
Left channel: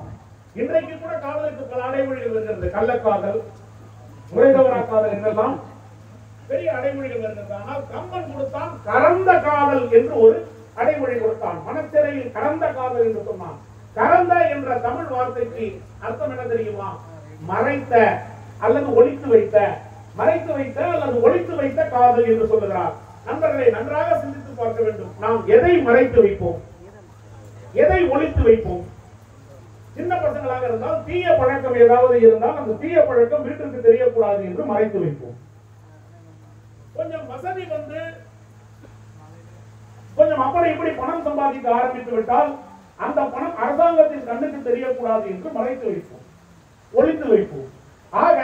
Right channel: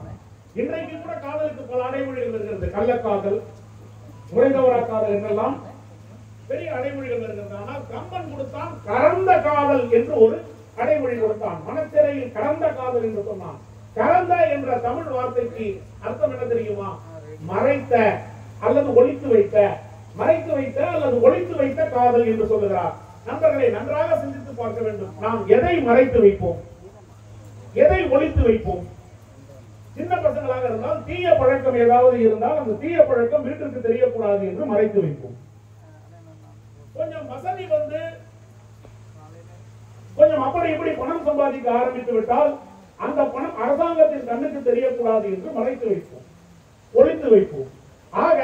இன்றைக்கு கூட காதலுக்கு பல அடைமொழிகள் வருகிறது. கள்ளக்காதல், முறைதவரா காதல் என்றெல்லாம் பெரிய அடைமொழிகள் வருகிறது. ஆனால் கம்பன் கொடுத்தான் கலந்த காதல் என்று ஒரு அடைமொழி கொடுத்தான். மனச்சிறையில் கலந்த காதல் என்று சொன்னான். கலந்த என்ற தமிழ் வார்த்தைக்கு அர்த்தம் என்ன தெரியுமா? மறைத்த அல்லது ஒளித்து வைத்த, மறைத்து வைத்த அல்லது ஒளித்து வைத்த காதல் என்று சொல்லுகிறார். நண்பர்களை நன்றாக சிந்தித்து பார்க்க வேண்டும். நாம் எதை மறைத்து வைப்போம், எதை ஒளித்து வைப்போம்? சின்ன பசங்களாக இருந்தால் தீய பழக்கம் ஏதாவது இருந்தால் அந்த தீய பழக்கம் வீட்டிற்கு தெரியக்கூடாது என்று மறைத்து வைப்போம். கொஞ்சம் வசதி வந்து கொஞ்சம் அப்படி இப்படி பணம் சம்பாதிக்க ஆரம்பித்து விட்டால் அந்த பணம் அரசாங்கத்தின் கண்ணுக்கு தெரியக்கூடாது என்று மறைத்து வைப்போம், ஒளித்து வைப்போம். ஆக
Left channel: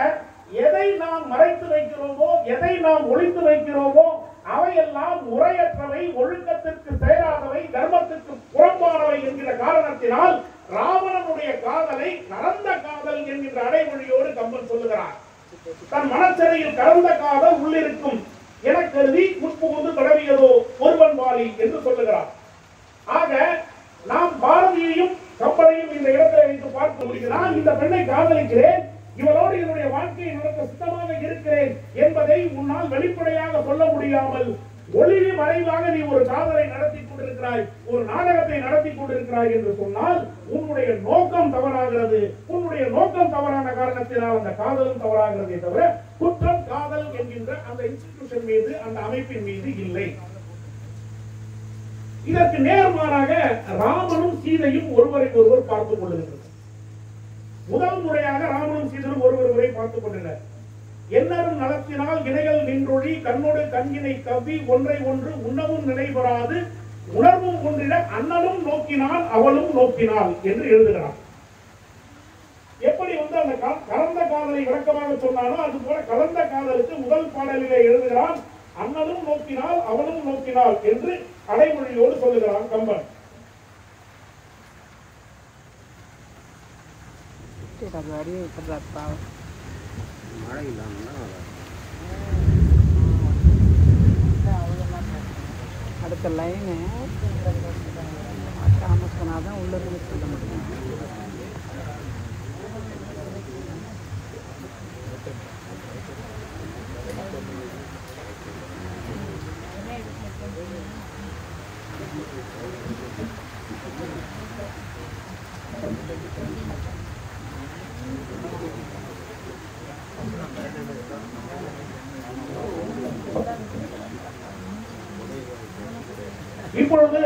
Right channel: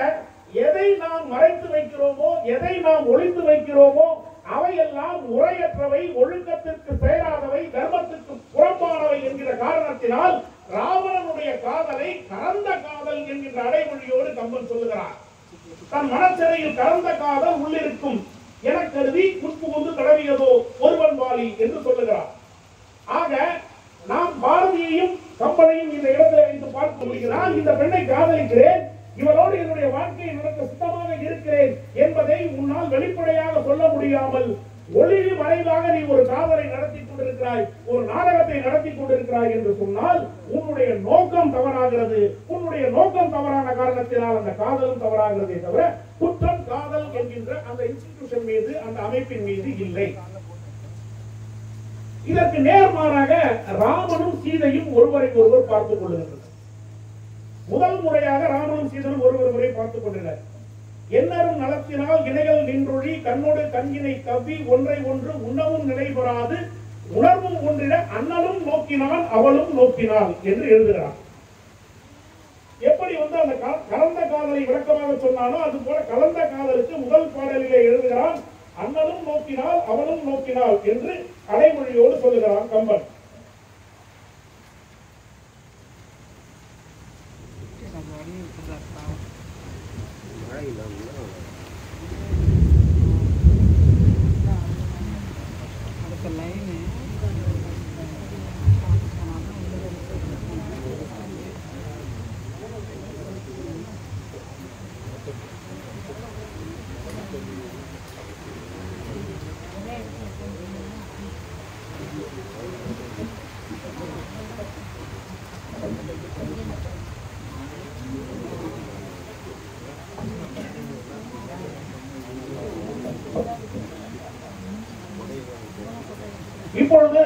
எதை நாம் மறைத்து வைக்கிறோமோ, எதை நாம் ஒளித்து வைக்கிறோமோ அவையெல்லாம் முறையற்றவை, ஒழுக்கத்திற்கு சேராதவை, தர்மத்திற்கு புறம்பானவை என்கிற காரணத்தினால் ராவணனுடைய காதலை கலந்த காதல் என்கிற அடைமொழியோடு கம்பன் சொல்லுகிறார். தன் மனச்சிறையில் கலந்த காதல் உள்ளிருக்கும் என கருதி முற்புகுந்து கடவியதோ ஒருவன் வாழி என்று சொல்லுகிறார். ஆக நாம் பாரதியையும் கம்பனையும் இந்த இடத்துல வைத்து பார்க்க முடிகிறார். இந்த பெண்ணை காதலிக்கிறேன், இவளோடு என்னுடைய வாழ்க்கையை நடக்க சுத்தமாக இருக்கிறேன் என்பதை உன்னால் வெளிப்படையாக சொல்ல முடியாமல் ஒளிவு மறைவாக நீ ஒரு காதலை நடத்தி கொண்டிருக்கிறாய், ஒரு நாடகத்தை நடத்தி கொண்டிருக்கிறாய் என்று சொன்னால் உன்னுடைய நோக்கம் தவறாகிறது. உன்னுடைய நோக்கம் தவறான காரணத்தினால் அந்த காதலும் தவறாகிறதே தவிர குற்றம் காதல் என்கின்ற அந்த இன்ஸ்டிடியூஷன் மீது, அந்த அமைப்பின் மீது இல்லை. இதற்கு நேர்மாறாக ராமனும் சீதையும் ஒருவரை ஒருவர் பார்த்துக் கொள்ளுகின்றனர். முதல் முறையாக ராமனும் சீதனும் ஒருவரை பார்த்துக் கொண்டனர். என்னரும் நலத்தினால் இணைகள் நின்றொழி கண்ணோடு கண்கினை கவ்வி ஒன்றை ஒன்று உண்ணவும் நினைவராது உணர்வும் ஒன்றிட அண்ணலும் நோக்கினான் அவளும் நோக்கினாள் என்று எழுதுகிறான். எப்படி அந்த கலந்த காதலை விளக்கமாக சொன்னானோ அது போல கலந்த காதலுக்கு முதல் பாடலிலே எழுதுகிறான், அண்ணலும் நோக்கினாள் அவளும் நோக்கினாள் என்று அடைமொழியோடு சொல்லுகிறான் கம்பன். அடுத்த லைனு சொன்னாதான் உள்ளது. இப்பொழுது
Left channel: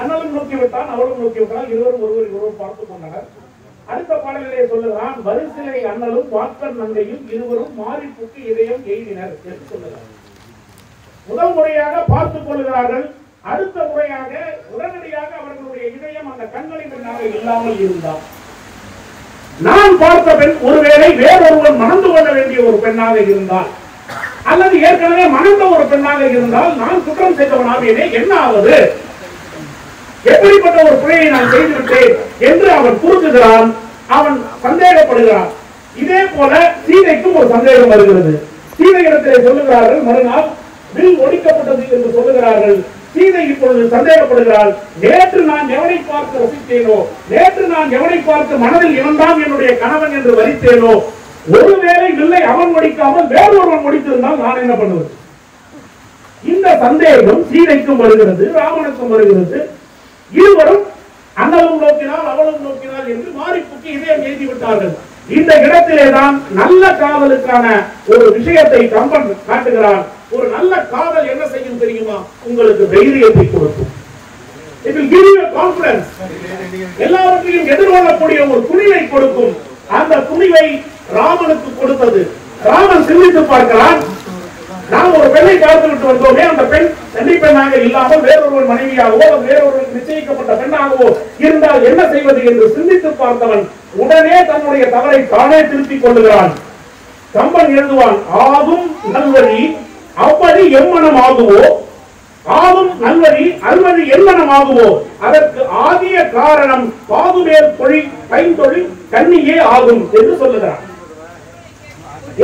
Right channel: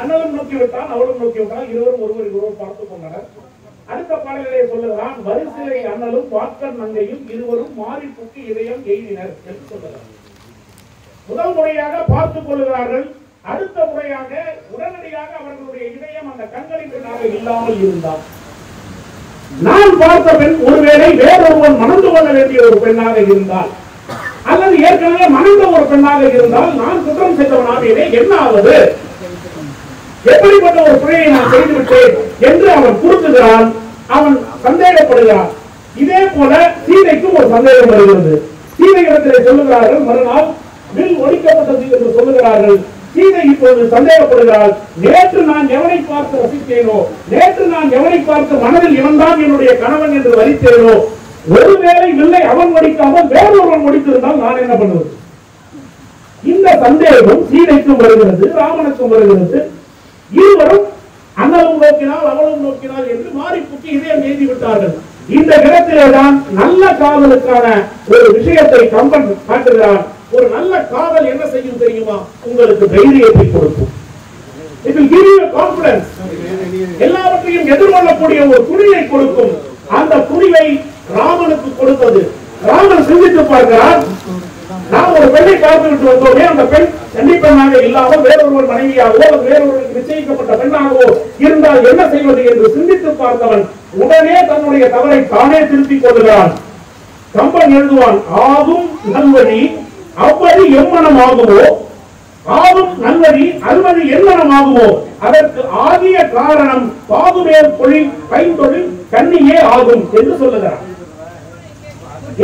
அண்ணலும் நோக்கிவிட்டான் அவளும் நோக்கிவிட்டான், இருவரும் ஒருவர் பார்த்துக் கொண்டனர். அடுத்த பாடலிலே சொல்லுகிறான், வரிசிலை அண்ணலும் வாக்கன் நங்கையும் இருவரும் மாறி புக்கு இதயம் எய்தினர் என்று சொல்லுகிறார். முதல் முறையாக பார்த்துக் கொள்ளுகிறார்கள். அடுத்த முறையாக உடனடியாக அவர்களுடைய இதயம் அந்த கண்களின் பெண்ணாக இல்லாமல் இருந்தார். நான் பார்த்த பெண் ஒருவேளை வேறொருவன் மணந்து கொள்ள வேண்டிய ஒரு பெண்ணாக இருந்தால், அல்லது ஏற்கனவே மணந்த ஒரு பெண்ணாக இருந்தால் நான் குற்றம் செய்தவனாக என்ன ஆவது, எப்படிப்பட்ட ஒரு பிழையை நான் செய்துவிட்டேன் என்று அவன் குறுக்குகிறான், அவன் சந்தேகப்படுகிறான். இதே போல சீதைக்கும் ஒரு சந்தேகம் வருகிறது. சீதை இடத்திலே சொல்லுகிறார்கள், மறுநாள் வில் ஒடிக்கப்பட்டது என்று சொல்லுகிறார்கள். சீதை இப்பொழுது சந்தேகப்படுகிறாள், நேற்று நான் எவனை பார்த்து ரசித்தேனோ, நேற்று நான் எவனை பார்த்து மனதில் இவன்தான் என்னுடைய கணவன் என்று வரித்தேனோ, ஒருவேளை வில்லை அவன் முடிக்காமல் வேறொருவன் முடித்திருந்தால் நான் என்ன பண்ணுவது? இந்த சந்தேகம் சீதைக்கும் வருகிறது, ராமனுக்கும் வருகிறது. இருவரும் அண்ணலும் நோக்கினால் அவளும் நோக்கினால் என்று மாறிப்புக்கு இதயம் எழுதி விட்டார்கள். இந்த இடத்திலேதான் நல்ல காதலுக்கான ஒரு விஷயத்தை கம்பன் காட்டுகிறான். ஒரு நல்ல காதல் என்ன செய்யும் தெரியுமா? உங்களுக்கு தைரியத்தை கொடுக்கும். It will give you a confidence. எல்லாவற்றையும் எதிர்கொள்ளக்கூடிய ஒரு துணிவை கொடுக்கும். அந்த துணிவை ராமனுக்கு கொடுத்தது. ராமன் சிந்தித்து பார்க்கிறான், நாம் ஒரு பெண்ணை பார்த்து விட்டு வந்தோமே, அந்த பெண் கண்டிப்பாக இல்லாமல் வேறொரு மனைவியாகவோ வேறொரு நிச்சயிக்கப்பட்ட பெண்ணாகவோ இருந்தால் என்ன செய்வது என்று சிந்தித்து பார்த்தவன் உடனே தன்னுடைய தவறை தானே திருத்திக் கொள்ளுகிறான். கம்பன் எழுதுவான், ஆகும் நல்வழி அவ்வழி எம்மனம் ஆகுவோ, ஆகும் நல்வழி அல்வழி எம்மனம் ஆகுவோ, அதற்கு ஆகிய காரணம் பாகுமேல் பொழி கைந்தொழில் கண்ணியே ஆகும் என்று சொல்லுகிறான்.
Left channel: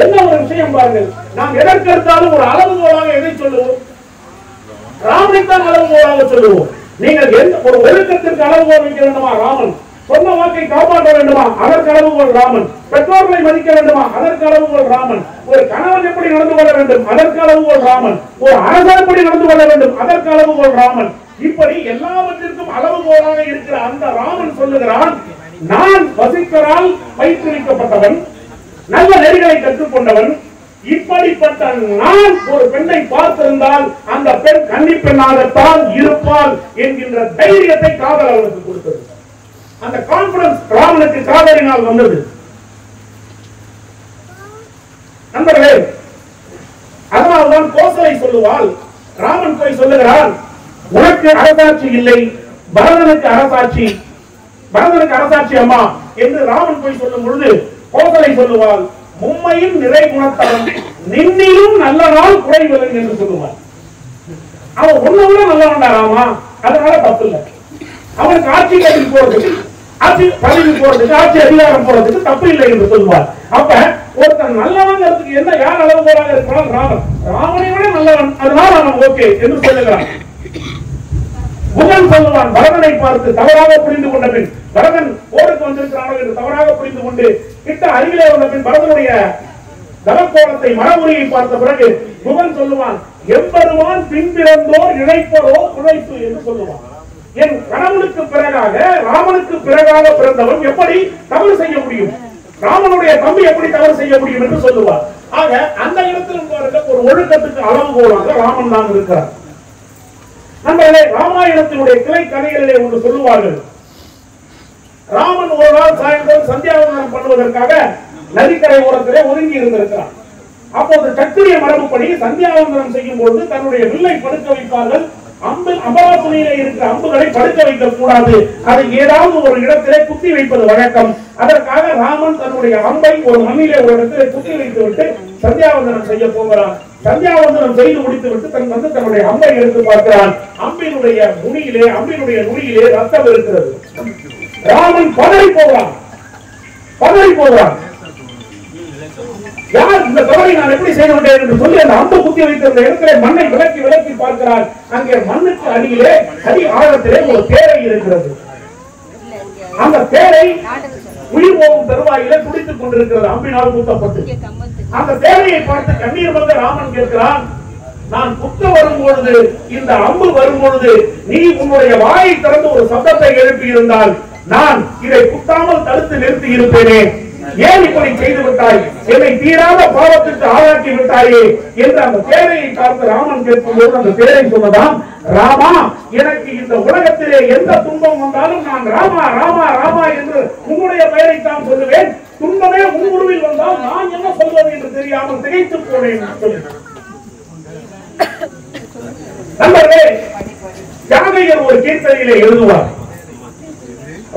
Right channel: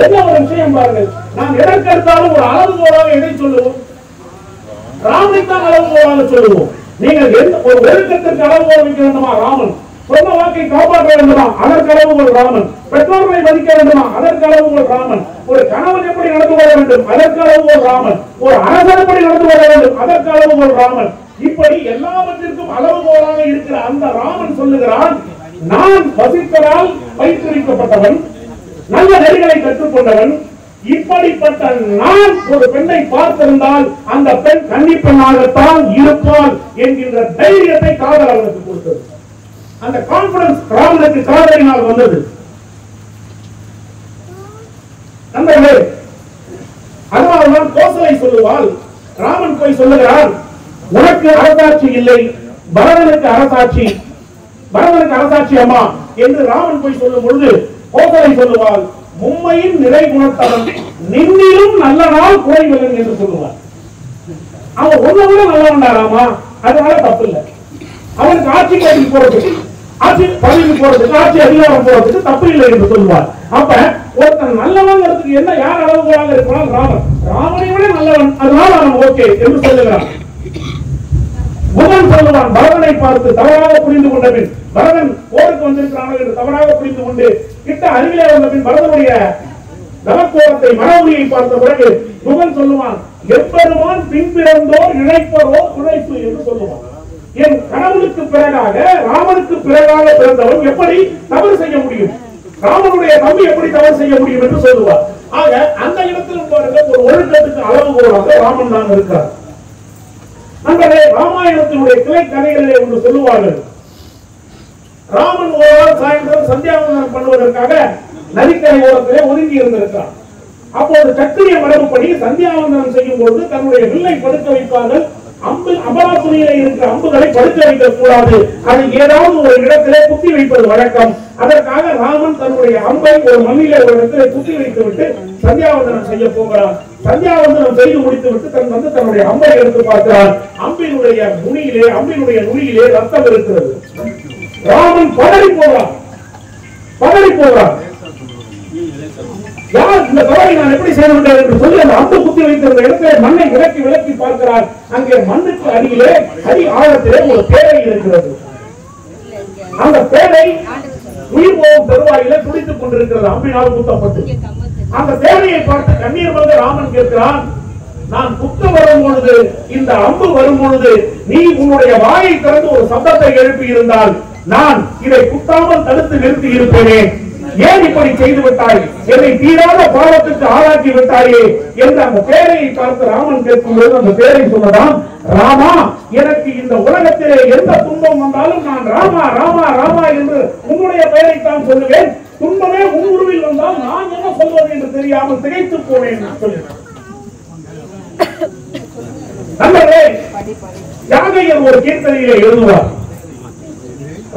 என்ன ஒரு விஷயம் பாருங்கள், நாம் எதற்கெடுத்தாலும் ஒரு அளவுகோலாக எதை சொல்லுவோம்? ராமனைத்தான் அளவுகோலாக சொல்லுவோம். நீங்கள் ஒரு ஒழுக்கத்திற்கு அளவுகோல் வைக்க வேண்டுமா? ராமன். சொன்ன வாக்கை காப்பாற்ற வேண்டுமா? அதற்கு அளவுகோல் ராமன். பெற்றோர்களை மதிக்க வேண்டுமா? அதற்கு அளவுகோல் ராமன். ஒரு கணவன் எப்படி நடந்து கொள்ள வேண்டும்? அதற்கு அளவுகோல் ராமன். ஒரு அரசன் எப்படி நடந்து கொள்ள வேண்டும்? அதற்கு அளவுகோல் ராமன். இப்படி எல்லாவற்றிற்கும் அளவுகோலாக இருக்கிற அந்த ராமன் சொல்லுகிறான், நான் வசிப்பதால் பயிற்றுவிக்கப்பட்டவன், நல்ல நெறிகளை கற்றுக்கொண்டவன், இப்படிப்பட்ட நான் ஒரு பெண்ணை பார்த்திருந்தால் அந்த பெண் கன்னி பெண்ணாகத்தான் இருப்பாள் என்கின்ற தைரியத்தை காதல் அவனுக்கு கொடுத்தது. அந்த கான்பிடன்ஸ் ராமனுக்கு காதலினால் வந்தது. நண்பர்களே, அதனால்தான் கோசலை சொல்லுவாள், ராமன் போய் சொல்லுகிறான், உனக்கு அரசாட்சி இல்லை, பரதனுக்கு அரசாட்சி, பரதனுக்கு அரசாட்சி அம்மா என்று ராமன் போய் சொல்லும் பொழுது கோசலை சொல்லுவாள், மும்மையின் நிறை குணத்தவன் நின்னிலும் நல்ல நாள் குறைவதன் என்று சொல்லுவார். அவன் ஒன்ன விட நல்லவன்டா ராமா, அதனால தப்பு இல்லை. அவனுக்கு ஆட்சி கட்சிக்கு போறதுக்கு, ஆட்சி பதவிக்கு போறதுக்கு, ஆட்சி அதிகாரம் போறதுக்கு தப்பு இல்லை என்று சொல்லுவார். அப்ப ஒருத்தன் நல்லவங்கிறதுக்கு ராமனுக்கு என்ன யார் அளவுகோலாக இருப்பால் ராமன், ராமனை விட நல்லவன், அதனால அவன் ஓகே என்று சொல்லுகிறான். புகன் சொல்லுவான், பரதனை பார்த்து தவறாக புரிந்து கொண்ட பின், பரதன் போருக்கு வந்திருக்கிறான் என்று தவறாக புரிந்து கொண்டு கிட்ட அருகிலே வந்த பின் பரதனுடைய தலக்கோலத்தை மனமுறையை பார்த்த பிறகு புகன் சொல்லுவான், எம்பெருமான் பின்பிறந்தோர் இழைப்பதோ உழைப்பு என்று சொல்லுவான். என் கணவனுக்கு பிறகாக ராமனுக்கு பிறகாக பிறந்தவன் எப்படி தவறு செய்ய முடியும், ராமனுடைய தம்பி எப்படி தவறு செய்ய முடியும் என்று சொல்லுவார். ஆக அந்த இடத்தில் பாருங்க, ஒரு ஒழுக்கத்துக்கு அளவுகோலாக ராமன் தான் இருக்கிறார். நம்மளே ராமாயணத்தினுடைய கிளை கதைகளிலே ஒன்று சொல்லுவார்கள். ராமன் ஒரு நாள் சாயந்தரம் சந்தியாவந்தனம் பண்ணுவதற்காக நதிக்கரை ஓரத்திலே ஒதுங்கி இருந்திருக்கிறார். அப்போது சத்திரிய மரபுப்படி சந்தியாவந்தனம் செய்யும் பொழுது தன்னுடைய வில்லை படுக்க வைப்பார்கள். அம்பராசுனியிலே இருக்கிற அம்புகளை படுக்க வைக்க கூடாது, அதை ஏதாவது ஒரு இடத்திலே குத்தி வைப்பது வழக்கம். அதற்காக ராமன் தன்னுடைய அம்பை ஒரு மண்ணிலே ஒரு இடத்திலே குத்தி வைத்து விட்டு சந்தியாவந்தனம் செய்ய போகிறான். சந்தியாவந்தனம் செய்து முடித்து விட்டு தன்னுடைய அம்பை எடுத்து பார்க்கிறான். அம்பினுடைய நுனியிலே ரத்தம் இருக்கிறது. ராமன் பதறி போகிறான். யார் இந்த தவறை நான் எப்படி செய்து விட்டேன் என்று சொல்லி அந்த அம்பு குத்தி வைத்திருந்த இடத்திலே மண்ணை விலக்கி பார்க்கிறார். அங்கே மண்ணுக்கு அடியிலே அடி ஆழத்திலே ஒரு தேரை இருக்கிறது. அந்த தேரை உயிர் போகும் பெருவாயிலே துடித்துக் கொண்டிருக்கிறது, அம்பினால் குத்தப்பட்டு. அந்த தேரையை பார்த்து கண்ணீர் வந்த ராமன் கேட்கிறான், நான் குத்த வரும் பொழுது, இந்த அம்பு வரும் பொழுது நீ உன்னுடைய வாயை திறந்து ஒரு சத்தத்தை எழுப்பி இருந்தால் நான் இதை குத்தாமல் தடுத்து நிறுத்தி இருப்பேனே, ஏன் இப்படி செய்து விட்டாய், என்னை தீராத பாவத்துக்கு ஆளாக்கி விட்டாயே என்று அந்த தேரையை பார்த்து ராமன் கேட்கும்போது அந்த தேரை சொன்னதாம், ராமா, எனக்கு இந்த உலகத்திலே எந்த துன்பம் வந்தாலும் நான் ராமா ராமா ராமா என்று உன்னுடைய பெயரைத்தான் சொல்லுவேன், துன்பமே உருவில் வந்தால் நான் என்ன சொல்வது என்று தெரியாமல் திகைத்து போனேன் சொல்லு. நண்பர்களே, யாகையர் ஒரு கீர்த்தனையிலே எழுதுவார்,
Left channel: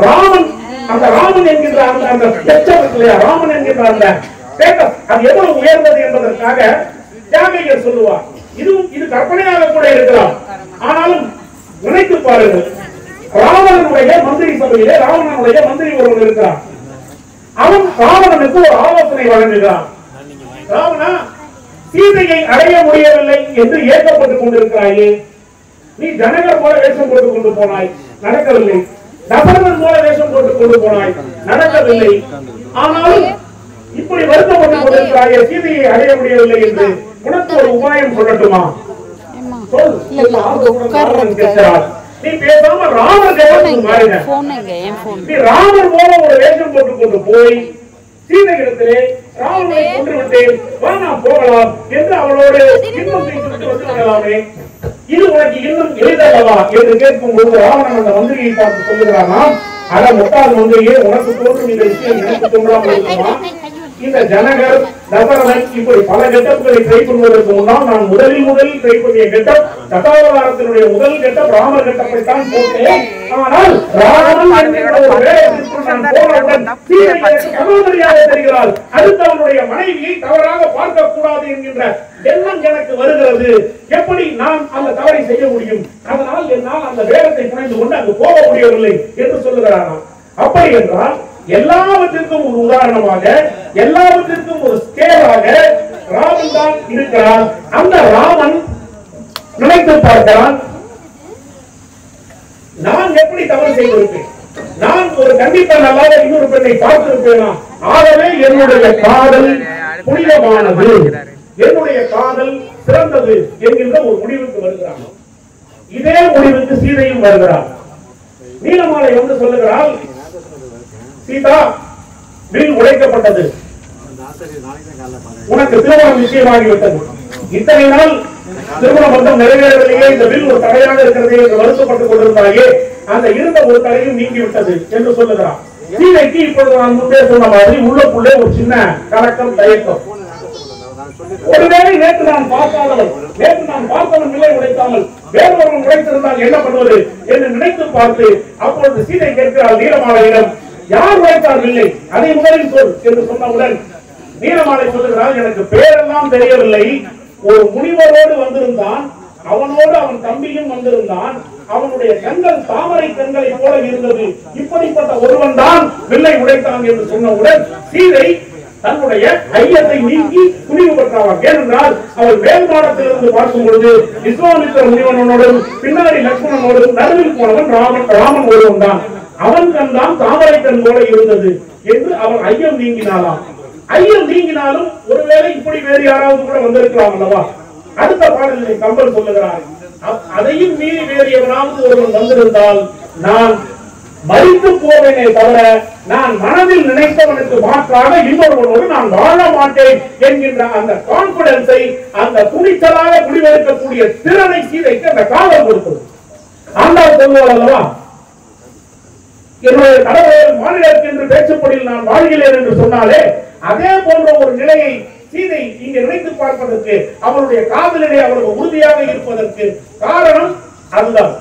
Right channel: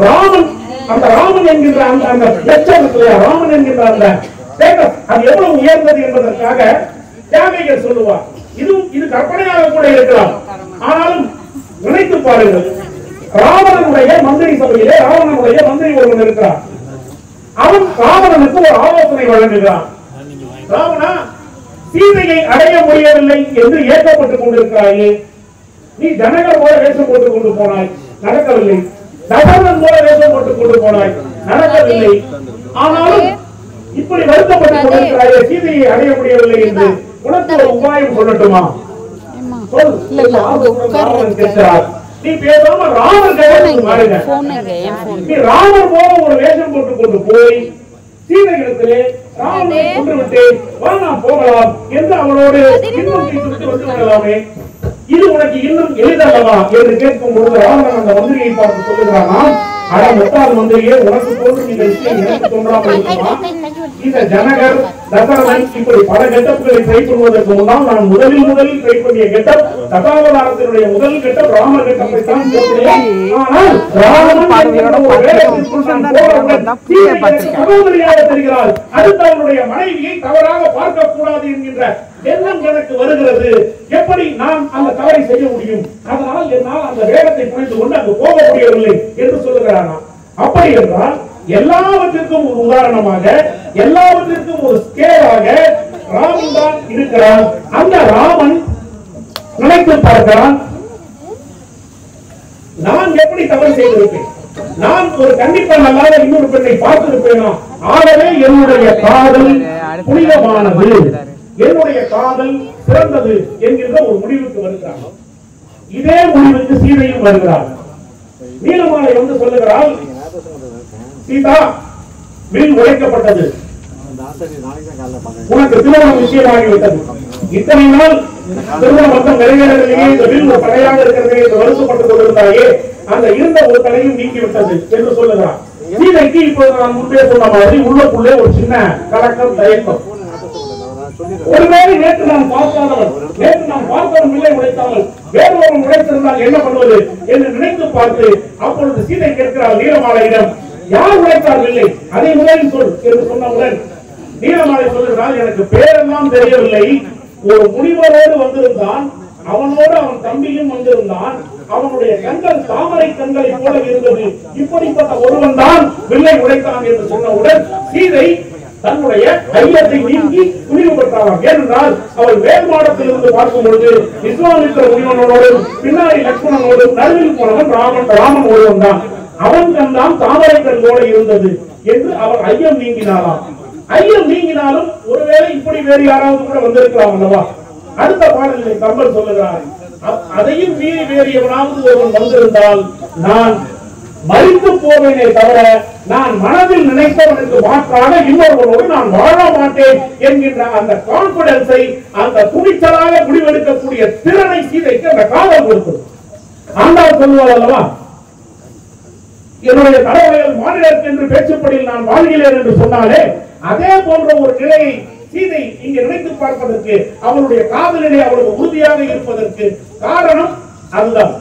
ராமன் அந்த ராமன் என்கின்ற அந்த ராமன் என்கின்ற அந்த ஸ்டேட்டஸ் அது எவ்வளவு உயர்ந்தது என்பதற்காக தியாகையர் சொல்லுவார். இது கற்பனையாக கூட இருக்கலாம், ஆனாலும் நினைத்து பாருங்கள். ராவணனுடைய மந்திரி சபையிலே ராவணனுடைய மந்திரி ஒருவன் இருக்கிறார். அவன் ராவணனுக்கு ஒரு ஆலோசனை வழங்குகிறான். ராவணா, சீதையை அடைய முடியவில்லை என்று ஏற்கப்பட்டுக் கொண்டிருக்கிறாயே, நீ ஜனகர் போல வேஷம் போட்டுக் கொண்டு போனாய், நடக்கவில்லை. தசரதன் போல வேஷம் போட்டுக் கொண்டு போனாய், நடக்கவில்லை. ஆனாலும் இப்படி வருத்தப்பட்டுக் கொண்டிருக்கிறாயே, சீதையை அடைய முடியவில்லை என்று உனக்கு ஒரு உபாயம் சொல்லட்டுமா? கேட்கிறார். நீ பேசாம ராமர் நீ ராமர் போல ஒரு வேஷம் போட்டுக் கொண்டு போய் சீதையிடத்திலே ராவணனை கொன்றுவிட்டு வா நாம் போகலாம் என்று அவளோடு இன்னும் பேசிவிட்டு வந்து விடலாமே, இது உனக்கு இன்னும் எளிதல்லவா என்று கேட்கும் போது ராவணன் அந்த மந்திரியை பார்த்து சொல்லுகிறான், அட முட்டாள் மந்திரியே, உனக்கு தோன்றும் இந்த விஷயம் எனக்கு தோன்றாமல் இருக்குமா? இந்த ஜனகர் தசரதன் இப்படி பல கெட்டப்புகளை ட்ரை பண்ணுவதற்கு முன்னால் நான் முதலில் ட்ரை பண்ணிய கெட்டப் தசாவதாரத்தினுடைய முதல் கெட்டப் ராமர் கெட்டப்பை தான் போட்டேன். ஆனால் தெரிகிறார், அடுத்து அவனுடைய மனைவியை தவறாக பார்க்க கூடாது என்கின்ற எண்ணம் எனக்கு வருகிறது. எப்படி நான் அந்த தவறை செய்ய முடியும்? அதனால் என்னால் அந்த வேடத்தை புனைந்து கொண்டு அங்கு போக முடியவில்லை என்று சொல்லுகிறான். அப்படி என்றால் எல்லாவற்றிற்கும் ஒரு உதாரணமாக, எல்லாவற்றிற்கும் ஒரு ஸ்கேலாக ராமன் தான் இருக்கிறான். அந்த ராமன் நினைத்து பார்க்கிறான், நான் எப்படி தவறு செய்திருப்பேன், நான் ஒரு கண்டிப்பா நல்லாத இன்னொரு பெண்ணை பார்த்திருப்பேனா? ஆகவே என்னுடைய காதல் புனிதமானது, என்னுடைய காதல் சிறந்தது என்கின்ற ஒரு முடிவுக்கு வருகிறான். இதே முடிவுக்கு சீதையும் வருகிறார். நீலமாலை வந்து சொல்லுகிறாள், சீதா, வில் உடைக்கப்பட்டது, உனக்கு திருமணம் நிச்சயமாகிவிட்டது, இத்தனை நாள் திருமண பந்தம் நிறைவேறவில்லையே, இந்த வில் ஒரு தடையாக இருக்கிறது என்று வருத்தப்பட்டுக் கொண்டிருந்தாயே, அந்த இருந்த ஒரு தடையும் நீங்கிவிட்டது என்று சொல்லுகிறார். சீதைக்கு இப்போது நான் முன்னே சொன்ன மாதிரி உள்ளுக்குள்ளே ஒரு சின்ன கலக்கம், தயக்கம். ஒருவேளை நேற்று நான் பார்த்தவன் விலை உடைத்தாமல் வேறொருவன் உடைத்திருந்தால் என்ன பண்ணுவது என்று நினைத்து பார்த்து அப்பொழுது சீதை கேட்கிறாள் நீலமாலையிடம், யார் உழைத்தார்கள், அதை முதலில் சொல் என்று சொன்னவுடன் நீலமாலை சொல்லுகிறாள், எனக்கு பேரெல்லாம் தெரியவில்லை, ஒரு முனிவரோடு வந்திருந்தான், அவனோடு அவன் தம்பியும் வந்திருந்தான், அவனுடைய கண்கள் தாமரை கண்களை போல இருந்தது, இப்படிப்பட்ட ஒருவன் தான் வில்லை உடைத்தான் என்று சொன்னவுடன் சீதை தன்னுடைய ஐயத்தை நீங்கி துணிவு பார்க்கலாம். ஏனென்றால் அவள் வேல்மாடத்திலிருந்து பார்க்கும் பொழுது விஸ்வாமித்திர முனிவனோடும் பின்னாடி லட்சுமணனோடும் நடுவில் போனவன் ராமன் ஒருவன் தான். அவன் கண்தான் தாமரை கண் போல இருந்தது என்று அவன் ஐயம் நீங்கினாலாம். ஐயம் நீங்கினாலும் ஒருவேளை இப்படி வேறு யாராவது கூட வந்திருக்கலாம் அல்லவா? அடுத்த பாடலில் கம்பன் சொல்லுகிறார், அதையும் மீறி வேறு எவனாவது ஒருவன் வந்திருந்தால் நான் மறித்து போவேனே தவிர நான் மனதில் நினைத்தவனுக்கு மாற்றாக இன்னொருவனோடு நான் வாழ மாட்டேன் என்கின்ற அந்த கான்பிடன்ஸை, அந்த துணிச்சலாக முடிவெடுக்கக்கூடிய திறனை சீதைக்கு அந்த காதல் கொடுத்தது. ஆண்டாள் சொல்லுவார் அல்லவா, என்னுடைய கடவுள் மாநிலருக்கு என்று பேச்சுப்படியில் நான் வாழ்கிறேன் என்று சொன்னாலே அதே போன்ற ஒரு நிலையை சீதை இங்கு நினைத்து பார்ப்பதற்கு, அவருடைய காதலிலே அவருக்கு உறுதியாக இருப்பதற்கு காரணம் அதுதான்.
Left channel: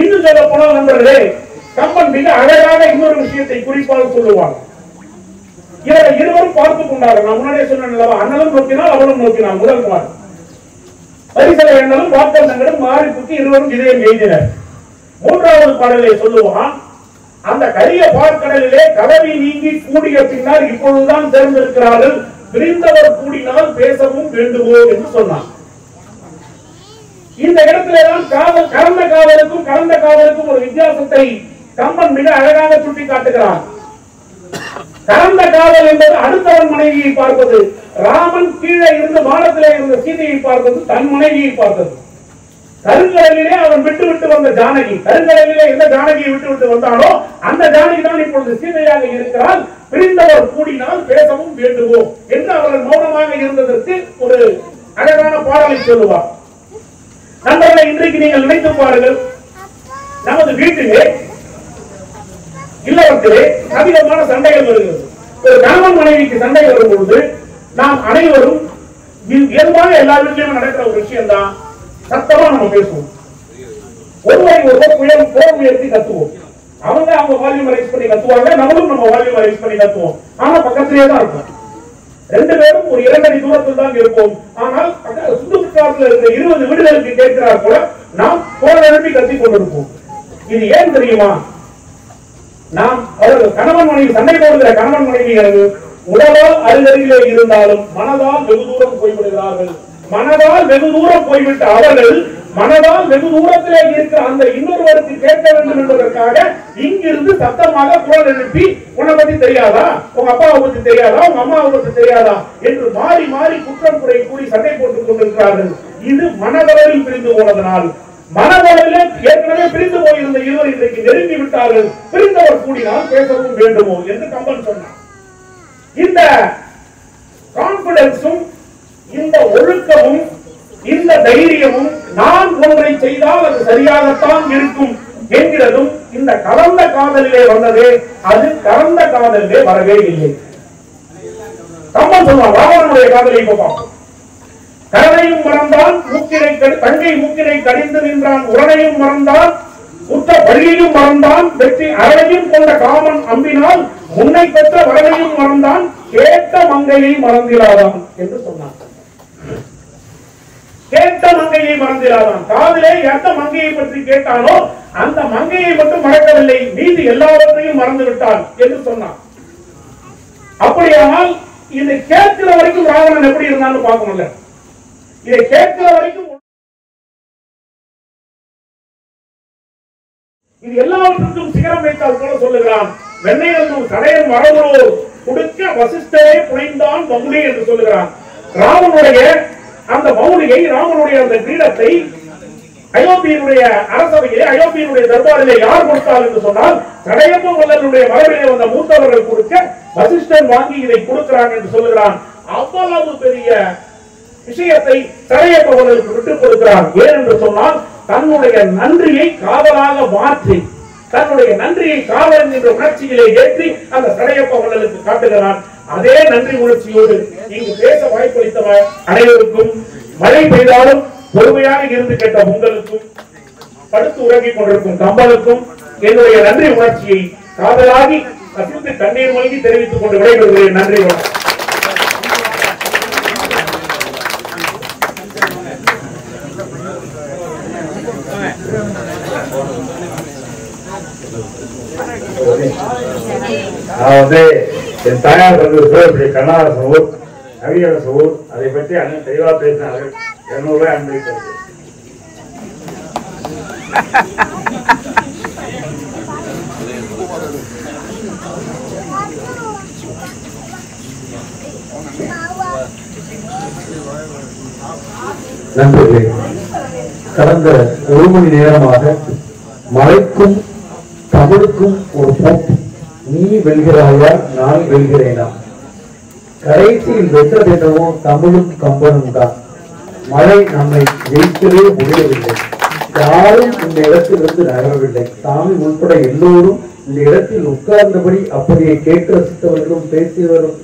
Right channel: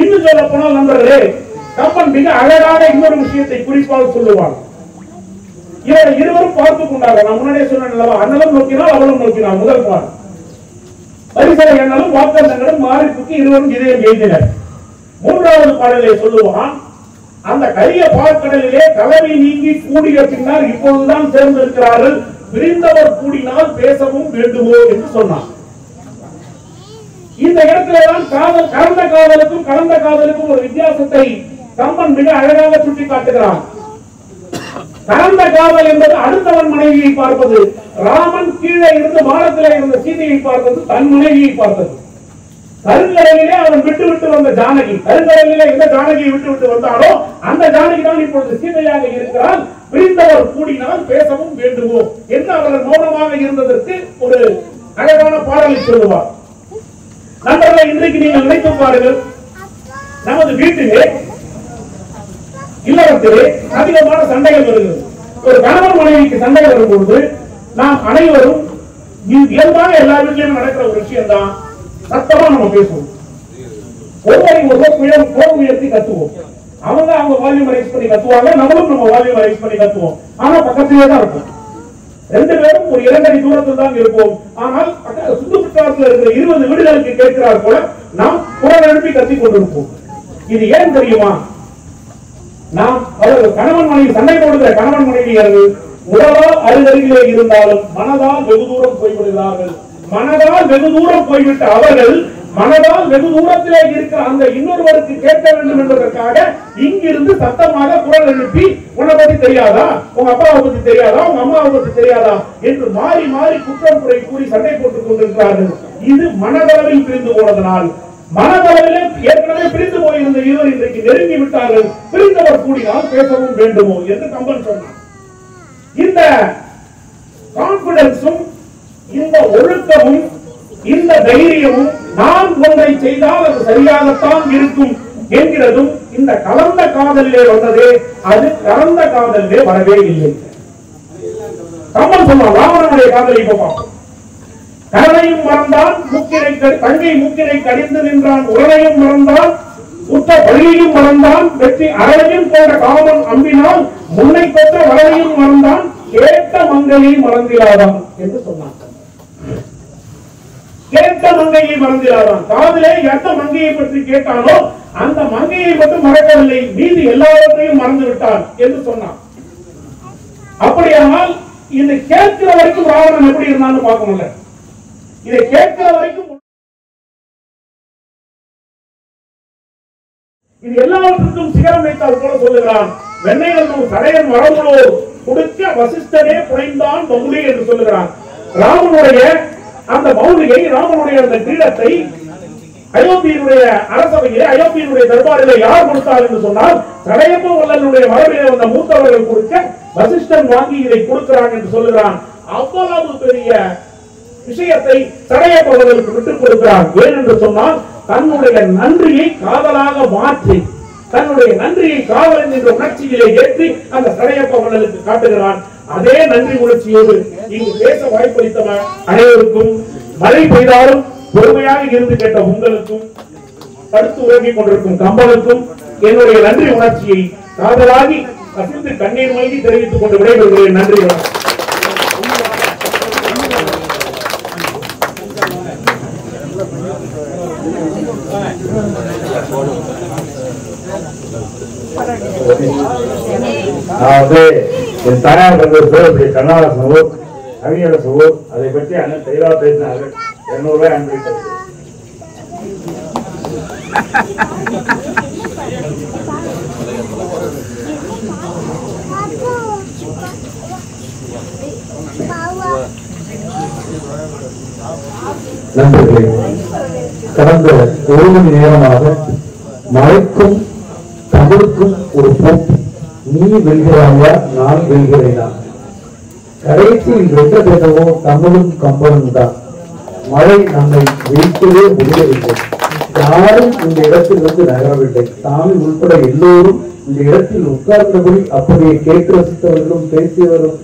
இன்னும் சொல்ல போனால் நண்பர்களே, கம்பன் மிக அழகாக இன்னொரு விஷயத்தை குறிப்பாக சொல்லுவார். இவரை இருவரும் பார்த்துக் கொண்டார்கள். நான் முன்னாடியே சொன்னேன், அண்ணலும் நோக்கினால் அவளும் நோக்கினார். முதல் பால் பரிசலை எண்ணலும் வாக்கந்தங்களும் மாறிப்புக்கு இருவரும் இதயம் எய்தினர். மூன்றாவது பாடலை சொல்லுவான், அந்த கரிய பார்க்கடலிலே கலவி நீங்கி கூடிய பின்னர் இப்பொழுதுதான் சேர்ந்திருக்கிறார்கள், விரிந்தவர் கூடினால் பேசவும் வேண்டுமோ என்று சொன்னார். இந்த இடத்திலேதான் காதல், கலந்த காதலுக்கும் கலந்த காதலுக்கும் ஒரு வித்தியாசத்தை கம்பன் மிக அழகாக சுட்டி காட்டுகிறார். கலந்த காதல் என்பது அடுத்தவன் மனைவியை பார்ப்பது, ராமன் கீழே இருந்து வானத்திலே இருந்த சீதையை பார்ப்பது, தன் மனைவியை பார்த்தது. கருங்கடலிலே அவன் விட்டு விட்டு வந்த ஜானகி, கருங்கடலிலே எந்த ஜானகியை விட்டு விட்டு வந்தானோ அந்த ஜானகி தான் இப்பொழுது சீதையாக இருக்கிறாள். பிரிந்தவர் கூடினால் பேசவும் வேண்டுமோ என்று அவர்கள் மௌனமாக இருந்ததற்கு ஒரு அழகான பாடலை சொல்லுவார். நண்பர்களை, இன்றைக்கு நீங்கள் நினைத்து பாருங்கள், நமது வீட்டிலே இல்லறத்திலே அதிகமான சண்டைகள் வருகிறது. ஒரு கணவன் மனைவிக்கு சண்டை வரும் பொழுது நாம் அனைவரும் இயல்பாக எல்லா வீட்டிலும் நடக்கிற ஒரு விஷயம் தான், சத்தமா நம்ம பேசுவோம். ஒருவரை ஒருவர் போர் உயர்த்தி கத்துவோம். அவங்க வால்யூம் ரைஸ் பண்ணி கத்துவாங்க, நம்மளும் நம்ம வால்யூம் ரைஸ் பண்ணி கத்துவோம். ஆனா பக்கத்திலேயே தான் இருக்கும். ரெண்டு பேரும் ஒரு 2 அடி தூரத்தில் தான் இருப்போம். ஆனால் சுற்றுப்புறத்தில் இருக்கிற 20 வீடுகளுக்கு கேட்கிறார் போல நாம் போர் எழுப்பி கத்தி கொண்டிருப்போம். இது ஏன் தெரியுமா? நாம் அவர்கள் கணவன் மனைவி சண்டை போடுகிற கணவன் மனைவியர்கள் உடலால் அருகருகிலே இருந்தாலும் மனதால் வெகு தூரம் போய்விடுகிறார்கள். மனதால் வெகு தூரம் போய்விட்ட அவர்கள் மனதால் வெகு தூரத்திலே இருக்கிற அந்த இன்னொருவருக்கு கேட்க வேண்டும் என்பதற்காக இங்கிருந்து சத்தமாக குரல் எழுப்பி, உன்னை பத்தி தெரியாதா, உங்க அப்பாவை பத்தி தெரியாதா, உங்க அம்மாவை பத்தி தெரியாதா என்று மாறி மாறி குற்றம் குறை கூறி சண்டை போட்டுக் கொண்டிருக்கிறார்கள். இது மனதளவில் பிரிந்து போனதனால், மனதளவிலே ஏற்கனவே பிரிந்து போயிருந்த இருவர் இன்றைக்கு நெருங்கி விட்டார்கள். பிரிந்தவர் கூடினால் பேசவும் வேண்டுமோ என்று கம்பன் சொன்னார். இந்த கான்பிடன்ஸும், இந்த ஒழுக்கமும், இந்த தைரியமும், நான் ஒன்றை செய்தால் அது சரியாகத்தான் இருக்கும் என்கிறதும் இந்த கலந்த காதலிலே வந்ததே, அது கலந்த காதலிலே வரவே இல்லை. கம்பன் சொன்னார், ராவணனுடைய காதலை இப்ப பார்ப்போம். கரணையும் மறந்தான் தங்கை மூக்கினை கடிந்து நின்றான், உரணையும் மறந்தான் உத்த பழியையும் மறந்தான், வெற்றி அரணையும் கொண்ட காமன் அம்பினால் முன்னை பெற்ற வரணையும் மறந்தான், கேட்ட மங்கையை மறந்திராதான் என்று சொன்னான். கேட்ட மங்கையை மறந்திராதான். காதிலே எந்த மங்கையை பற்றி கேட்டானோ அந்த மங்கையை மட்டும் மறக்கவில்லை, மீது எல்லாவற்றையும் மறந்து விட்டான் என்று சொன்னான். அப்படியானால் இதை கேட்கிற வரைக்கும் ராவணன் எப்படி இருந்தான்னு பார்க்கணும்ல. இதை கேட்கிற வரைக்கும் இது எல்லாவற்றுக்கும் சிகரம் வைத்தால் போல சொல்லுகிறான். வெண்ணையன் கடையன் வரமுழோ கொடுக்க வசிஷ்டரே புனைந்தான் மௌலி என்று சொல்லுகிறான். ராமனுடைய அந்த மௌலியை, ராமனுடைய அந்த கிரீடத்தை அயோத்தியினுடைய அரசவையிலே, அயோத்தியினுடைய தர்பாரிலே யார் கொடுத்தார் என்று சொன்னால், கடையப்ப வல்லனுடைய மரபிலே வந்த மூத்தவர்கள் கொடுக்க வசிஷ்டன் வாங்கி இதை கொடுக்கிறான் என்று சொல்லுகிறான். அவ்வளவு பெரிய விஷயத்தை கடையப்பவர்களுக்கு விட்டுக் கொடுக்கிறான். ஏன் என்று சொன்னால், தன்னுடைய நன்றியை காதலாக மாற்றி, தன்னுடைய நன்றியை காதல் என்ற உணர்ச்சியிலே ஏற்றி அந்த கடையப்பவர்களுக்கு காட்டுகிறான். அதே நன்றி உணர்ச்சியோடு இங்கு பேச வாய்ப்பளித்தவர் அனைவருக்கும், மழை பெய்தாலும் பொறுமையாக இருந்து கேட்ட உங்களுக்கும், படுத்து உறங்கிக் கொண்டிருக்கும் கம்பனுக்கும் என்னுடைய நன்றி உணர்ச்சியை காதலாகி கசிந்து கண்ணீர் மல்கி தெரிவித்துக் கொண்டு விடைபெறுகிறேன். நன்றி. நான் என் தாயார் கண்ணூர் பேர் கண்ணாசனூர். நவீன சோர் அதை பற்றி அண்ணன் தெளிவாக பேசினார்கள். 200 ரூபாய் அனுபவித்தது. நண்பர்களே, கடந்த 1 மணி நேரமாக மழைக்கும் தமிழுக்கும் ஒரு போட்டி. நீ வெல்கிறாயா, நான் வெல்கிறேனா? கடைசியில் வென்ற பெற்றவோ தமிழும் கம்பனும் தான். மழை நம்மை ஜெயிக்கவே முடியவில்லை. யாரும் இந்த இடத்திலிருந்து நகரவில்லை. சாமி உட்பட எல்லோரும் இந்த இடத்தில் உட்கார்ந்தபடி அப்படியே கேட்டு ரசித்தவர்களும் பேசியவரும்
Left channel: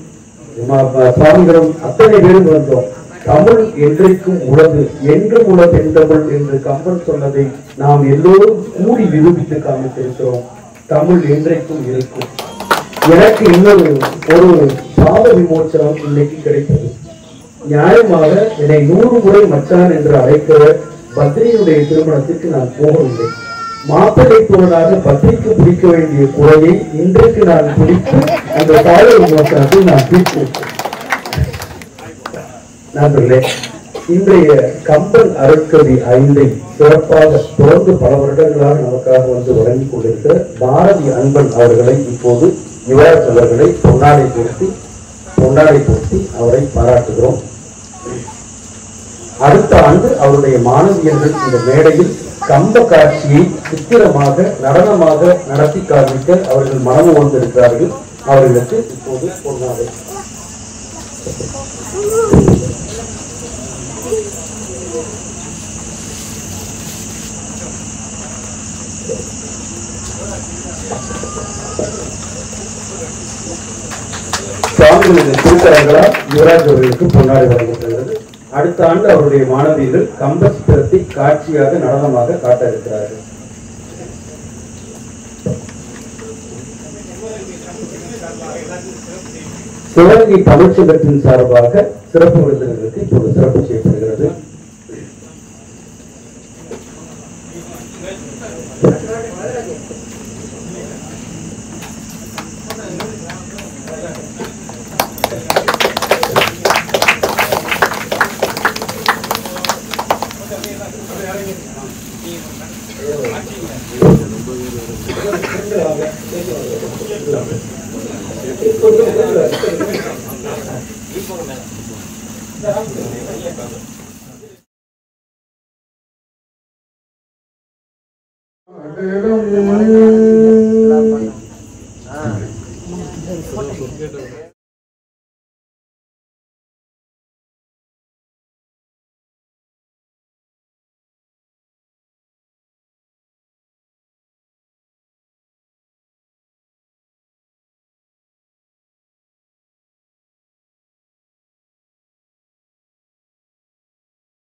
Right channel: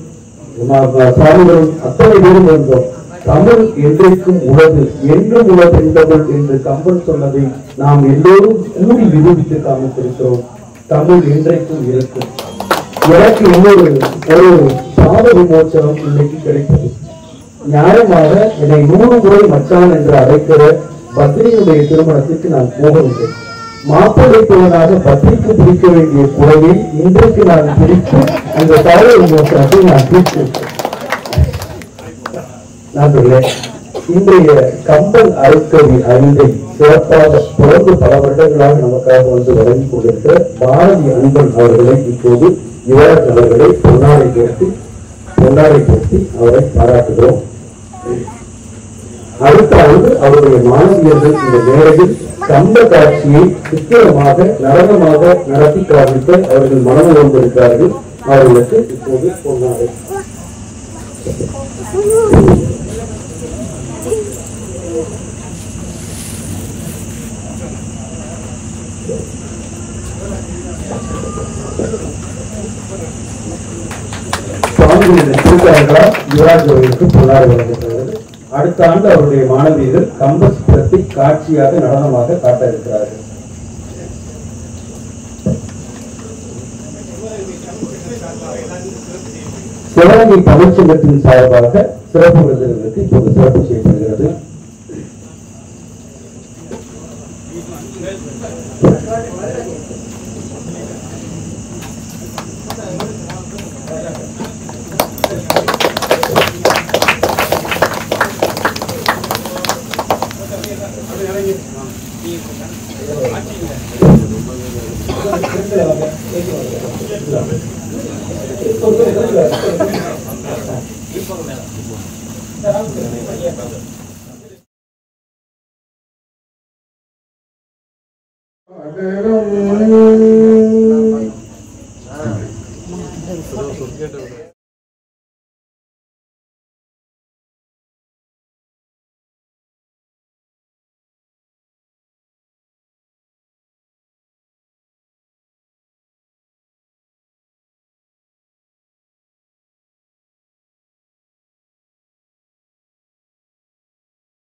சுவாமிகளும் அத்தனை பேரும் வந்தோம். தமிழ் என்றைக்கும் உலகு, என்றும் உலகு என்பவள் என்று கம்பன் சொன்னதை நாம் எல்லோரும் கூடி நிரூபித்து காமித்திருக்கிறோம். தமிழ் என்றைக்கும் இருக்கும். எனக்கு இன்னொரு பாத விமோச்சனம் இன்னைக்கு கிடைத்தது. நியாயமாக என்னை 100 முறை மச்சான் என்று அழைக்கிற பத்ரியுடைய திருமணத்திற்கு நான் போகவில்லை. மாப்பிள்ளை போவதாக பத்ரிக்கு பிடிக்க வேண்டிய குறையை இன்றைக்கு நான் பிடித்து அந்த பாத விமோச்சனத்தை நான் தீர்த்து. நண்பர்களே, இன்றைய கம்பன் அருட்கவி 5 சிறப்பாக தொடர்ந்து பல வருடங்களாக நமக்காக வந்து வழங்கிக் கொண்டிருக்கிற பாரதி அன்பன் அவர்களை இப்போது யுவராஜ் அவர்களை பொன்னாடை போர்த்தி அவரை பாராட்டுகிறோம். அடுத்த ஆண்டு அவருடைய மாணவியர்கள் இந்த மேடையில் கம்ப காட்சியை சித்திரமாக நடனமாக நடத்தி காண்பிக்க அவர்கள் மனது வந்திருக்கிறார்கள். அவர்களுக்கு இப்போது பொன்னாடை. யுவராஜ் அவர்களுக்கு பொன்னாடை வழங்கப்படுகிறது. அடுத்த ஆண்டு அவருடைய மாணவியர்கள் கம்ப சித்திரத்தை காட்சியாக நடனமாக காட்ட இருக்கிறார்கள். சிவகங்கை தமிழ்ச்சங்கத்தின் சார்பாக சிறப்பு விருதுகளுக்கு இப்போது சிறப்பு செய்யப்படுகிறது. அடடா